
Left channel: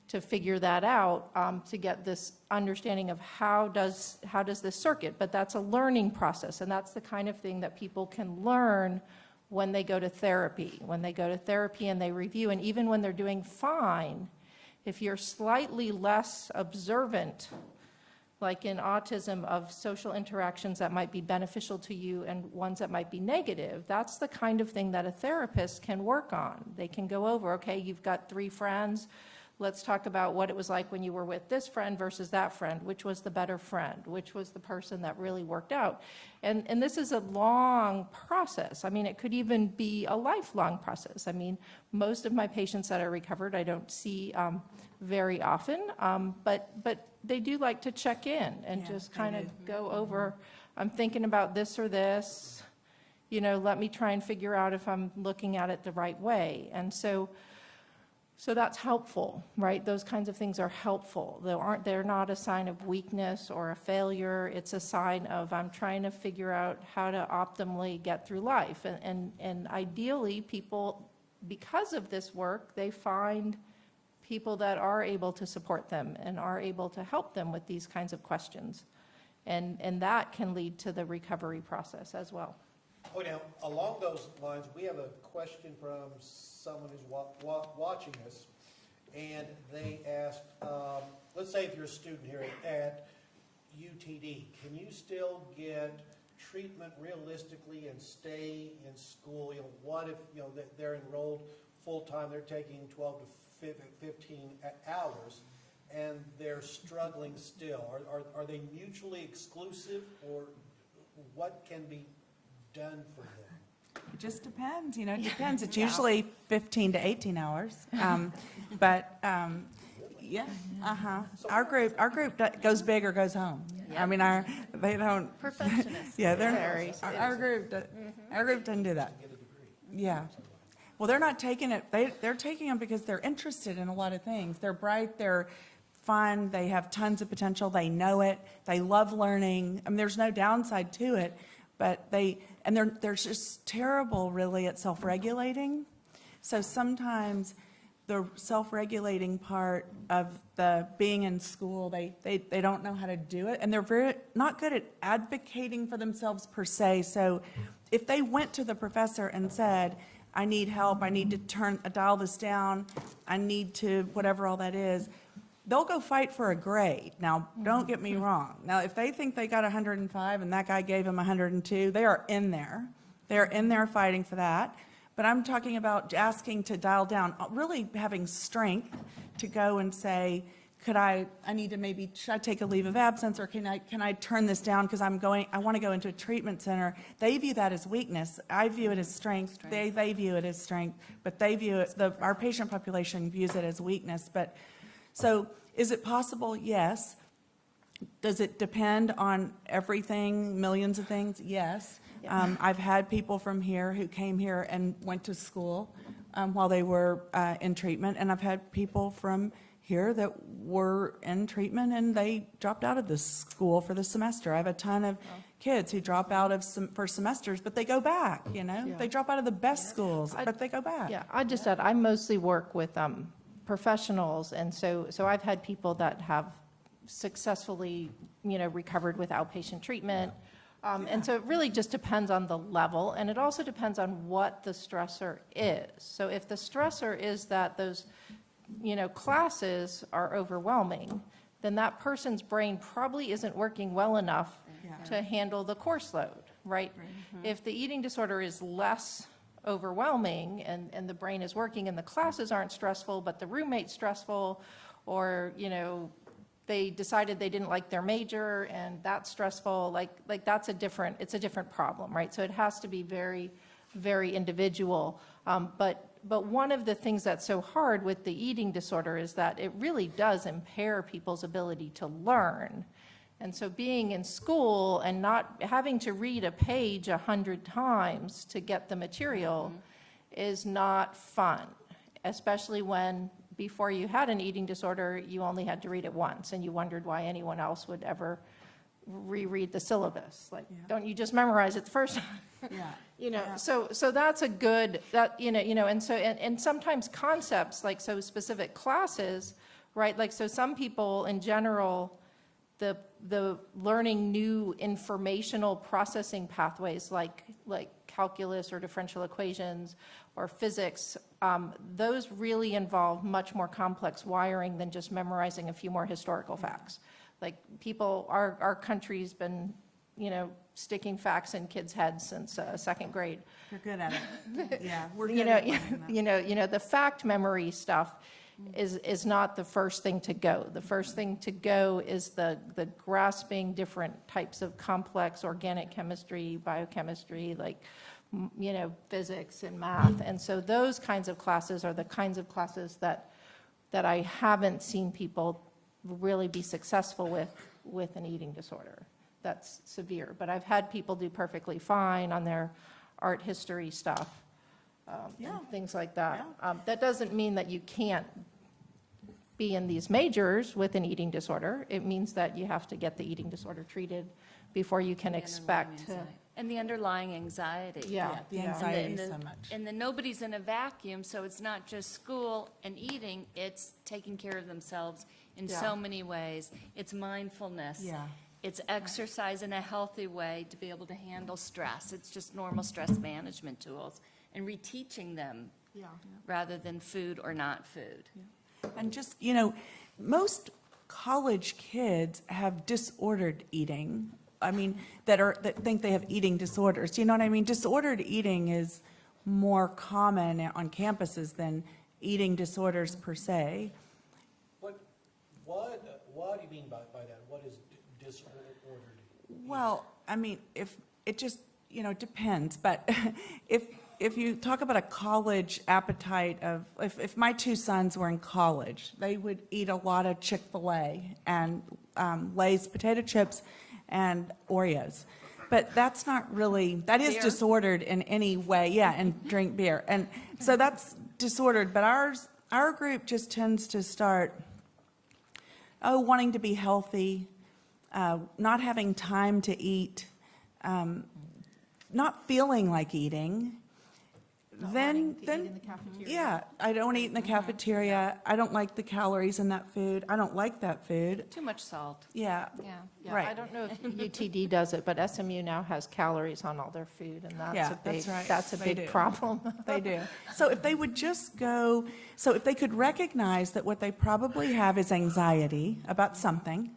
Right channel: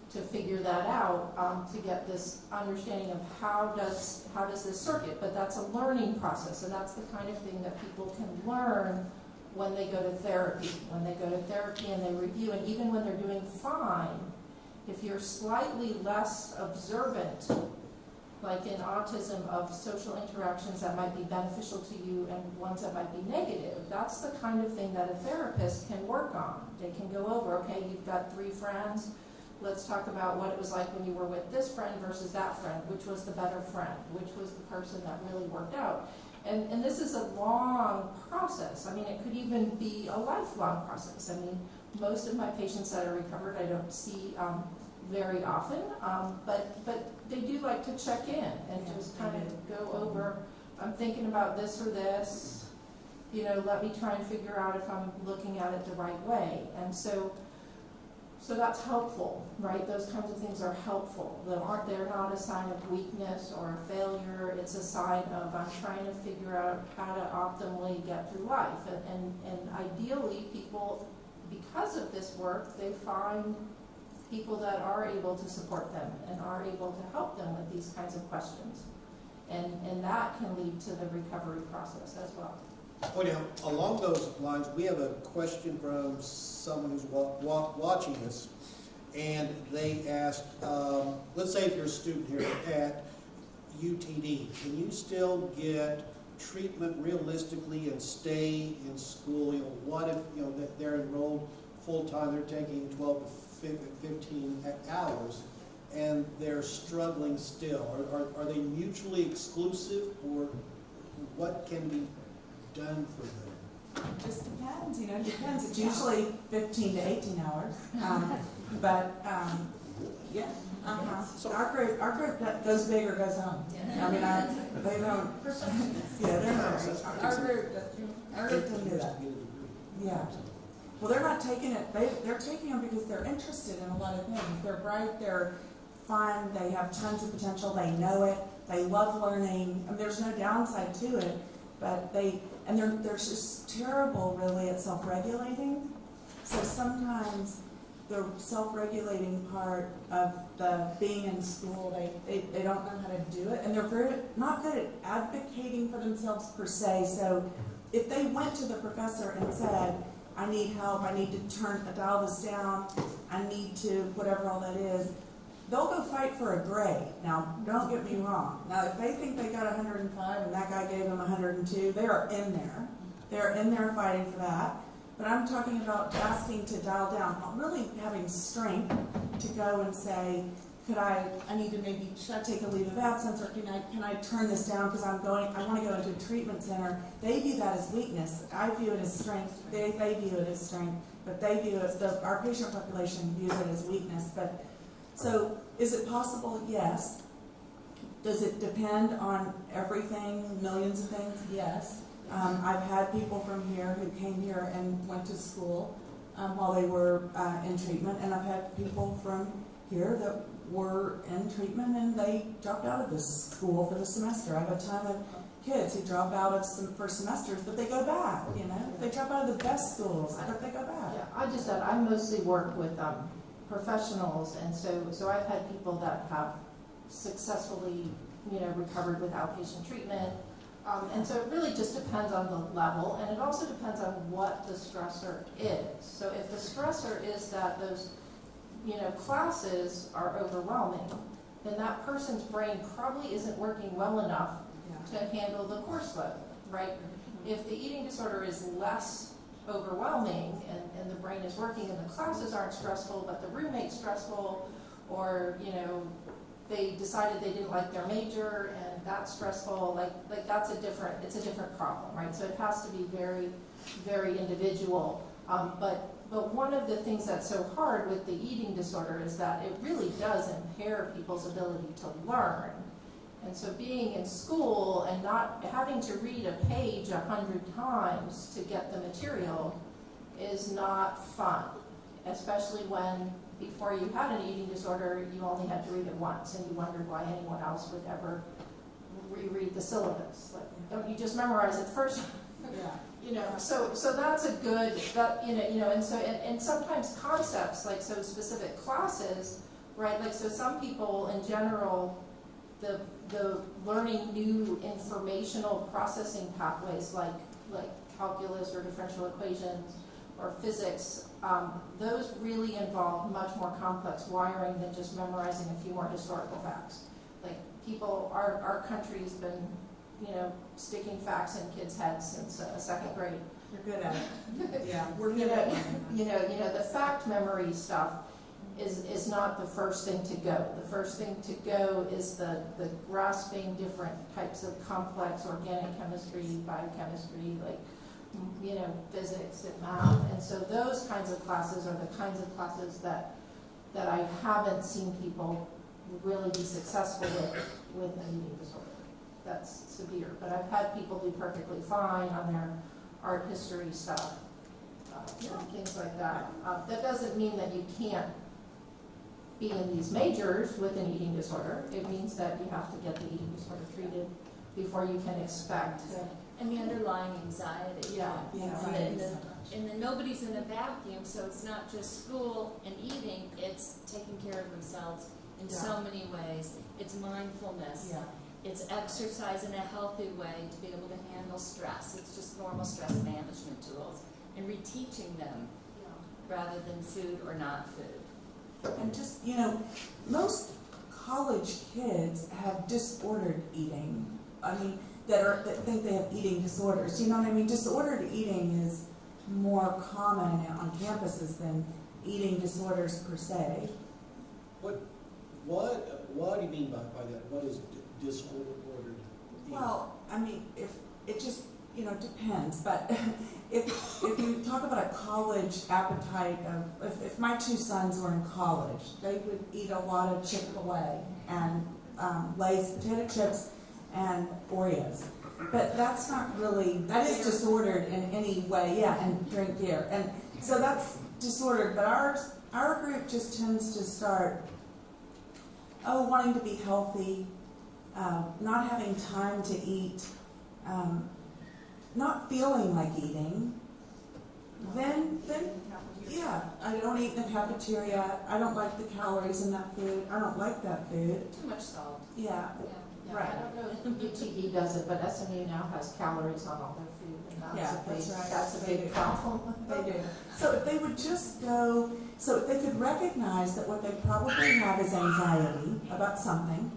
to figure that out, to get this understanding of how does this circuit. But that's a learning process, and that's the kind of thing that people can learn when they go to therapy. When they go to therapy and they review, and even when they're doing fine, if you're slightly less observant, like in autism, of social interactions that might be beneficial to you and ones that might be negative, that's the kind of thing that a therapist can work on. They can go over, okay, you've got 3 friends, let's talk about what it was like when you were with this friend versus that friend, which was the better friend, which was the person that really worked out. And this is a long process. I mean, it could even be a lifelong process. I mean, most of my patients that are recovered I don't see very often, but they do like to check in and just kind of go over, I'm thinking about this or this, let me try and figure out if I'm looking at it the right way. And so that's helpful, right? Those kinds of things are helpful. They're not a sign of weakness or a failure. It's a sign of, I'm trying to figure out how to optimally get through life. And ideally, people, because of this work, they find people that are able to support them and are able to help them with these kinds of questions. And that can lead to the recovery process as well. Oh, now, along those lines, we have a question from someone who's watching this, and they asked, let's say if you're a student here at UTD, can you still get treatment realistically and stay in school? What if, that they're enrolled full-time, they're taking 12 to 15 hours, and they're struggling still? Are they mutually exclusive, or what can be done for them? It just depends, it depends. It's usually 15 to 18 hours. Yeah, Our group goes big or goes home. I mean, they don't, yeah, they're very, our group doesn't do that. Yeah. Well, they're not taking it, they're taking them because they're interested in a lot of things. They're bright, they're fun, they have tons of potential, they know it, they love learning. I mean, there's no downside to it, but they're just terrible really at self-regulating. So sometimes the self-regulating part of the being in school, they don't know how to do it, and they're not good at advocating for themselves per se. So if they went to the professor and said, I need help, I need to dial this down, I need to whatever all that is, they'll go fight for a grade. Now, don't get me wrong. Now, if they think they got 105 and that guy gave them 102, they are in there. They're in there fighting for that. But I'm talking about asking to dial down, really having strength to go and say, should I take a leave of absence, or can I turn this down because I want to go into a treatment center? They view that as weakness. I view it as strength. They view it as strength, but they view it, our patient population views it as weakness. But so is it possible? Yes. Does it depend on everything, millions of things? Yes. I've had people from here who came here and went to school while they were in treatment, and I've had people from here that were in treatment and they dropped out of the school for the semester. I have a ton of kids who drop out of for semesters, but they go back, They drop out of the best schools, but they go back. Yeah, I just said I mostly work with professionals, and so I've had people that have successfully, recovered with outpatient treatment. And so it really just depends on the level, and it also depends on what the stressor is. So if the stressor is that those, classes are overwhelming, then that person's brain probably isn't working well enough to handle the course load, right? If the eating disorder is less overwhelming and the brain is working and the classes aren't stressful, but the roommate's stressful, or, they decided they didn't like their major and that's stressful, like that's it's a different problem, right? So it has to be very, very individual. But one of the things that's so hard with the eating disorder is that it really does impair people's ability to learn. And so being in school and not having to read a page 100 times to get the material is not fun, especially when before you had an eating disorder, you only had to read it once and you wondered why anyone else would ever reread the syllabus. Like, don't you just memorize it the first time? Yeah. So that's a good, and sometimes concepts, like so specific classes, right? Like, so some people in general, the learning new informational processing pathways like calculus or differential equations or physics, those really involve much more complex wiring than just memorizing a few more historical facts. Like our country's been, sticking facts in kids' heads since second grade. You're good at it. Yeah, we're good at it. The fact memory stuff is not the first thing to go. The first thing to go is the grasping different types of complex organic chemistry, biochemistry, physics and math. And so those kinds of classes are the kinds of classes that I haven't seen people really be successful with an eating disorder. That's severe. But I've had people do perfectly fine on their art history stuff, and things like that. That doesn't mean that you can't be in these majors with an eating disorder. It means that you have to get the eating disorder treated before you can expect to. And the underlying anxiety. Yeah. The yeah. anxiety so much. And then nobody's in a vacuum, so it's not just school and eating, it's taking care of themselves in so many ways. It's mindfulness. Yeah. It's exercise in a healthy way to be able to handle stress. It's just normal stress management tools and reteaching them rather than food or not food. And just, most college kids have disordered eating. I mean, that think they have eating disorders. You know what I mean? Disordered eating is more common on campuses than eating disorders per se. What do you mean by that? What is disordered eating? Well, I mean, if it just, depends. But if you talk about a college appetite of, if my two sons were in college, they would eat a lot of Chick-fil-A and Lay's potato chips and Oreos. But that's not really, that is disordered in any way, and drink beer. And so that's disordered, but our group just tends to start, wanting to be healthy, not having time to eat, not feeling like eating. Then I don't eat in the cafeteria. I don't like the calories in that food. I don't like that food. Too much salt. Yeah. Yeah, Right. I don't know if UTD does it, but SMU now has calories on all their food, and that's a big problem. They do. So if they would just go, if they could recognize that what they probably have is anxiety about something,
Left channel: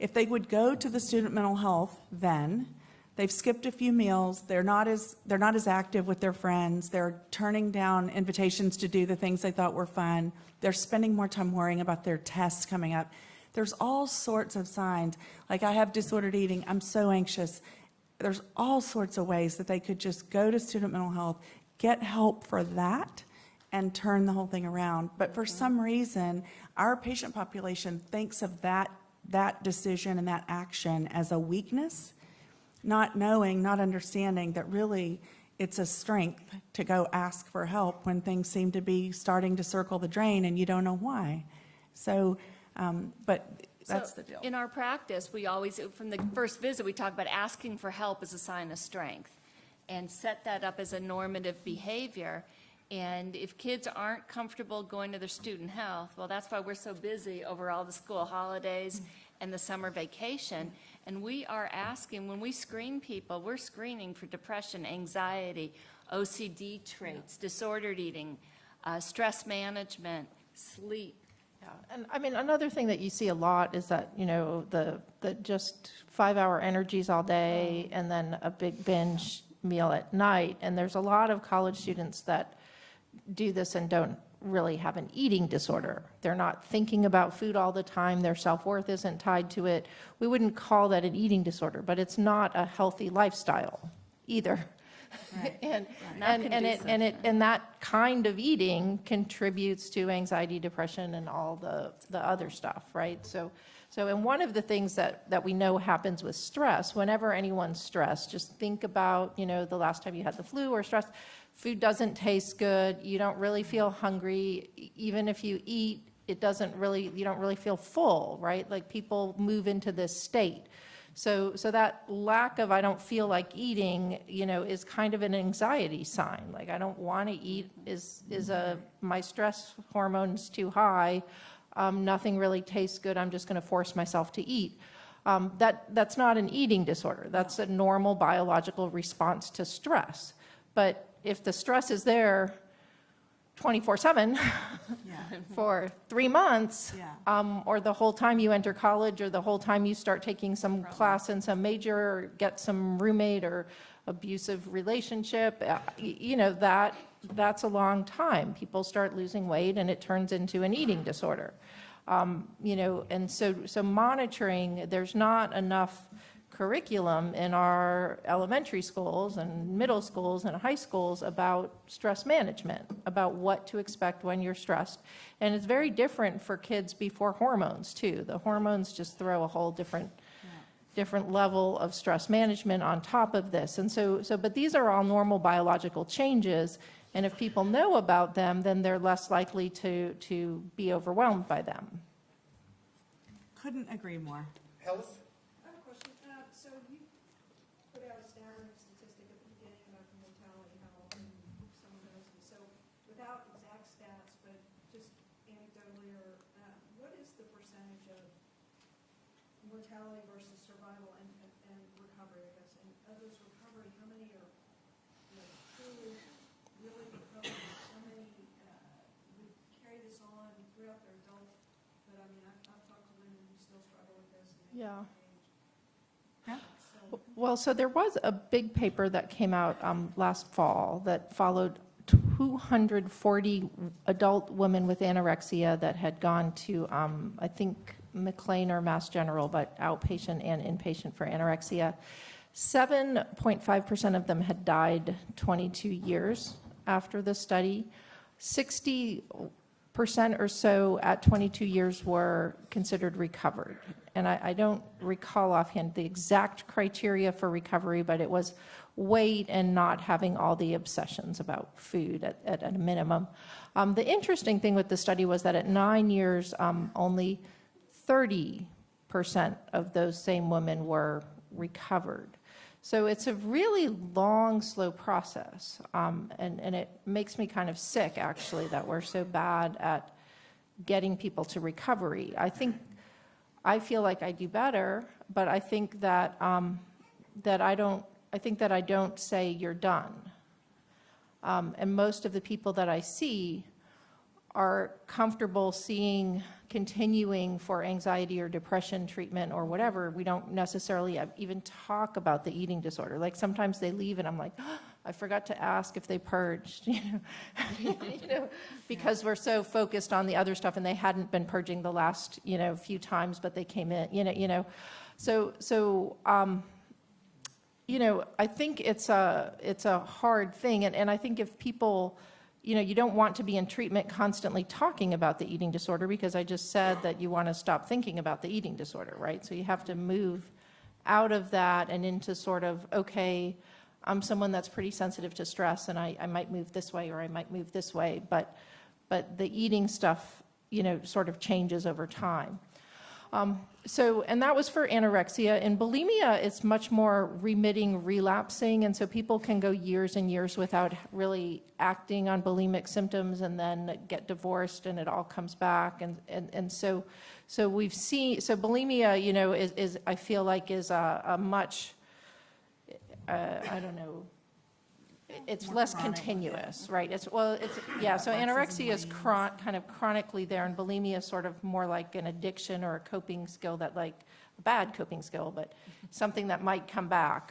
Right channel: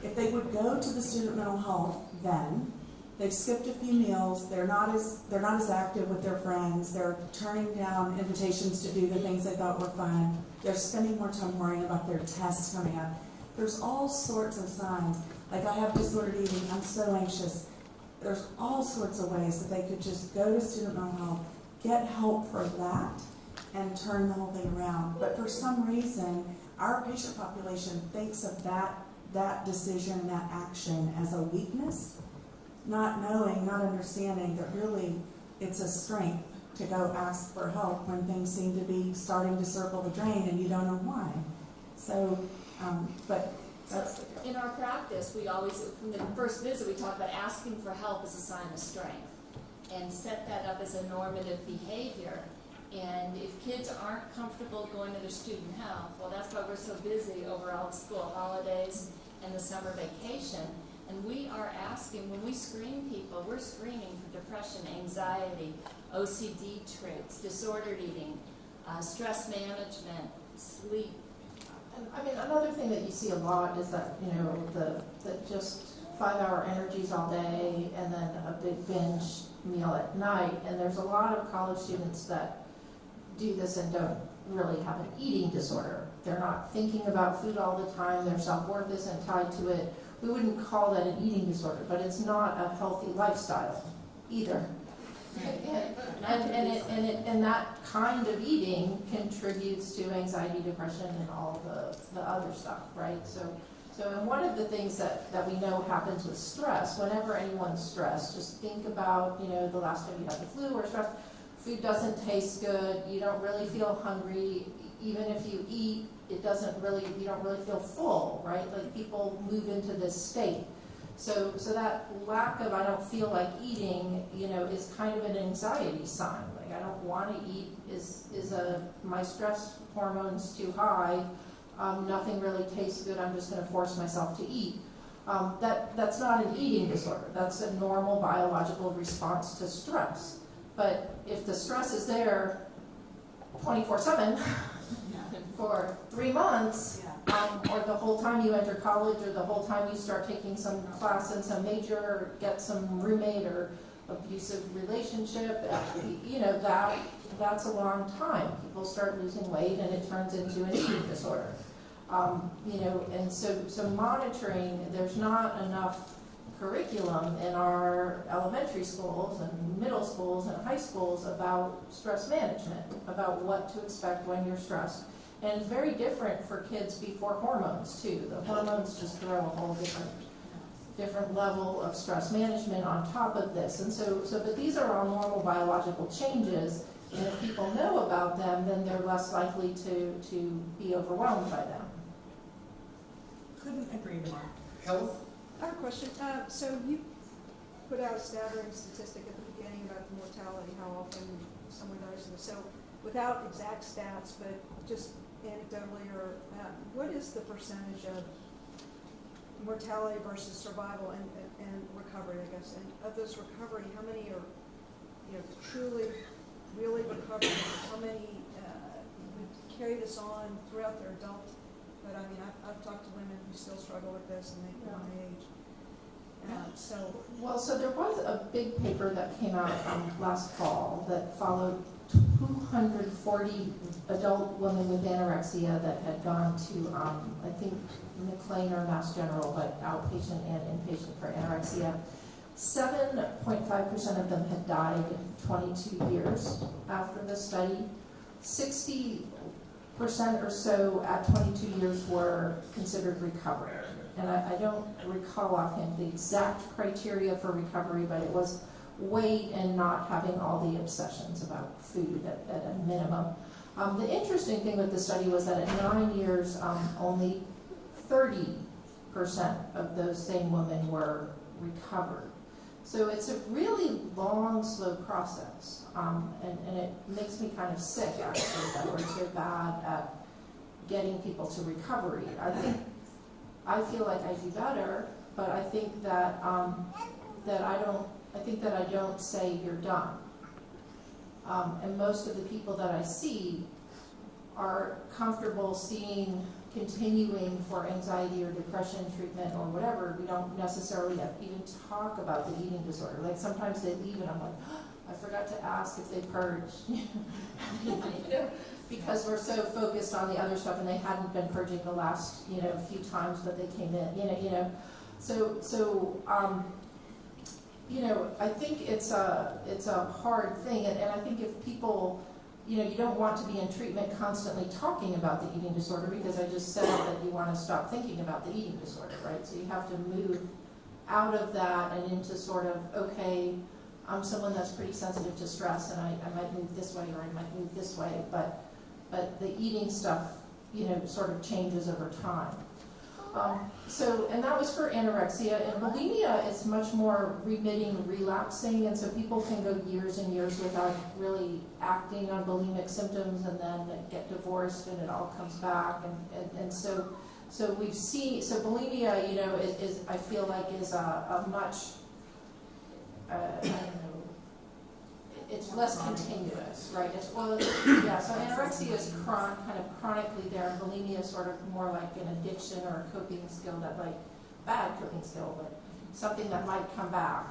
if they would go to the student mental health, then they've skipped a few meals, they're not as active with their friends, they're turning down invitations to do the things they thought were fun, they're spending more time worrying about their tests coming up. There's all sorts of signs. Like, I have disordered eating, I'm so anxious. There's all sorts of ways that they could just go to student mental health, get help for that, and turn the whole thing around. But for some reason, our patient population thinks of that decision and that action as a weakness, not knowing, not understanding that really it's a strength to go ask for help when things seem to be starting to circle the drain and you don't know why. So, but that's the deal. In our practice, we always, from the first visit, we talk about asking for help as a sign of strength and set that up as a normative behavior. And if kids aren't comfortable going to their student health, well, that's why we're so busy over all the school holidays and the summer vacation. And we are asking, when we screen people, we're screening for depression, anxiety, OCD traits, disordered eating, stress management, sleep. I mean, another thing that you see a lot is that, the just 5-hour energies all day and then a big binge meal at night. And there's a lot of college students that do this and don't really have an eating disorder. They're not thinking about food all the time. Their self-worth isn't tied to it. We wouldn't call that an eating disorder, but it's not a healthy lifestyle either. And that kind of eating contributes to anxiety, depression, and all the other stuff, right? So and one of the things that we know happens with stress, whenever anyone's stressed, just think about, the last time you had the flu or stress, food doesn't taste good, you don't really feel hungry, even if you eat, you don't really feel full, right? Like people move into this state. So that lack of I don't feel like eating, is kind of an anxiety sign. Like I don't want to eat my stress hormone's too high. Nothing really tastes good. I'm just going to force myself to eat. That's not an eating disorder. That's a normal biological response to stress. But if the stress is there 24/7 for 3 months, or the whole time you enter college, or the whole time you start taking some class in some major, or get some roommate or abusive relationship, that's a long time. People start losing weight and it turns into an eating disorder. And so monitoring, there's not enough curriculum in our elementary schools and middle schools and high schools about stress management, about what to expect when you're stressed. And it's very different for kids before hormones too. The hormones just throw a whole different level of stress management on top of this. And but these are all normal biological changes, and if people know about them, then they're less likely to be overwhelmed by them. Couldn't agree more. Health? I have a question. So you put out a staggering statistic at the beginning about the mortality, how often someone dies. So without exact stats, but just anecdotally, or what is the percentage of mortality versus survival and recovery, I guess? And of this recovery, how many are truly, really recovered? How many would carry this on throughout their adult? But I mean, I've talked to women who still struggle with this, and they come of age. So there was a big paper that came out last fall that followed 240 adult women with anorexia that had gone to, I think, McLean or Mass General, but outpatient and inpatient for anorexia. 7.5% of them had died 22 years after the study. 60% or so at 22 years were considered recovered. And I don't recall offhand the exact criteria for recovery, but it was weight and not having all the obsessions about food at a minimum. The interesting thing with the study was that at 9 years, only 30% of those same women were recovered. So it's a really long, slow process, and it makes me kind of sick, actually, that we're so bad at getting people to recovery. I feel like I do better, but I think that I don't say you're done. And most of the people that I see are comfortable continuing for anxiety or depression treatment or whatever. We don't necessarily even talk about the eating disorder. Like sometimes they leave and I'm like, oh, I forgot to ask if they purged, because we're so focused on the other stuff, and they hadn't been purging the last, few times, but they came in, So I think it's a hard thing, and I think if people, you don't want to be in treatment constantly talking about the eating disorder, because I just said that you want to stop thinking about the eating disorder, right? So you have to move out of that and into sort of, okay, I'm someone that's pretty sensitive to stress, and I might move this way or I might move this way, but the eating stuff, sort of changes over time. And that was for anorexia. In bulimia, it's much more remitting, relapsing, and so people can go years and years without really acting on bulimic symptoms and then get divorced and it all comes back. And so we've seen, so bulimia, is I feel like is a much, it's more less chronic, continuous, right? So anorexia is kind of chronically there, and bulimia is sort of more like an addiction or a coping skill bad coping skill, but something that might come back.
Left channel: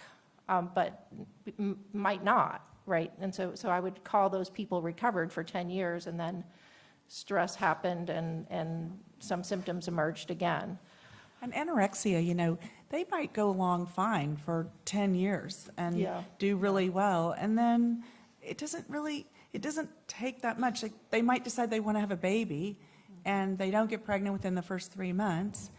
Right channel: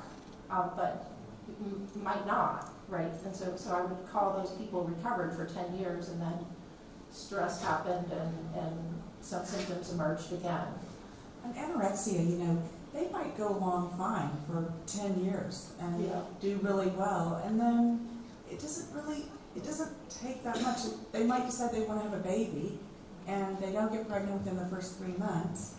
But might not, right? And so I would call those people recovered for 10 years, and then stress happened and some symptoms emerged again. And anorexia, you know, they might go along fine for 10 years and Yeah. do really well, and then it doesn't take that much. They might decide they want to have a baby, and they don't get pregnant within the first 3 months,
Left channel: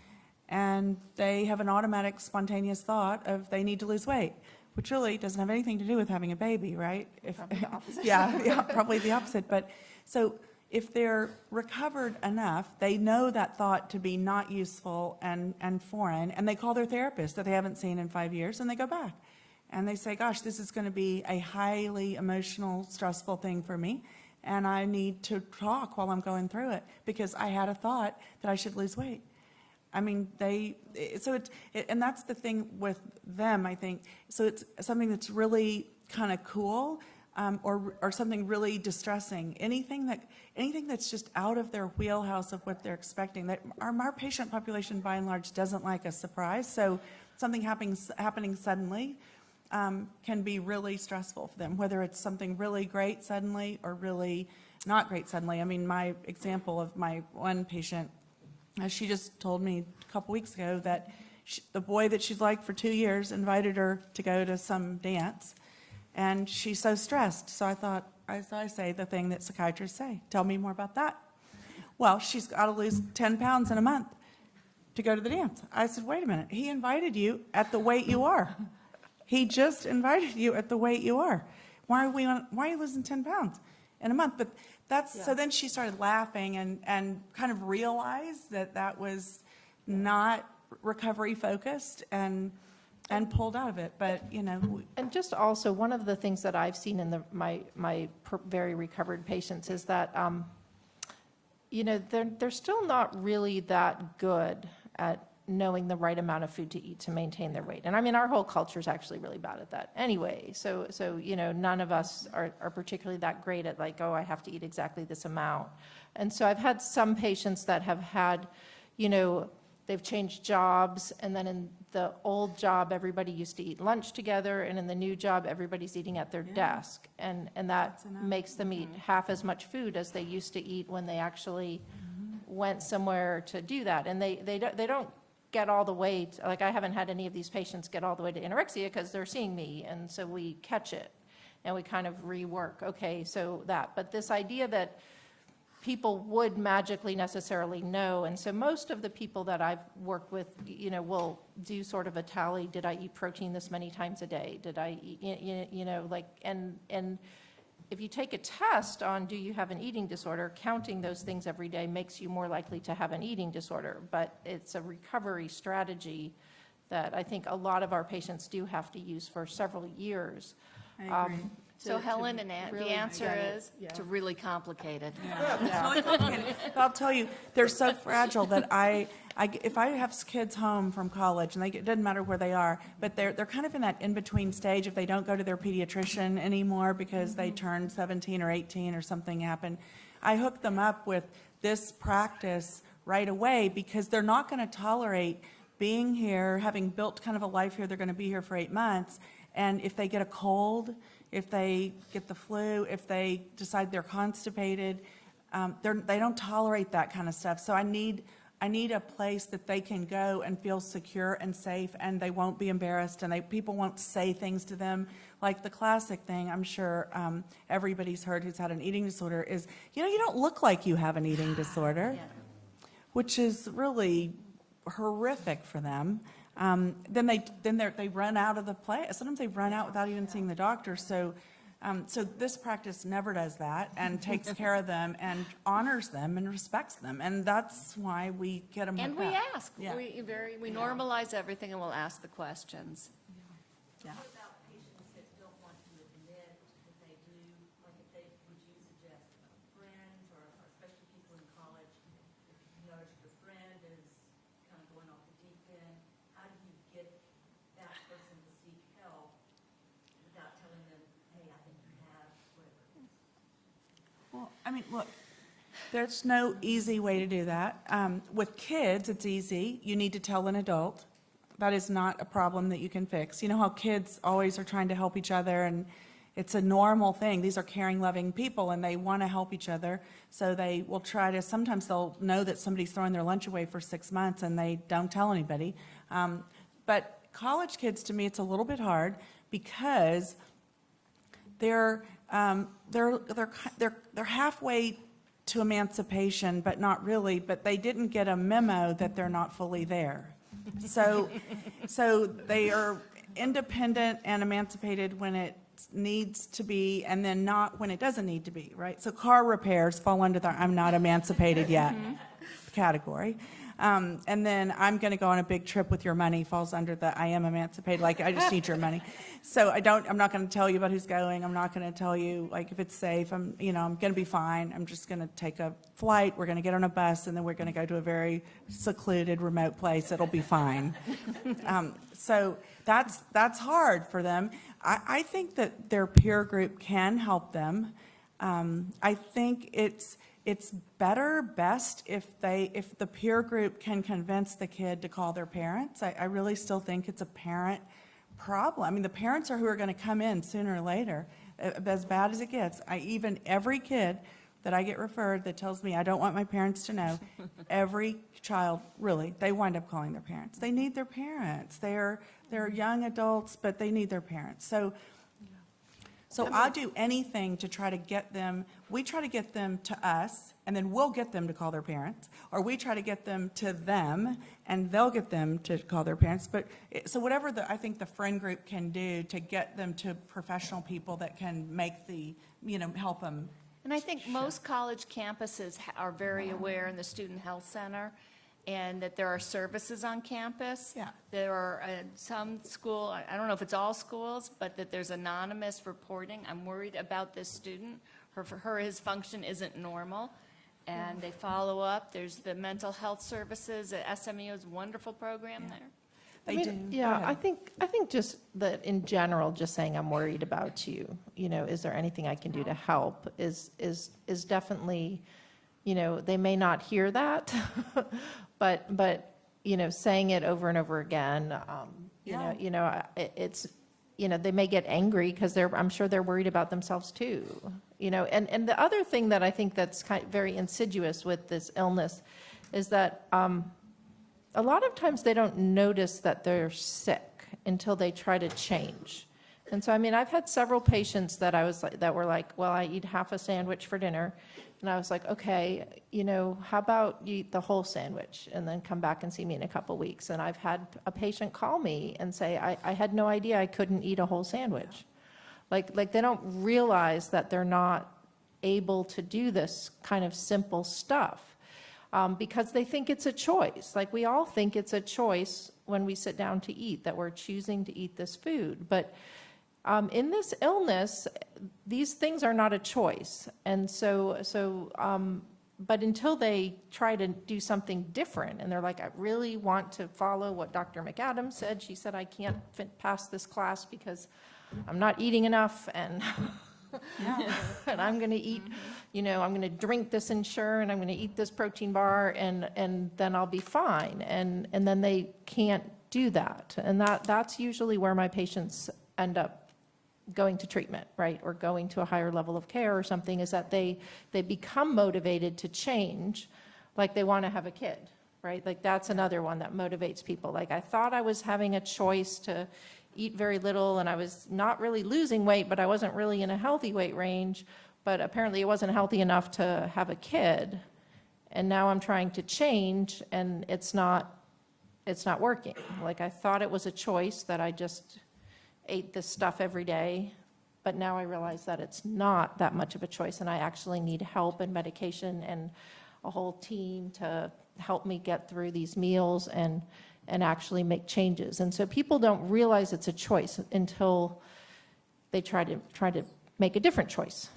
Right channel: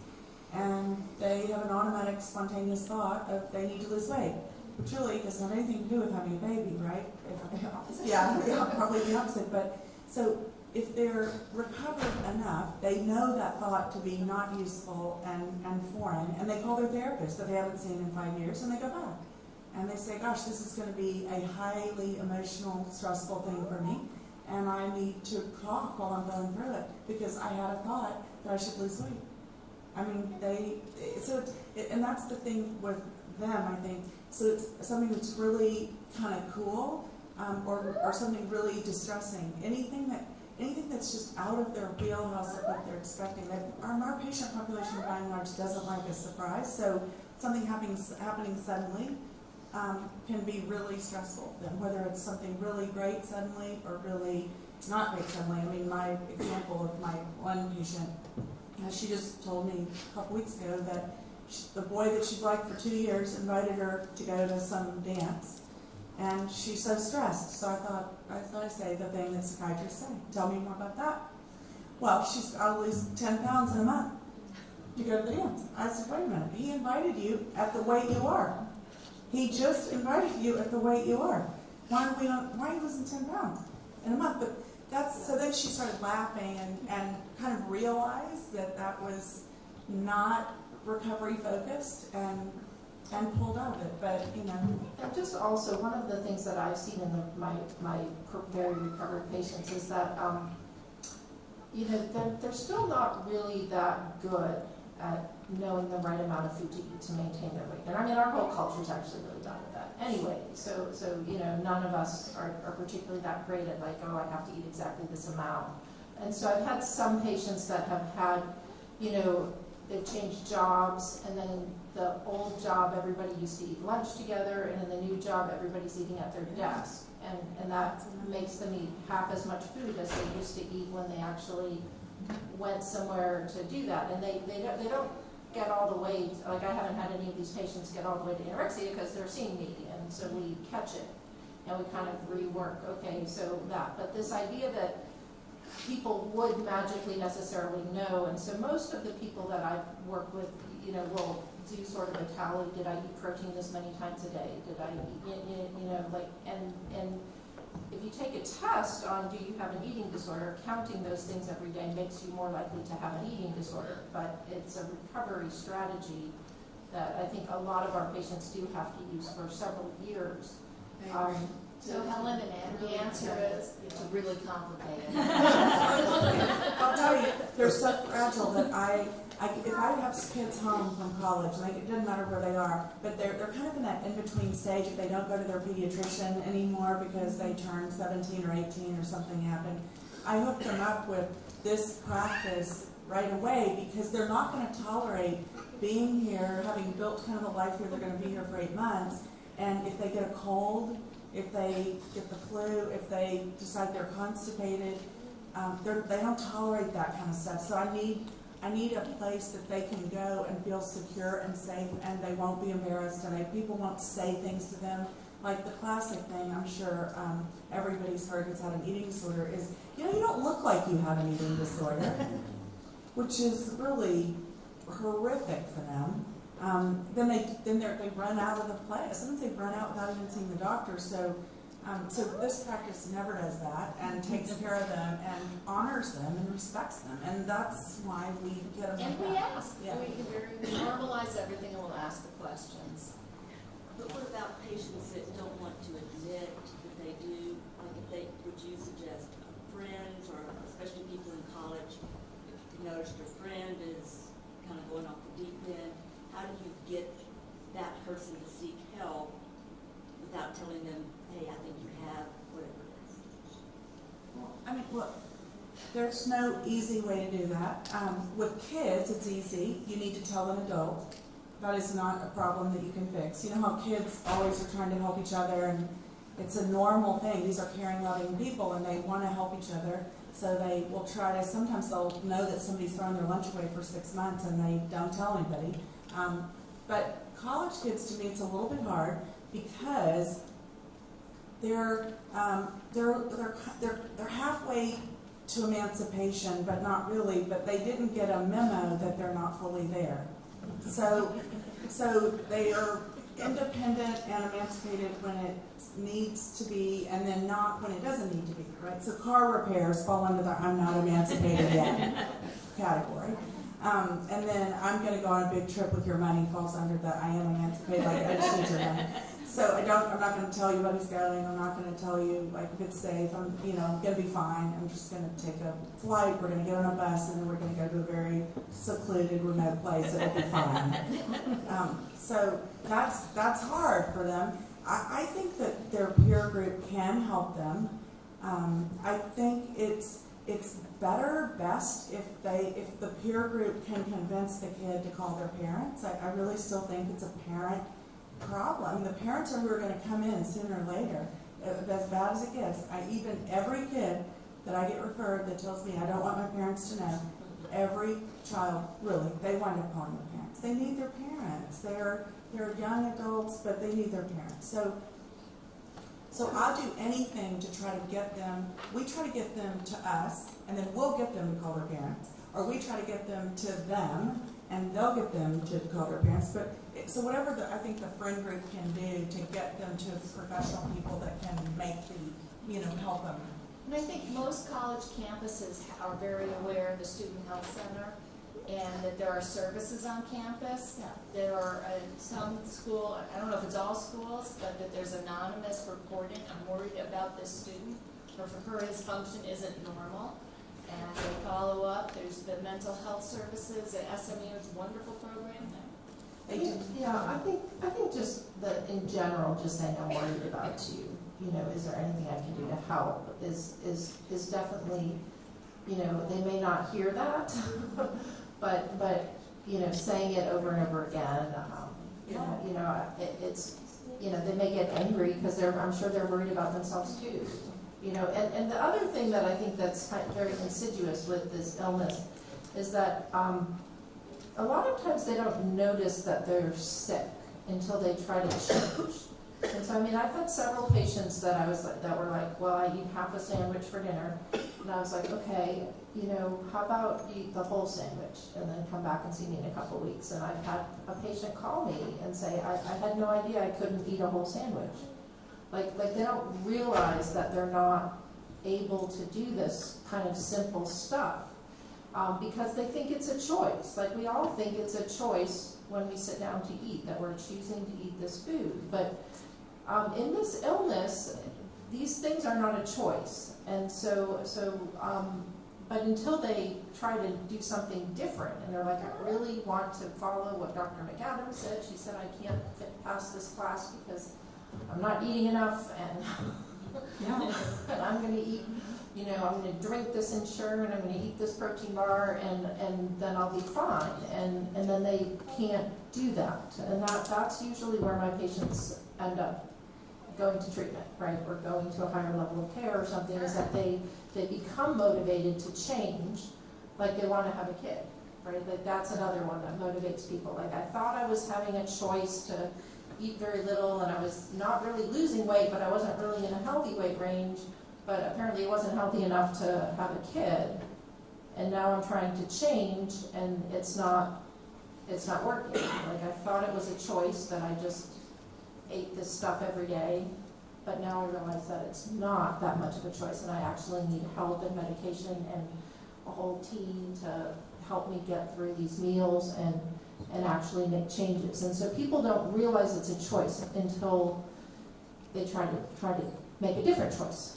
and they have an automatic spontaneous thought of they need to lose weight, which really doesn't have anything to do with having a baby, right? Yeah, probably the opposite. But so if they're recovered enough, they know that thought to be not useful and foreign, and they call their therapist that they haven't seen in 5 years, and they go back. And they say, gosh, this is going to be a highly emotional, stressful thing for me, and I need to talk while I'm going through it because I had a thought that I should lose weight. I mean, and that's the thing with them, I think. So it's something that's really kind of cool, or something really distressing. Anything that's just out of their wheelhouse of what they're expecting. That our patient population, by and large, doesn't like a surprise. So something happening suddenly can be really stressful for them, whether it's something really great suddenly or really not great suddenly. I mean, my example of my one patient, she just told me a couple weeks ago that the boy that she's liked for 2 years invited her to go to some dance, and she's so stressed. So I thought I say the thing that psychiatrists say. Tell me more about that. Well, she's got to lose 10 pounds in a month to go to the dance. I said, wait a minute. He invited you at the weight you are. He just invited you at the weight you are. Why are you losing 10 pounds in a month? But so then she started laughing and kind of realized that was not recovery focused and pulled out of it. But, you know. And just also, one of the things that I've seen in my very recovered patients is that, you know, they're still not really that good at knowing the right amount of food to eat to maintain their weight. And I mean, our whole culture is actually really bad at that anyway. So you know, none of us are particularly that great at like, oh, I have to eat exactly this amount. And so I've had some patients that have had, you know, they've changed jobs, and then in the old job, everybody used to eat lunch together, and in the new job, everybody's eating at their desk. And that makes them eat half as much food as they used to eat when they actually went somewhere to do that. And they don't get all the way, like I haven't had any of these patients get all the way to anorexia because they're seeing me, and so we catch it and we kind of rework, okay, so that. But this idea that people would magically necessarily know, and so most of the people that I've worked with, you know, will do sort of a tally. Did I eat protein this many times a day? Did I eat, you know, like, and if you take a test on do you have an eating disorder, counting those things every day makes you more likely to have an eating disorder. But it's a recovery strategy that I think a lot of our patients do have to use for several years. I agree. So Helen and Ann, really the answer get it. is it's really complicated. I'll tell you, they're so fragile that if I have kids home from college, and it doesn't matter where they are, but they're kind of in that in-between stage if they don't go to their pediatrician anymore because they turned 17 or 18 or something happened. I hook them up with this practice right away because they're not going to tolerate being here, having built kind of a life here. They're going to be here for 8 months, and if they get a cold, if they get the flu, if they decide they're constipated, they don't tolerate that kind of stuff. So I need a place that they can go and feel secure and safe, and they won't be embarrassed, and people won't say things to them. Like the classic thing, I'm sure everybody's heard who's had an eating disorder is, you know, you don't look like you have an eating disorder, which is really horrific for them. Then they run out of the place. Sometimes they run out without even seeing the doctor. So this practice never does that and takes care of them and honors them and respects them. And that's why we get them. And we back. ask. Yeah. We normalize everything and we'll ask the questions. But what about patients that don't want to admit that they do, like would you suggest friends or especially people in college, if you notice your friend is kind of going off the deep end, how do you get that person to seek help without telling them, hey, I think you have whatever it is? Well, I mean, look, there's no easy way to do that. With kids, it's easy. You need to tell an adult. that is not a problem that you can fix. You know how kids always are trying to help each other, and it's a normal thing. These are caring, loving people, and they want to help each other. So they will try to, sometimes they'll know that somebody's throwing their lunch away for 6 months and they don't tell anybody. But college kids, to me, it's a little bit hard because they're halfway to emancipation, but not really, but they didn't get a memo that they're not fully there. So they are independent and emancipated when it needs to be, and then not when it doesn't need to be, right? So car repairs fall under the I'm not emancipated yet category. And then I'm gonna go on a big trip with your money falls under the I am emancipated, like I just need your money. So I'm not gonna tell you about who's going, I'm not gonna tell you like if it's safe, I'm gonna be fine, I'm just gonna take a flight, we're gonna get on a bus, and then we're gonna go to a very secluded, remote place, it'll be fine. So that's hard for them. I think that their peer group can help them. I think it's best if the peer group can convince the kid to call their parents. I really still think it's a parent problem. I mean, the parents are who are going to come in sooner or later, as bad as it gets. Every kid that I get referred that tells me I don't want my parents to know, every child, really, they wind up calling their parents. They need their parents. They're young adults, but they need their parents. So I'll do anything to try to get them. We try to get them to us, and then we'll get them to call their parents, or we try to get them to them, and they'll get them to call their parents. So whatever I think the friend group can do to get them to professional people that can make help them. And I think most college campuses are very aware in the Student Health Center and that there are services on campus. Yeah. There are some school, I don't know if it's all schools, but that there's anonymous reporting. I'm worried about this student, or for her, his function isn't normal. And they follow up. There's the mental health services at SMU's wonderful program there. I think just in general, just saying I'm worried about you, is there anything I can do to help is definitely, they may not hear that, but saying it over and over again, it's, they may get angry because I'm sure they're worried about themselves too, and the other thing that I think that's very insidious with this illness is that, a lot of times they don't notice that they're sick until they try to change. And so, I've had several patients that were like, well, I eat half a sandwich for dinner. And I was like, okay, how about you eat the whole sandwich and then come back and see me in a couple weeks. And I've had a patient call me and say, I had no idea I couldn't eat a whole sandwich. Like they don't realize that they're not able to do this kind of simple stuff. Because they think it's a choice. Like we all think it's a choice when we sit down to eat, that we're choosing to eat this food. But in this illness, these things are not a choice. And but until they try to do something different, and they're like, I really want to follow what Dr. McAdams said. She said I can't pass this class because I'm not eating enough, and and I'm going to eat. I'm going to drink this Ensure, and I'm going to eat this protein bar, and then I'll be fine. And then they can't do that. And that's usually where my patients end up going to treatment, right? Or going to a higher level of care or something, is that they become motivated to change, like they want to have a kid, right? Like that's another one that motivates people. Like I thought I was having a choice to eat very little, and I was not really losing weight, but I wasn't really in a healthy weight range. But apparently it wasn't healthy enough to have a kid, and now I'm trying to change, and it's not working. Like I thought it was a choice that I just ate this stuff every day, but now I realize that it's not that much of a choice, and I actually need help and medication and a whole team to help me get through these meals and actually make changes. And so people don't realize it's a choice until they try to make a different choice.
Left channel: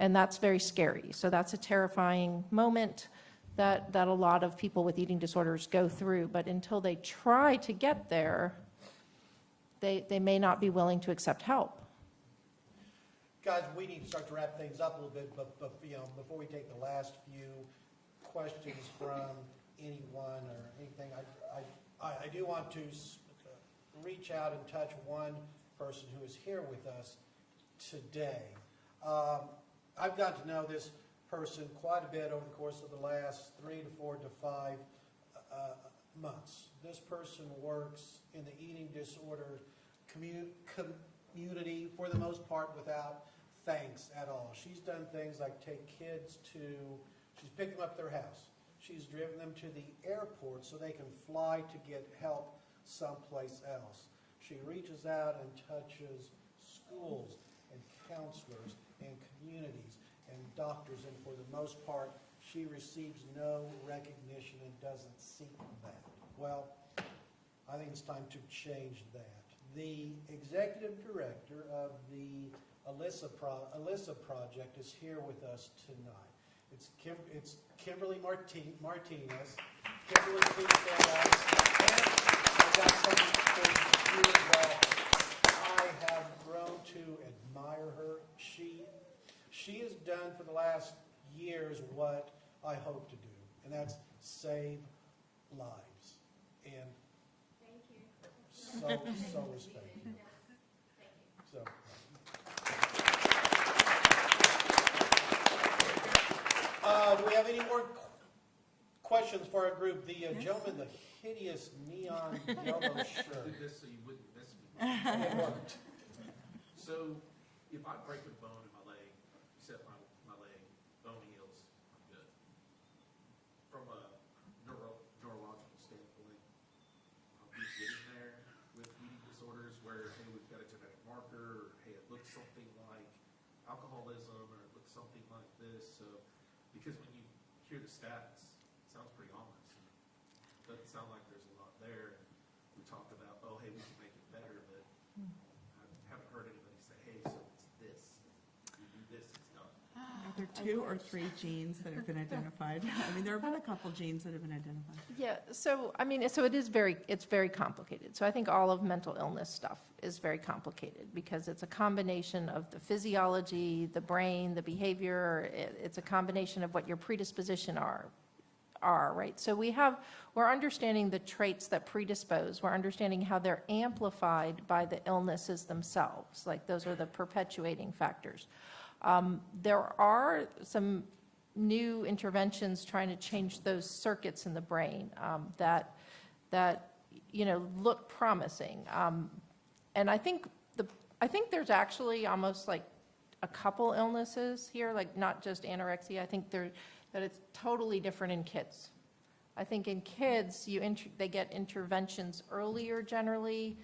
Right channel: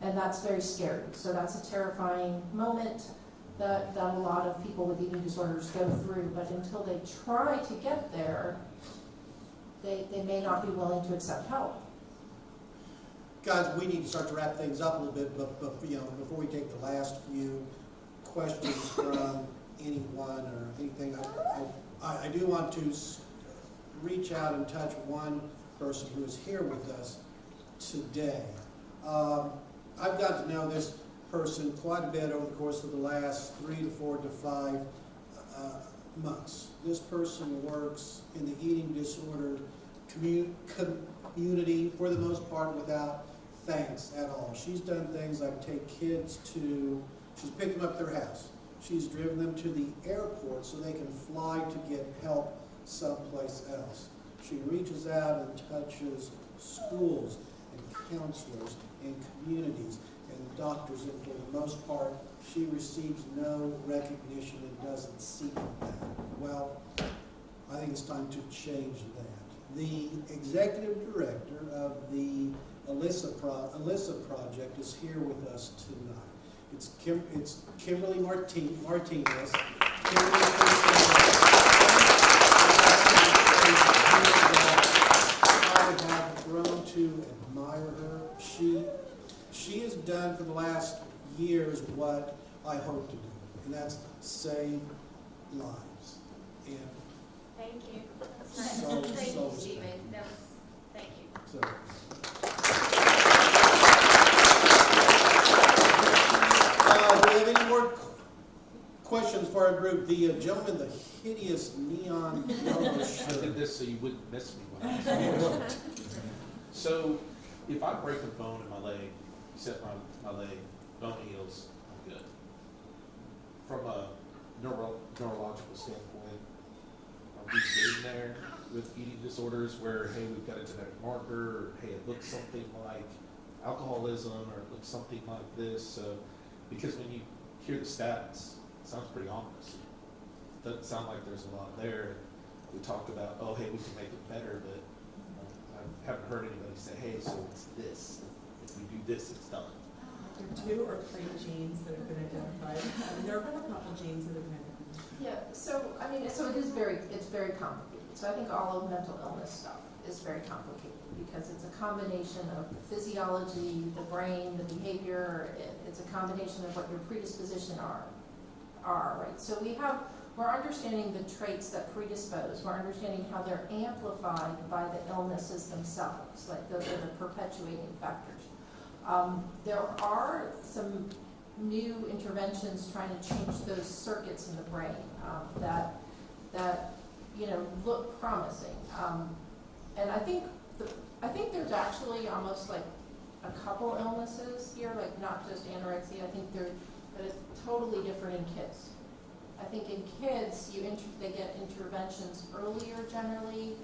And that's very scary. So that's a terrifying moment that a lot of people with eating disorders go through. But until they try to get there, they may not be willing to accept help. Guys, we need to start to wrap things up a little bit, but before we take the last few questions from anyone or anything, I do want to reach out and touch one person who is here with us today. I've got to know this person quite a bit over the course of the last 3 to 4 to 5 months. This person works in the eating disorder community for the most part without thanks at all. She's done things like take kids to, she's picked them up at their house. She's driven them to the airport so they can fly to get help someplace else. She reaches out and touches schools and counselors and communities and doctors, and for the most part, she receives no recognition and doesn't seek that. Well, I think it's time to change that. The executive director of the Alyssa Project is here with us tonight. It's Kimberly Martinez. Kimberly, I have grown to admire her. She has done for the last years what I hope to do, and that's save lives. And Thank you. so respect. Stephen. No, thank you. So. Do we have any more questions for our group? The gentleman, the hideous neon yellow I shirt. did this so you wouldn't miss me. When I was So, if I break a bone in my leg, set my leg, bone heals, I'm good. From a neurological standpoint, are we getting there with eating disorders where, hey, we've got a genetic marker, or hey, it looks something like alcoholism, or it looks something like this? So, because when you hear the stats, it sounds pretty ominous. It doesn't sound like there's a lot there. We talked about, oh, hey, we can make it better, but I haven't heard anybody say, hey, so it's this. If you do this, it's done. There are 2 or 3 genes that have been identified. I mean, there have been a couple genes that have been identified. Yeah, so, I mean, so it is it's very complicated. So I think all of mental illness stuff is very complicated because it's a combination of the physiology, the brain, the behavior. It's a combination of what your predisposition are, right? So we're understanding the traits that predispose. We're understanding how they're amplified by the illnesses themselves. Like those are the perpetuating factors. There are some new interventions trying to change those circuits in the brain that look promising. And I think there's actually almost like a couple illnesses here, like not just anorexia. I think that it's totally different in kids. I think in kids, they get interventions earlier generally,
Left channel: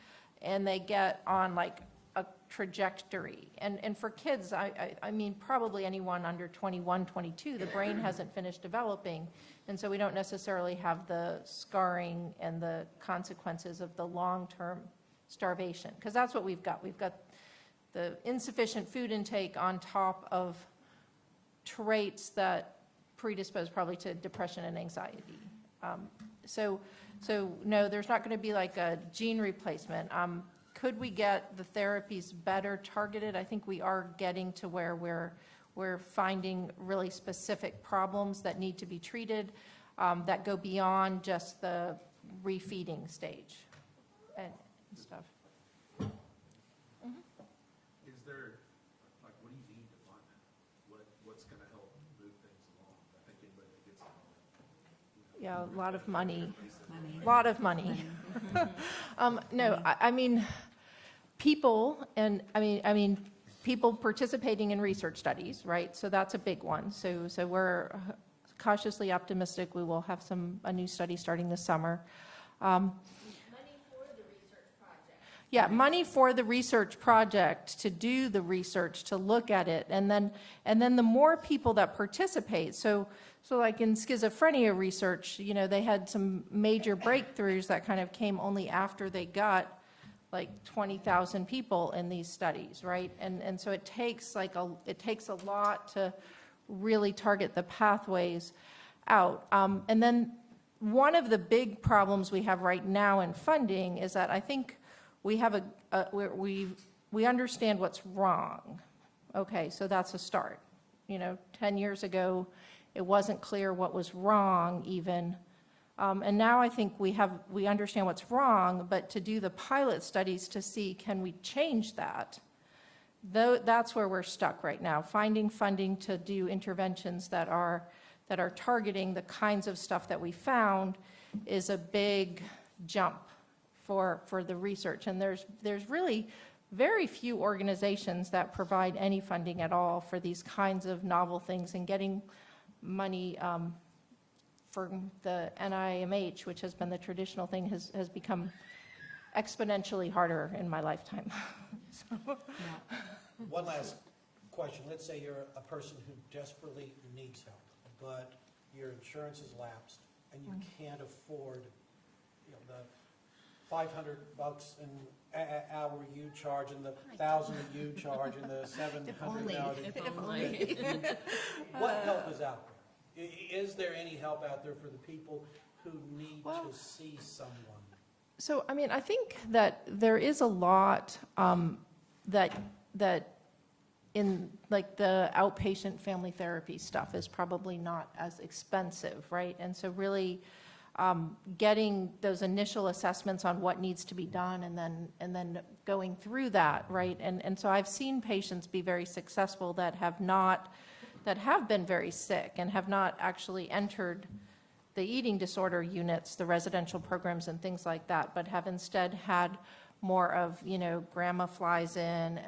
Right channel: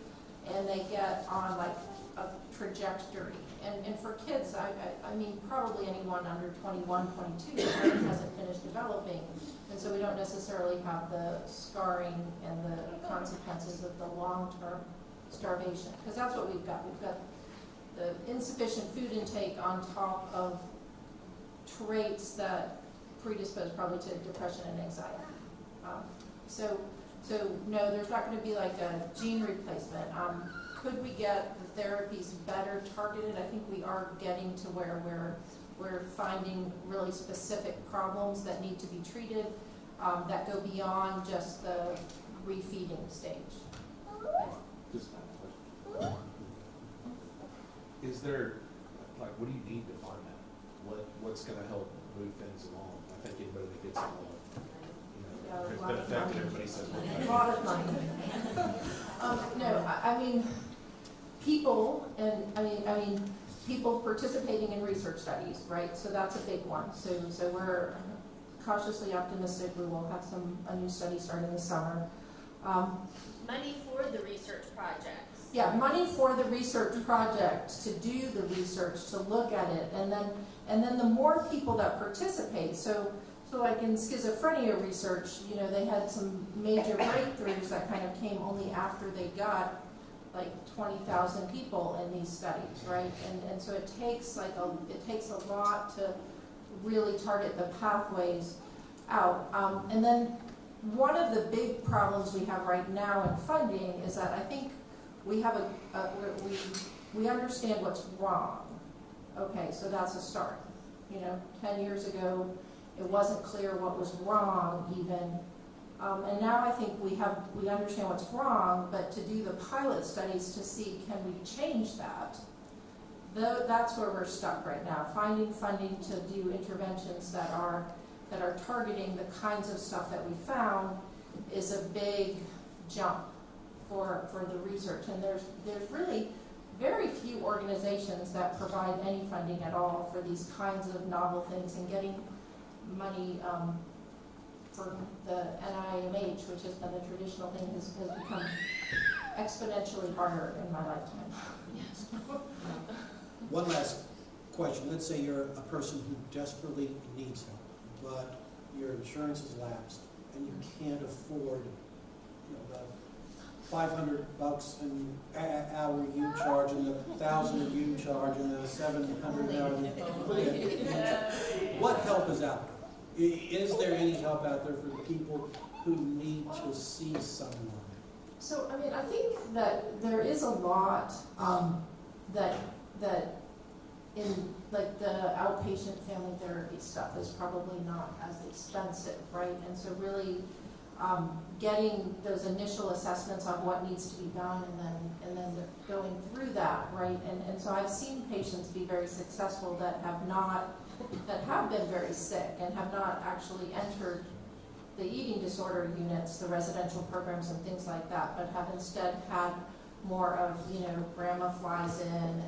and they get on like a trajectory. And for kids, I mean, probably anyone under 21, 22, the brain hasn't finished developing, and so we don't necessarily have the scarring and the consequences of the long-term starvation, because that's what we've got. We've got the insufficient food intake on top of traits that predispose probably to depression and anxiety. So no, there's not going to be like a gene replacement. Could we get the therapies better targeted? I think we are getting to where we're finding really specific problems that need to be treated that go beyond just the refeeding stage. Is there, like, what do you need to find that? What's going to help move things along? I think anybody that gets involved, Yeah, a lot of everybody money. says, A lot of money. No, I mean, people, and I mean, people participating in research studies, right? So that's a big one. So we're cautiously optimistic we will have a new study starting this summer. Money for the research projects. Yeah, money for the research project, to do the research, to look at it, and then the more people that participate. So like in schizophrenia research, they had some major breakthroughs that kind of came only after they got like 20,000 people in these studies, right? And so it takes a lot to really target the pathways out. And then one of the big problems we have right now in funding is that I think we have we understand what's wrong. Okay, so that's a start. 10 years ago, it wasn't clear what was wrong even. And now I think we understand what's wrong, but to do the pilot studies to see, can we change that? Though, that's where we're stuck right now, finding funding to do interventions that are targeting the kinds of stuff that we found is a big jump for the research. And there's really very few organizations that provide any funding at all for these kinds of novel things, and getting money for the NIMH, which has been the traditional thing, has become exponentially harder in my lifetime. One last question. Let's say you're a person who desperately needs help, but your insurance is lapsed and you can't afford, the $500 an hour you charge and the $1,000 you charge and the $700. What help is out there? Is there any help out there for the people who need to see someone? So, I mean, I think that there is a lot that in, like, the outpatient family therapy stuff is probably not as expensive, right? And so really getting those initial assessments on what needs to be done, and then going through that, right? And so I've seen patients be very successful that have been very sick and have not actually entered the eating disorder units, the residential programs and things like that, but have instead had more of, grandma flies in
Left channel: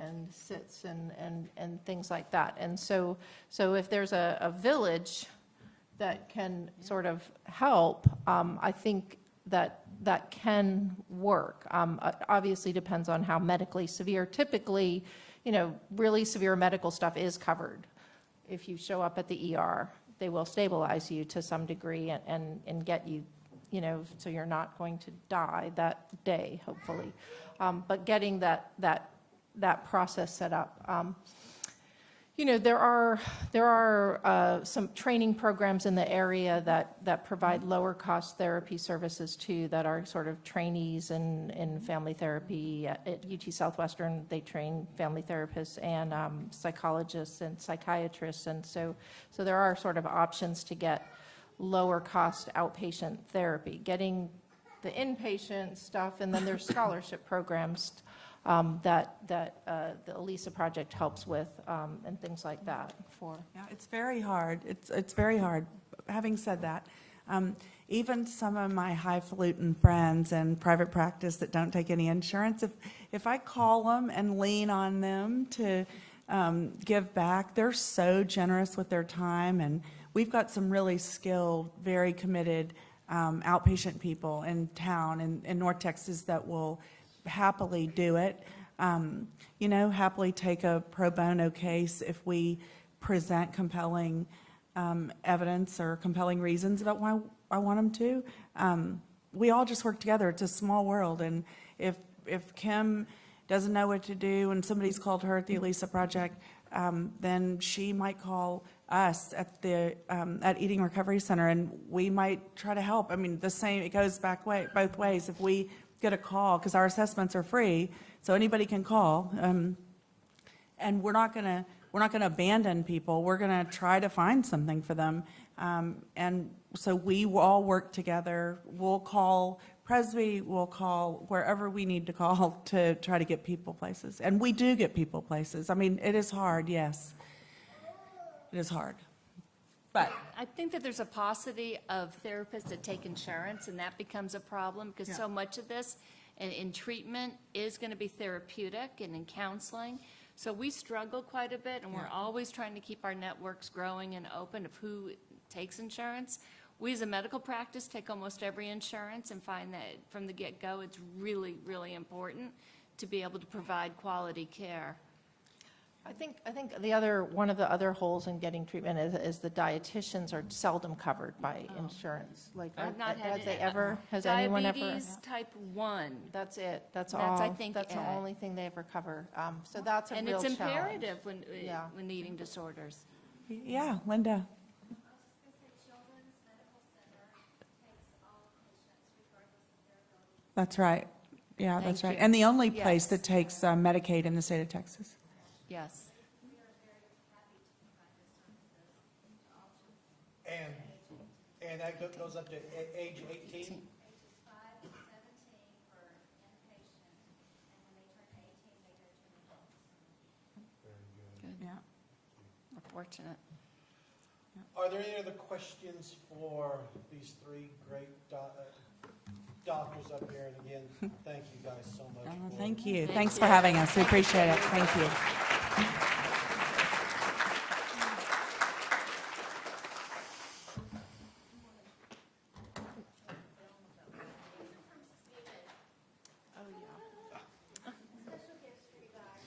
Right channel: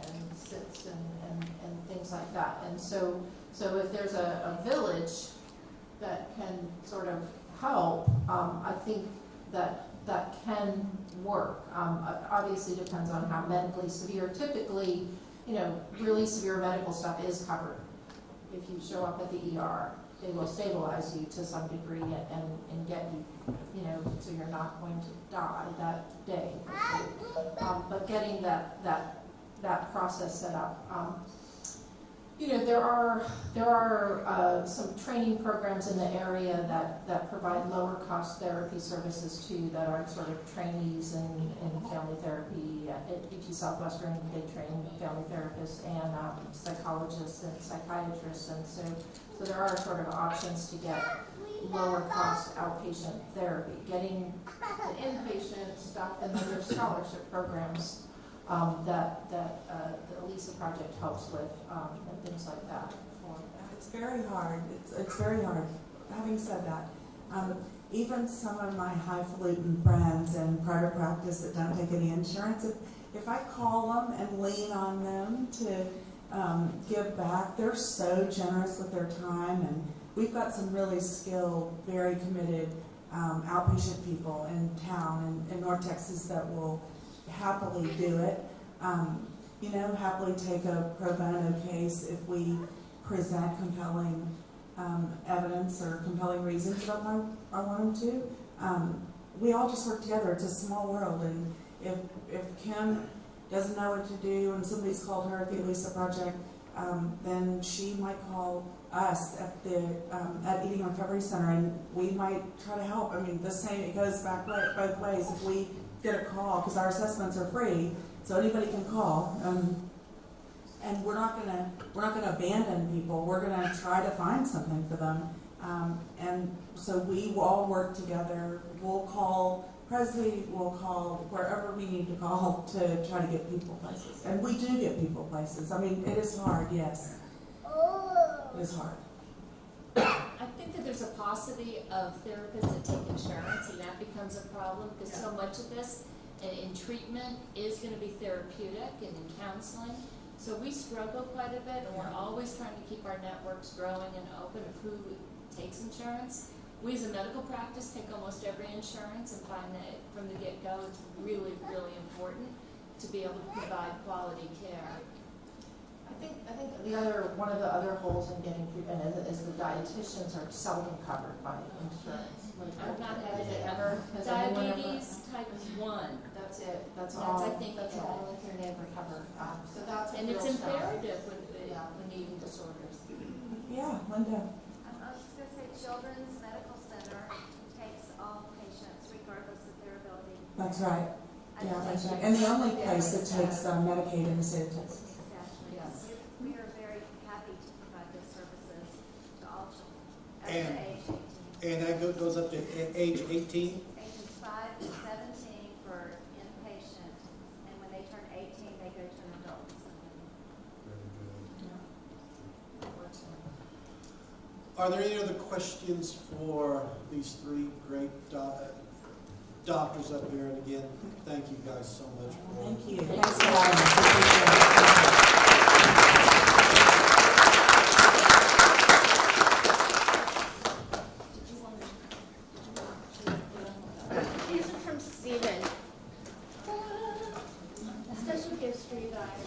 and sits and things like that. And so if there's a village that can sort of help, I think that can work. Obviously depends on how medically severe. Typically, really severe medical stuff is covered. If you show up at the ER, they will stabilize you to some degree and get you, so you're not going to die that day, hopefully. But getting that process set up. There are some training programs in the area that provide lower cost therapy services too, that are sort of trainees in family therapy. At UT Southwestern, they train family therapists and psychologists and psychiatrists, and so there are sort of options to get lower cost outpatient therapy, getting the inpatient stuff, and then there's scholarship programs that the Elisa Project helps with, and things like that. It's very hard. It's very hard. Having said that, even some of my highfalutin friends in private practice that don't take any insurance, if I call them and lean on them to give back, they're so generous with their time, and we've got some really skilled, very committed outpatient people in town in North Texas that will happily do it. Happily take a pro bono case if we present compelling evidence or compelling reasons about why I want them to. We all just work together. It's a small world, and if Kim doesn't know what to do and somebody's called her at the Elisa Project, then she might call us at the Eating Recovery Center, and we might try to help. I mean, it goes back both ways. If we get a call, because our assessments are free, so anybody can call, and we're not gonna abandon people. We're gonna try to find something for them, and so we will all work together. We'll call Presby, we'll call wherever we need to call to try to get people places, and we do get people places. I mean, it is hard, yes. It is hard. I think that there's a paucity of therapists that take insurance, and that becomes a problem, because so much of this in treatment is going to be therapeutic and in counseling. So we struggle quite a bit, and we're always trying to keep our networks growing and open of who takes insurance. We as a medical practice take almost every insurance and find that from the get-go it's really, really important to be able to provide quality care. I think one of the other holes in getting treatment is the dietitians are seldom covered by insurance. Like, I've not had has anyone ever? Diabetes type 1. That's it. That's all. I think that's the only thing they ever cover. So that's a and real it's challenge. imperative when eating disorders. Yeah, Linda. I was just going to say Children's Medical Center takes all patients regardless of their ability. That's right. Yeah, that's right. And the only place that takes Medicaid in the state of Texas. Exactly. Yes. We are very happy to provide those services to all children And under age 18. And that goes up to age 18? Ages 5 to 17 for inpatient, and when they turn 18, they go to an adult facility. Fortunate. Are there any other questions for these three great doctors up here? And again, thank you guys so much. For Thank you. Thanks for having us. We appreciate it. Thank you. These are from Steven. Special gifts for you guys.